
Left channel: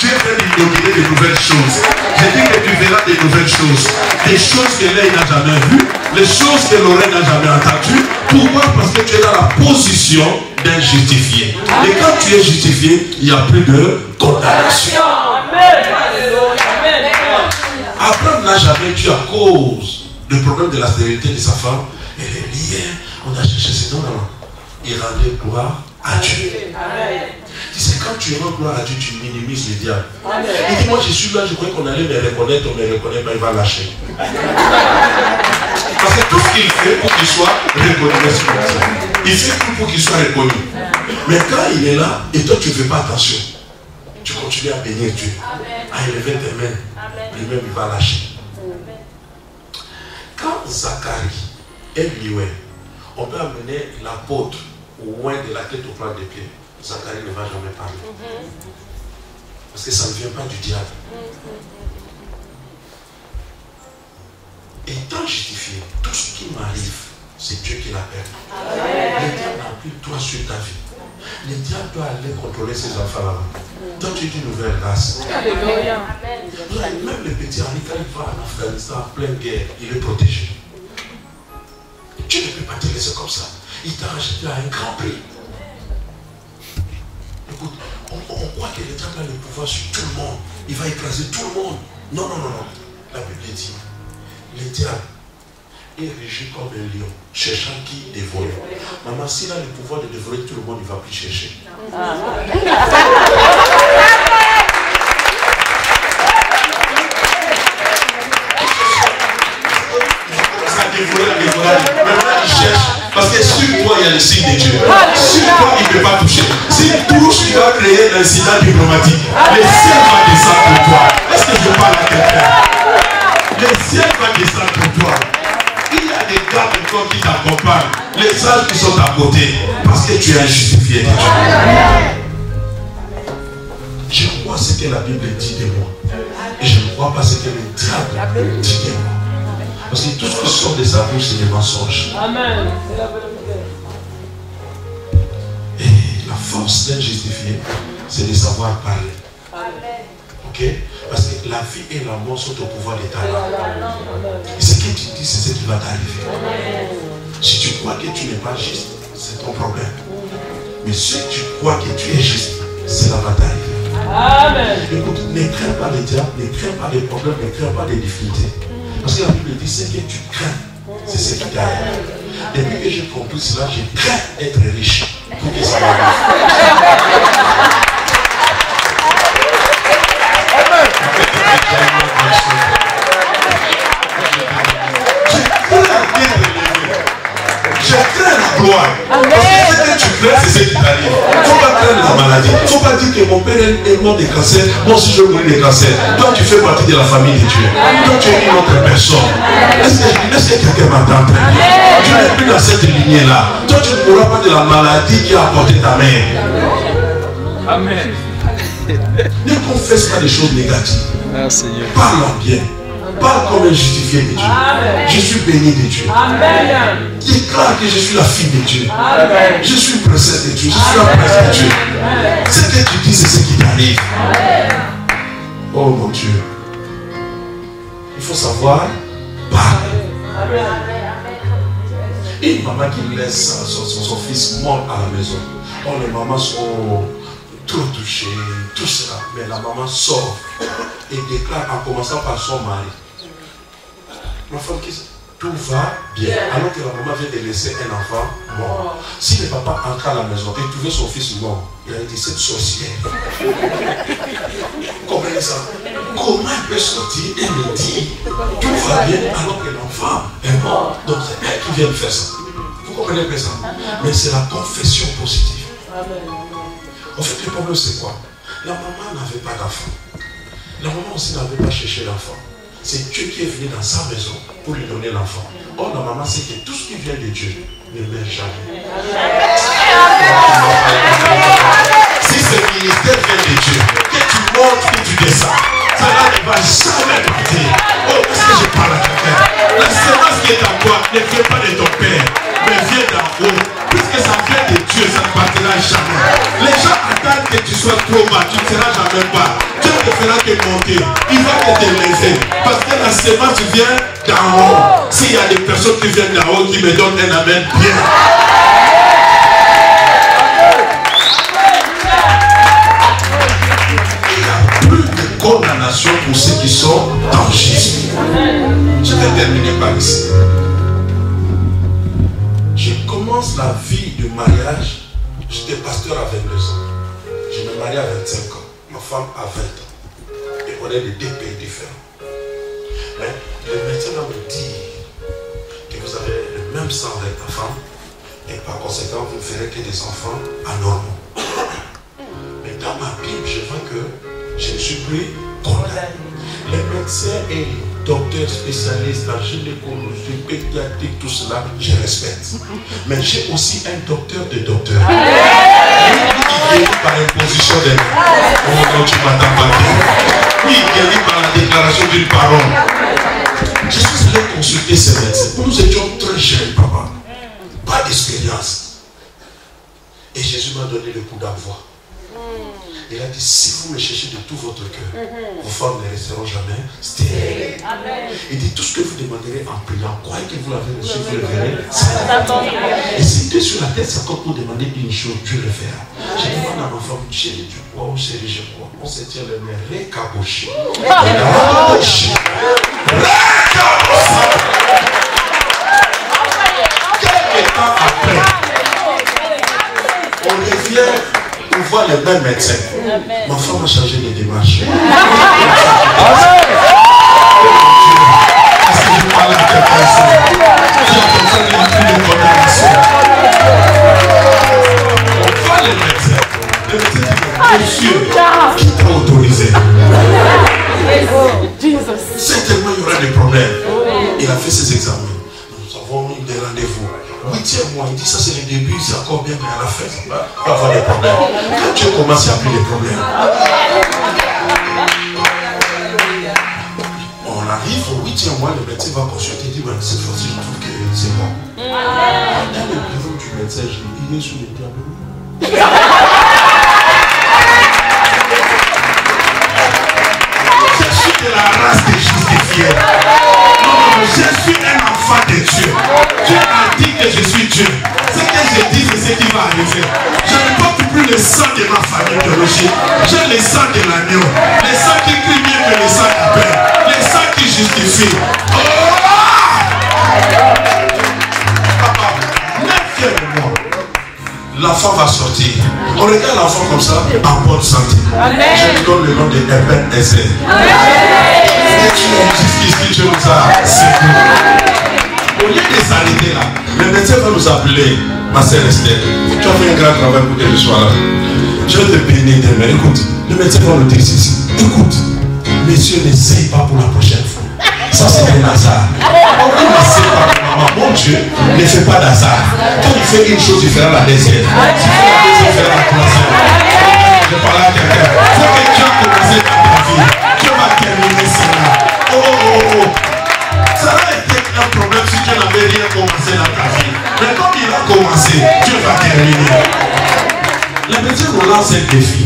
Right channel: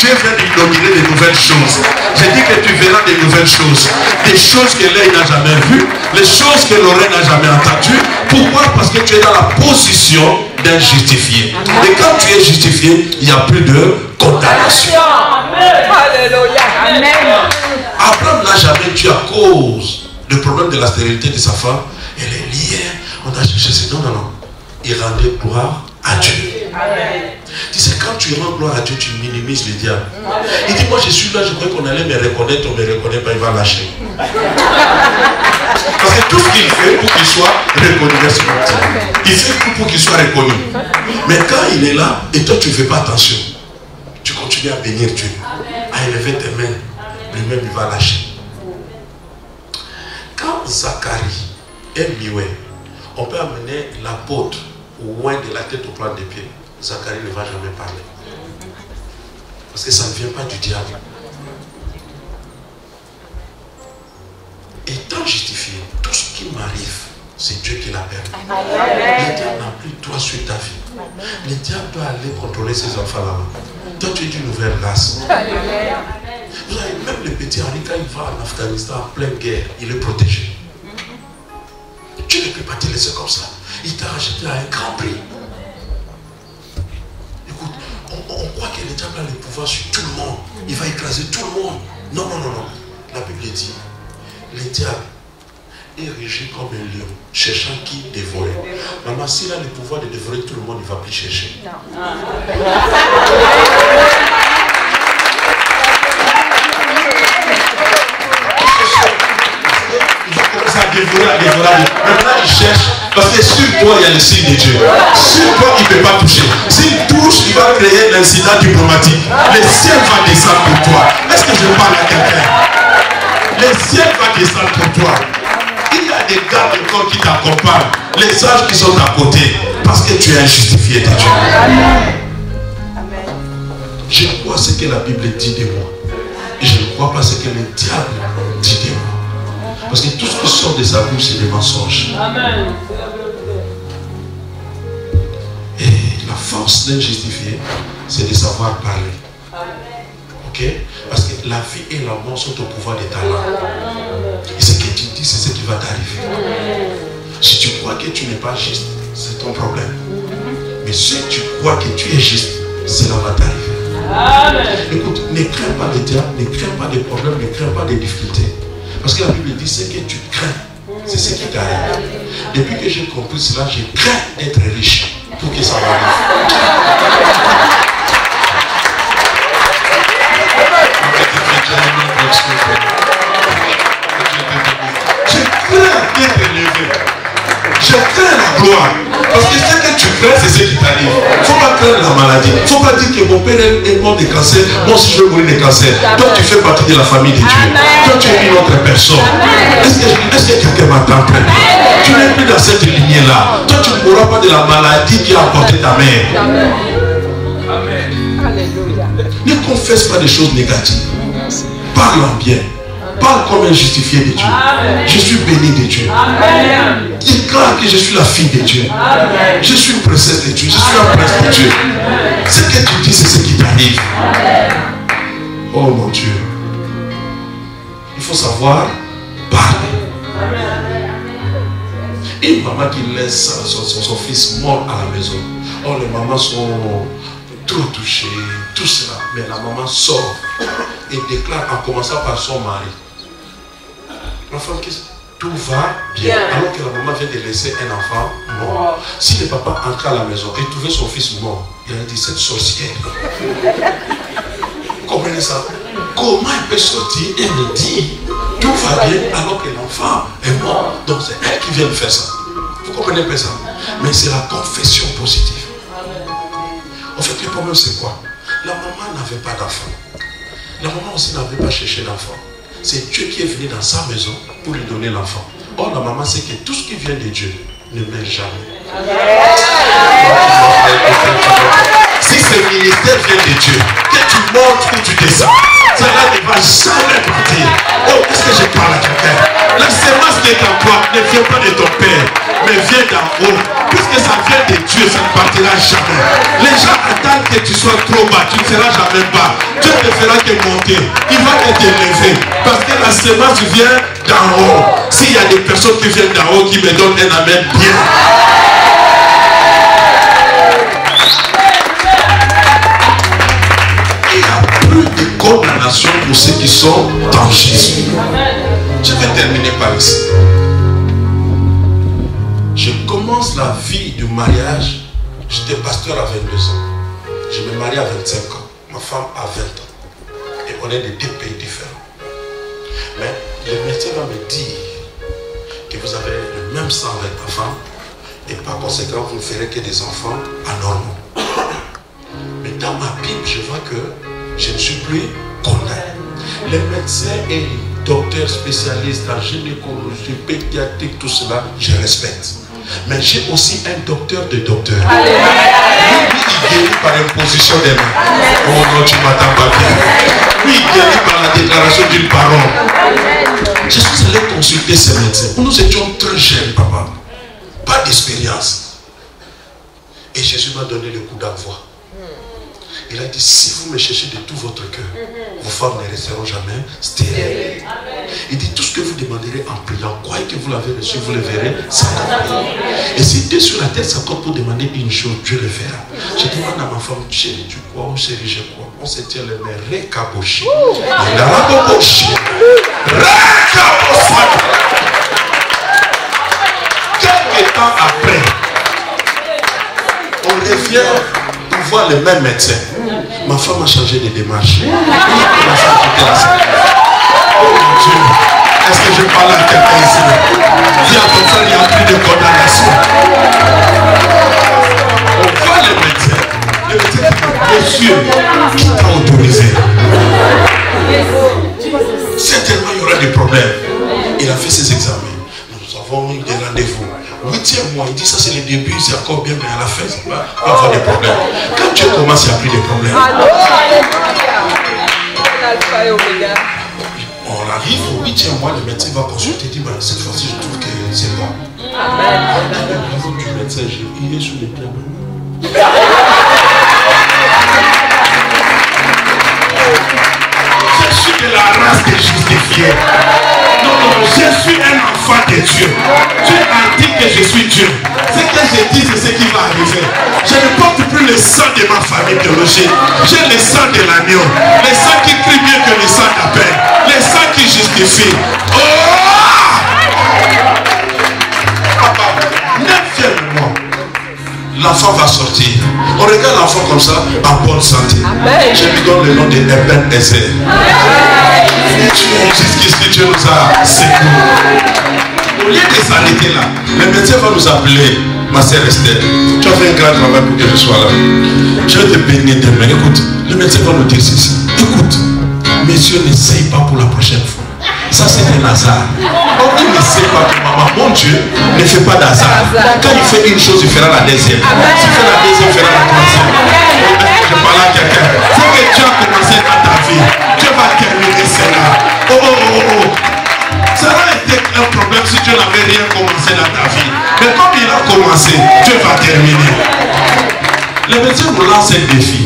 vient d'inaugurer de nouvelles choses. J'ai dit que tu verras de nouvelles choses. Des choses que l'œil n'a jamais vues. Les choses que l'oreille n'a jamais entendues. Pourquoi? Parce que tu es dans la position d'un justifié. Et quand tu es justifié, il n'y a plus de condamnation. Abraham n'a jamais tué à cause du problème de la stérilité de sa femme. Elle est liée. On a cherché ce non. Il rendait gloire à Dieu. Tu sais, quand tu rends gloire à Dieu, tu minimises le diable. Il dit, moi je suis là, je croyais qu'on allait me reconnaître, on ne me reconnaît pas, il va lâcher. Parce que tout ce qu'il fait pour qu'il soit reconnu, il fait tout pour qu'il soit reconnu. Mais quand il est là, et toi tu ne fais pas attention, tu continues à bénir Dieu, à élever tes mains, lui-même il va lâcher. Quand Zacharie est muet, on peut amener l'apôtre loin de la tête au plan des pieds. Zacharie ne va jamais parler. Parce que ça ne vient pas du diable. Étant justifié, tout ce qui m'arrive, c'est Dieu qui l'a permis. Le diable n'a plus toi sur ta vie. Le diable doit aller contrôler ses enfants là-bas. Toi, tu es d'une nouvelle race. Même le petit Henri, quand il va en Afghanistan en pleine guerre, il est protégé. Tu ne peux pas te laisser comme ça. Il t'a acheté à un grand prix. Écoute, on croit que le diable a le pouvoir sur tout le monde. Il va écraser tout le monde. Non. La Bible dit, le diable est régi comme un lion, cherchant qui dévorer. Maman, s'il a le pouvoir de dévorer tout le monde, il ne va plus chercher. Maintenant il cherche, parce que sur toi il y a le signe de Dieu. Sur toi il ne peut pas toucher. S'il touche, il va créer l'incident diplomatique. Le ciel va descendre pour toi. Est-ce que je parle à quelqu'un? Le ciel va descendre pour toi. Il y a des gardes encore qui t'accompagnent. Les sages qui sont à côté. Parce que tu es injustifié de Dieu. Je crois ce que la Bible dit de moi. Et je ne crois pas ce que le diable dit de moi. Parce que tout ce qui sort de sa bouche, c'est des mensonges. Amen. force d'être justifié, c'est de savoir parler. Ok? Parce que la vie et la mort sont au pouvoir de ta langue. Et ce que tu dis, c'est ce qui va t'arriver. Si tu crois que tu n'es pas juste, c'est ton problème. Mais si tu crois que tu es juste, cela va t'arriver. Écoute, ne crains pas les diables, ne crains pas les problèmes, ne crains pas les difficultés. Parce que la Bible dit, ce que tu crains, c'est ce qui t'arrive. Depuis que j'ai compris cela, je crains d'être riche pour que ça m'arrive. Je crains la gloire. Parce que ce que tu crains, c'est ce qui t'arrive. Il ne faut pas craindre la maladie. Il ne faut pas dire que mon père est mort de cancer. Moi aussi je vais mourir de cancer. Toi tu fais partie de la famille de Dieu. Toi tu es une autre personne. Est-ce que quelqu'un m'entend très bien? Tu n'es plus dans cette lignée-là. Toi tu ne mourras pas de la maladie qui a apporté ta mère. Amen. Ne confesse pas des choses négatives. Parle en bien. Parle comme un justifié de Dieu. Amen. Je suis béni de Dieu. Amen. Déclare que je suis la fille de Dieu. Amen. Je suis une princesse de Dieu. Je suis un prince de Dieu. Ce que tu dis, c'est ce qui t'arrive. Oh mon Dieu. Il faut savoir parler. Une maman qui laisse son fils mort à la maison. Oh, les mamans sont trop touchées, tout cela. Mais la maman sort et déclare en commençant par son mari. La femme qui tout va bien, alors que la maman vient de laisser un enfant mort. Si le papa entrait à la maison et trouvait son fils mort, il a dit cette sorcière. Comprenez ça? Comment elle peut sortir et me dire tout va bien alors que l'enfant est mort? Donc c'est elle qui vient de faire ça. Vous comprenez pas ça? Mais c'est la confession positive. En fait, le problème c'est quoi? La maman n'avait pas d'enfant. La maman aussi n'avait pas cherché d'enfant. C'est Dieu qui est venu dans sa maison pour lui donner l'enfant. Or, la maman sait que tout ce qui vient de Dieu ne meurt jamais. Si ce ministère vient de Dieu, que tu montres où tu descends, cela ne va jamais partir. Oh, est-ce que je parle à quelqu'un? La semence qui est en toi ne vient pas de ton père, mais vient d'en haut. Puisque ça vient de Dieu, ça ne partira jamais. Les gens attendent que tu sois trop bas, tu ne seras jamais bas. Dieu te fera te monter, il va te lever. Parce que la semence vient d'en haut. S'il y a des personnes qui viennent d'en haut, qui me donnent un amen bien. Il n'y a plus de condamnation pour ceux qui sont dans Jésus. Je vais terminer par ici. Je commence la vie de mariage. J'étais pasteur à 22 ans. Je me marie à 25 ans. Ma femme à 20 ans. Et on est de deux pays différents. Mais le médecin va me dire que vous avez le même sang avec ta femme. Et par conséquent, vous ne ferez que des enfants anormaux. Mais dans ma Bible, je vois que je ne suis plus condamné. Les médecins et docteurs spécialistes en gynécologie, pédiatrie, tout cela, je respecte. Mais j'ai aussi un docteur de docteurs. Lui, il guérit par imposition des mains. Oh non, tu m'attends pas bien. Oui, il guérit par la déclaration d'une parole. Je suis allé consulter ces médecins. Nous étions très jeunes, papa. Pas d'expérience. Et Jésus m'a donné le coup d'envoi. Il a dit, si vous me cherchez de tout votre cœur, vos femmes ne resteront jamais stériles. Il dit, tout ce que vous demanderez en priant, croyez que vous l'avez reçu, vous le verrez. Et si Dieu sur la tête s'accorde pour demander une chose, Dieu le fera. Je demande à ma femme, chérie, tu crois ou chérie, je crois. On se tient les mains, récaboché. Quelques temps après, on revient. On voit les mêmes médecins. Ma femme a changé de démarche. Oh mon Dieu. Est-ce que je parle à quelqu'un ici? Dis à ton frère, il n'y a plus de condamnation. On voit les médecins. Le médecin dit, monsieur, qui t'a autorisé? Certainement, il y aura des problèmes. Il a fait ses examens. Nous avons mis des rendez-vous. 8e mois, il dit ça c'est le début, c'est encore bien, mais à la fin, il va y avoir des problèmes. Quand Dieu commence, il n'y a plus de problèmes. On arrive au 8e mois, le médecin va consulter, il dit, bah, cette fois-ci, je trouve que c'est bon. Le niveau du médecin, il est sous les diables. Je suis un enfant de Dieu. Dieu a dit que je suis Dieu. Ce que je dis, c'est ce qui va arriver. Je ne porte plus le sang de ma famille biologique. J'ai le sang de l'agneau. Le sang qui crie mieux que le sang d'Abel. Le sang qui justifie. Oh! Papa, même fièrement, l'enfant va sortir. On regarde l'enfant comme ça, en bonne santé. Je lui donne le nom de Eben Ezer. Jusqu'ici, Dieu nous a secourus. Au lieu de s'arrêter là, le médecin va nous appeler, ma sœur Esther. Tu as fait un grand travail pour que je sois là. Je vais te bénir demain. Écoute, le médecin va nous dire ceci. Écoute, messieurs, n'essaye pas pour la prochaine fois. Ça, c'est un hasard. On dit, ne sait pas, maman. Mon Dieu ne fait pas d'hasard. Quand il fait une chose, il fera la deuxième. S'il fait la deuxième, il fera la troisième. Je parle à quelqu'un. Il faut que Dieu a commencé dans ta vie. Dieu va terminer cela. Oh, oh, oh, oh. Ça aurait été un problème si Dieu n'avait rien commencé dans ta vie. Mais comme il a commencé, Dieu va terminer. Le médecin nous lance un défi.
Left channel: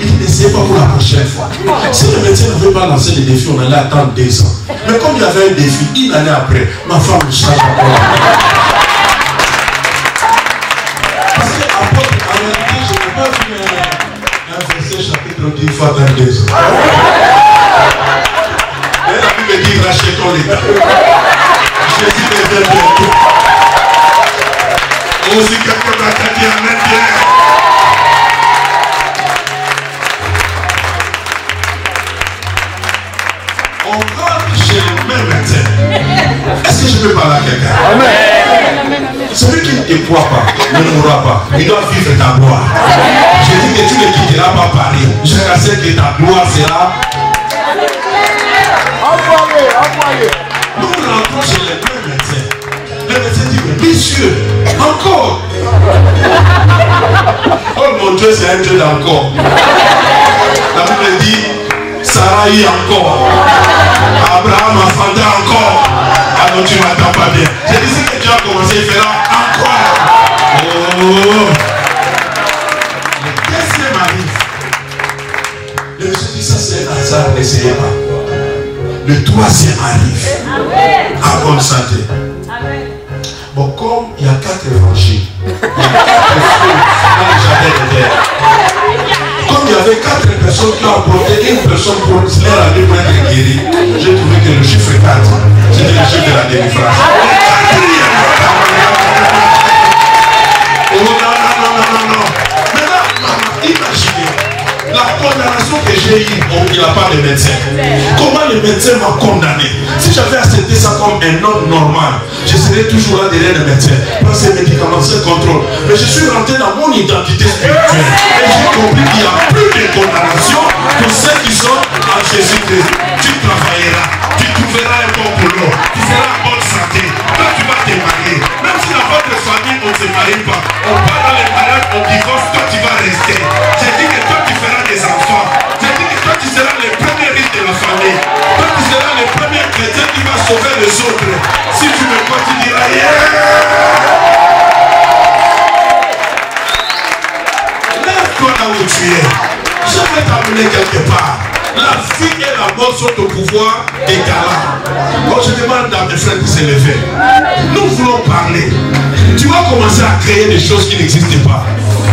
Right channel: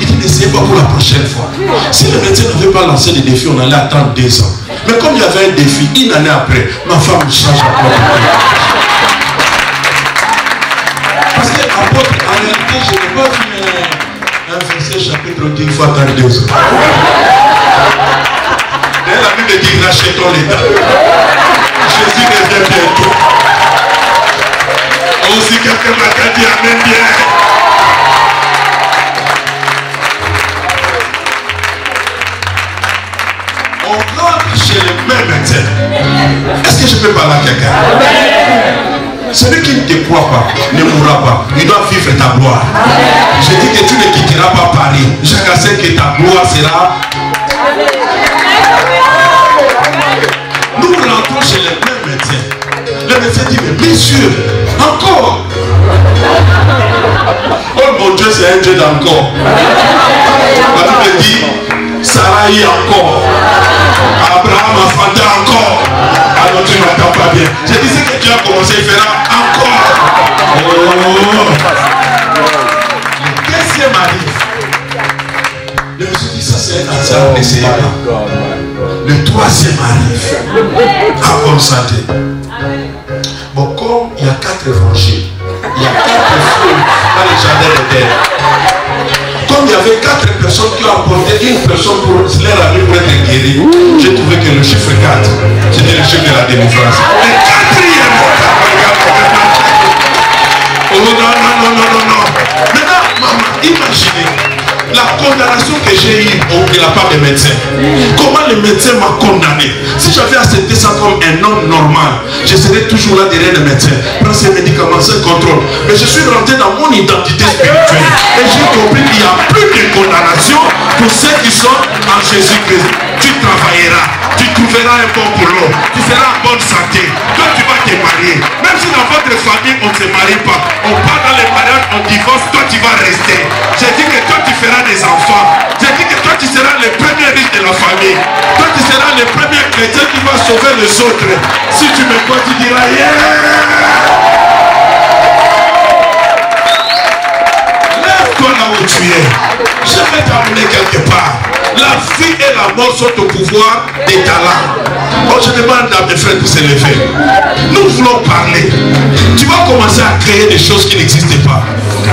Il dit, n'essayez pas pour la prochaine fois. Si le médecin n'avait pas lancé le défi, on allait attendre 2 ans. Mais comme il y avait un défi, 1 année après, ma femme change encore. Parce que, en réalité, je n'ai pas vu un verset chapitre 10 fois dans 2 ans. Et la Bible dit, rachetons l'État. Jésus revient bientôt. Aussi quelqu'un m'a dit, amen bien. On rentre chez le même médecin. Est-ce que je peux parler à quelqu'un? Celui qui ne te croit pas ne mourra pas. Il doit vivre ta gloire. Je dis que tu ne quitteras pas Paris. Je sais que ta gloire sera. Nous rentrons chez le même médecin. Le médecin dit, mais bien sûr, encore. Oh mon Dieu, c'est un Dieu d'encore. La Bible dit, Sarah y encore. Abraham a fanté encore. Ah non, tu ne m'entends pas bien. J'ai dit que tu as commencé, il fera encore. Oh. Le deuxième arrive. Je me suis dit, ça c'est un hasard, n'essayez pas. Le troisième arrive. En bonne santé. Bon, comme il y a 4 évangiles, il y a 4 fruits dans le jardin de terre. Comme il y avait 4 personnes qui ont apporté une personne pour leur ami pour être guéri, j'ai trouvé que le chiffre 4, c'était le chiffre de la délivrance. Le quatrième, oh non, non, non, non, non, non. Maintenant, maman, imaginez la condamnation que j'ai eue de la part des médecins. Comment le médecin m'a condamné? Si j'avais accepté ça comme un homme normal, je serais toujours là derrière le médecin. Prends ces médicaments, ce contrôle. Mais je suis rentré dans mon identité spirituelle. Et j'ai compris qu'il n'y a plus de condamnation pour ceux qui sont en Jésus-Christ. Tu travailleras, tu trouveras un bon boulot, tu seras en bonne santé. Toi, tu vas te marier. Même si dans votre famille, on ne se marie pas, on part dans les mariages, on divorce, toi, tu vas rester. J'ai dit que toi, tu feras des enfants. J'ai dit que toi, tu seras le premier riche de la famille. Toi, tu seras le premier chrétien qui va sauver les autres. Si tu me crois, tu diras yeah! Lève-toi là où tu es. Je vais t'amener quelque part. La vie et la mort sont au pouvoir des talents. Quand je demande à mes frères de se lever, nous voulons parler. Tu vas commencer à créer des choses qui n'existent pas.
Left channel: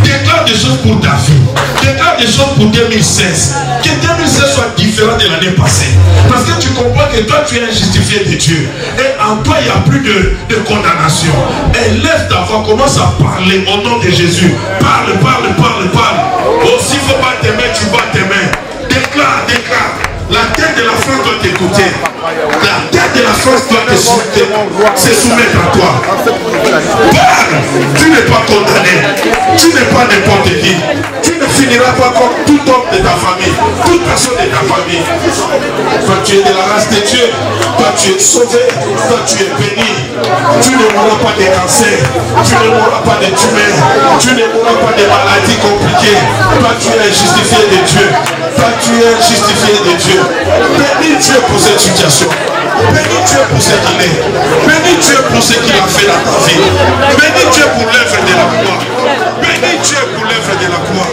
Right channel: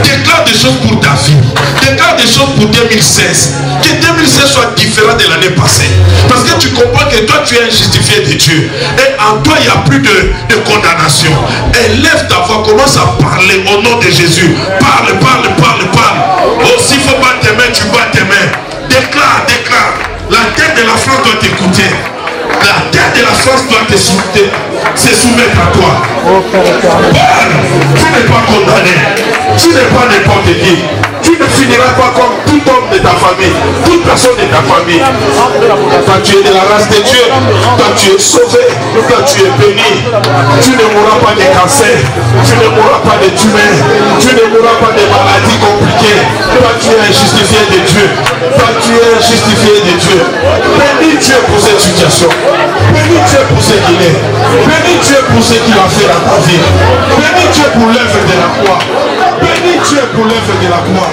Déclare des choses pour ta vie. Déclare des choses pour 2016. Que 2016 soit différent de l'année passée. Parce que tu comprends que toi tu es justifié de Dieu. Et en toi il n'y a plus de condamnation. Élève ta voix, commence à parler au nom de Jésus. Parle, parle, parle, parle. Oh, s'il ne faut pas t'aimer, tu vas t'aimer. Déclare, déclare. La tête de la France doit t'écouter. La tête de la France doit se soumettre à toi. Parle. Tu n'es pas condamné. Tu n'es pas n'importe qui. Tu ne finiras pas comme tout homme de ta famille, toute personne de ta famille. Toi tu es de la race de Dieu. Toi tu es sauvé. Toi tu es béni. Tu ne mourras pas de cancer. Tu ne mourras pas de tumeurs. Tu ne mourras pas de maladies compliquées. Toi tu es justifié de Dieu. Toi tu es justifié de Dieu. Bénis Dieu pour cette situation. Bénis Dieu pour ce qu'il est. Bénis Dieu pour ce qu'il a fait dans ta vie. Bénis Dieu pour l'œuvre de la croix. Bénis Dieu pour l'œuvre de la croix.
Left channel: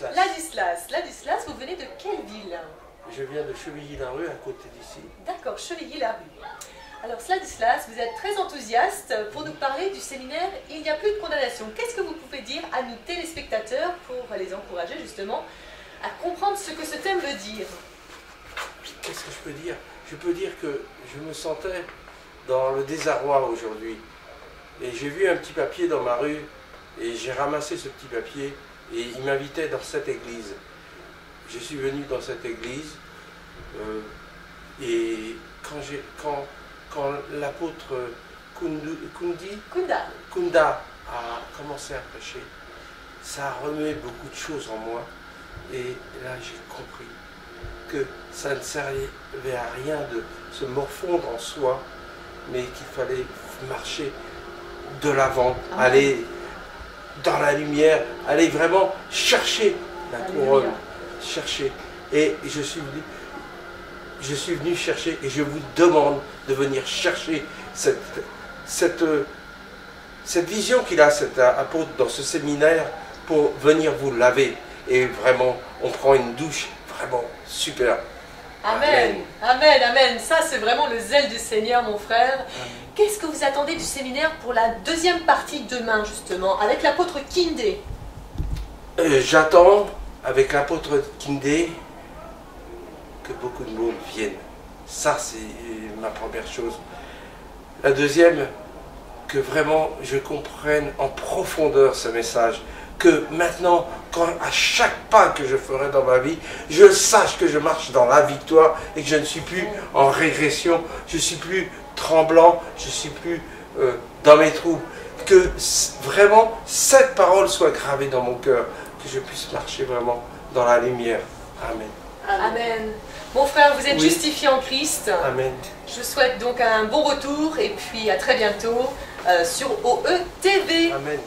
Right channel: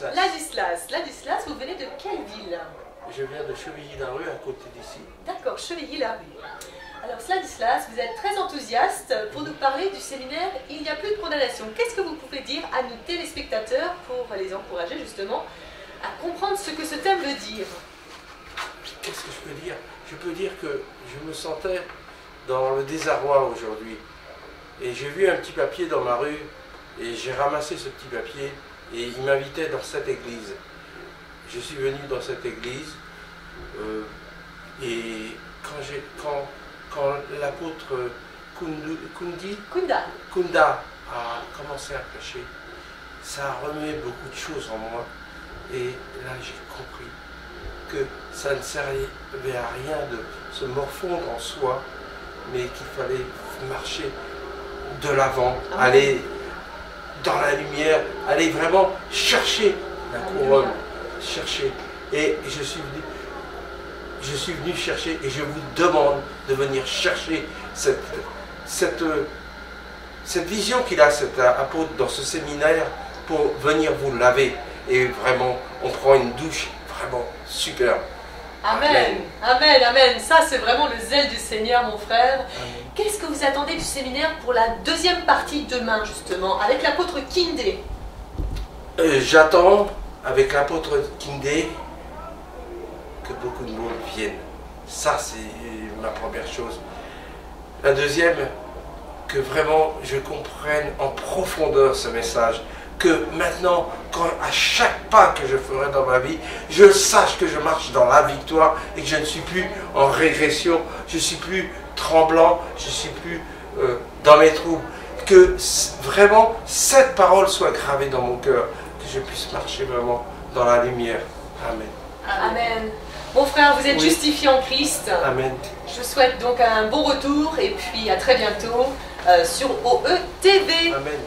Ladislas. Ladislas, vous venez de quelle ville? Je viens de Chevilly-la-Rue, à côté d'ici. D'accord, Chevilly-la-Rue. Alors Ladislas, vous êtes très enthousiaste pour nous parler du séminaire « Il n'y a plus de condamnation ». Qu'est-ce que vous pouvez dire à nos téléspectateurs pour les encourager justement à comprendre ce que ce thème veut dire? Qu'est-ce que je peux dire? Je peux dire que je me sentais dans le désarroi aujourd'hui. Et j'ai vu un petit papier dans ma rue et j'ai ramassé ce petit papier et il m'invitait dans cette église. Je suis venu dans cette église et quand l'apôtre Kunda a commencé à prêcher, ça a remué beaucoup de choses en moi. Et là, j'ai compris que ça ne servait à rien de se morfondre en soi, mais qu'il fallait marcher de l'avant, aller dans la lumière, aller vraiment chercher la couronne, chercher. Et je suis venu chercher et je vous demande de venir chercher cette vision qu'il a, cet apôtre, dans ce séminaire pour venir vous laver. Et vraiment, on prend une douche vraiment super. Amen, amen, amen. Ça, c'est vraiment le zèle du Seigneur, mon frère. Qu'est-ce que vous attendez du séminaire pour la deuxième partie demain, justement, avec l'apôtre Kindé? J'attends, avec l'apôtre Kindé, que beaucoup de monde viennent. Ça, c'est ma première chose. La deuxième, que vraiment je comprenne en profondeur ce message. Que maintenant, à chaque pas que je ferai dans ma vie, je sache que je marche dans la victoire et que je ne suis plus en régression, je ne suis plus tremblant, je ne suis plus dans mes troubles. Que vraiment cette parole soit gravée dans mon cœur, que je puisse marcher vraiment dans la lumière. Amen. Amen. Mon frère, vous êtes justifié en Christ. Amen. Je vous souhaite donc un bon retour et puis à très bientôt sur OE TV. Amen.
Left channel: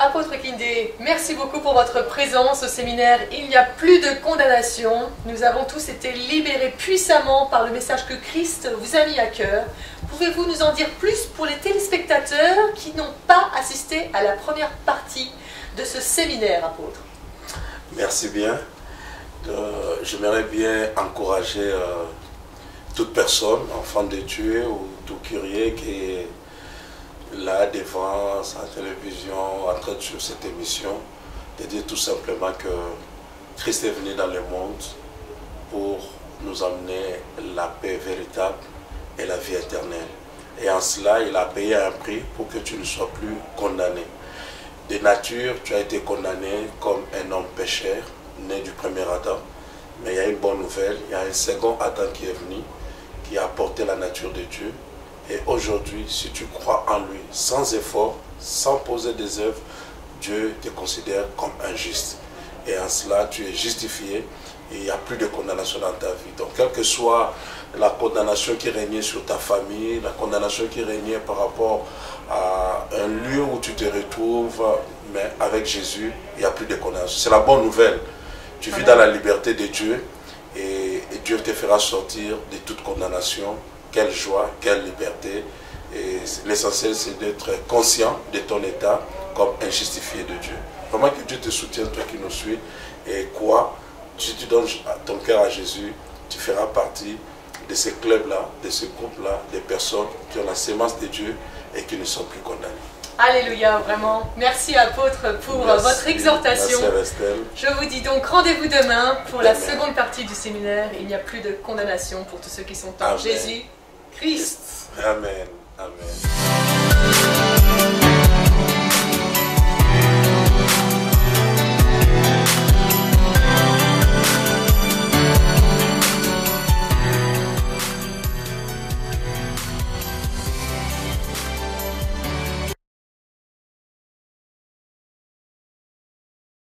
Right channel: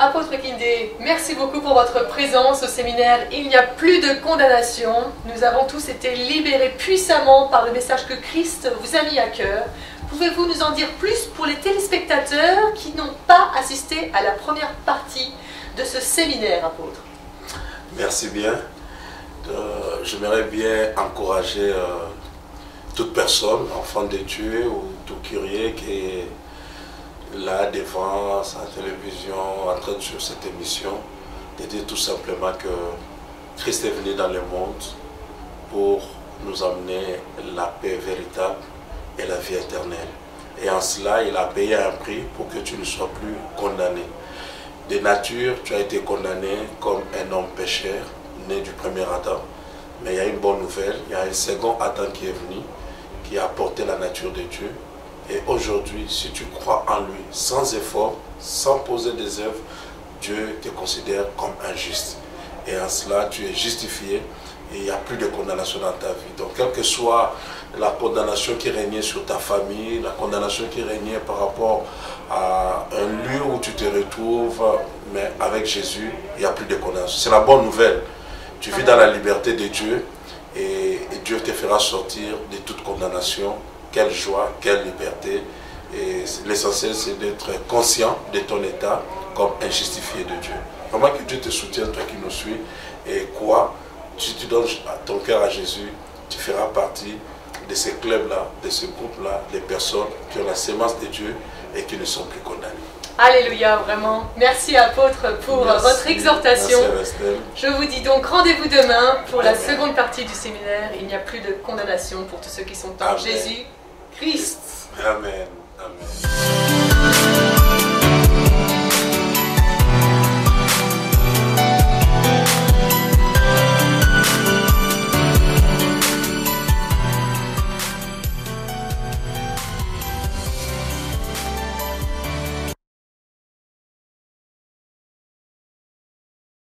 Apôtre Kindé, merci beaucoup pour votre présence au séminaire « Il n'y a plus de condamnation ». Nous avons tous été libérés puissamment par le message que Christ vous a mis à cœur. Pouvez-vous nous en dire plus pour les téléspectateurs qui n'ont pas assisté à la première partie de ce séminaire, apôtre? Merci bien. J'aimerais bien encourager toute personne, enfant de Dieu ou tout curieux qui est là devant sa télévision en train de suivre cette émission, de dire tout simplement que Christ est venu dans le monde pour nous amener la paix véritable et la vie éternelle. Et en cela, il a payé un prix pour que tu ne sois plus condamné. De nature, tu as été condamné comme un homme pécheur, né du premier Adam. Mais il y a une bonne nouvelle, il y a un second Adam qui est venu, qui a apporté la nature de Dieu. Et aujourd'hui, si tu crois en lui, sans effort, sans poser des œuvres, Dieu te considère comme un juste. Et en cela, tu es justifié et il n'y a plus de condamnation dans ta vie. Donc, quelle que soit la condamnation qui régnait sur ta famille, la condamnation qui régnait par rapport à un lieu où tu te retrouves, mais avec Jésus, il n'y a plus de condamnation. C'est la bonne nouvelle. Tu vis dans la liberté de Dieu et Dieu te fera sortir de toute condamnation. Quelle joie, quelle liberté. Et l'essentiel, c'est d'être conscient de ton état comme un justifié de Dieu. Vraiment que Dieu te soutienne, toi qui nous suis. Et quoi, si tu donnes ton cœur à Jésus, tu feras partie de ces clubs-là, de ce groupe-là, des personnes qui ont la sémence de Dieu et qui ne sont plus condamnées. Alléluia, vraiment. Merci apôtre pour votre exhortation. Merci, je vous dis donc rendez-vous demain pour la seconde partie du séminaire. Il n'y a plus de condamnation pour tous ceux qui sont en Jésus Christ. Amen. Amen.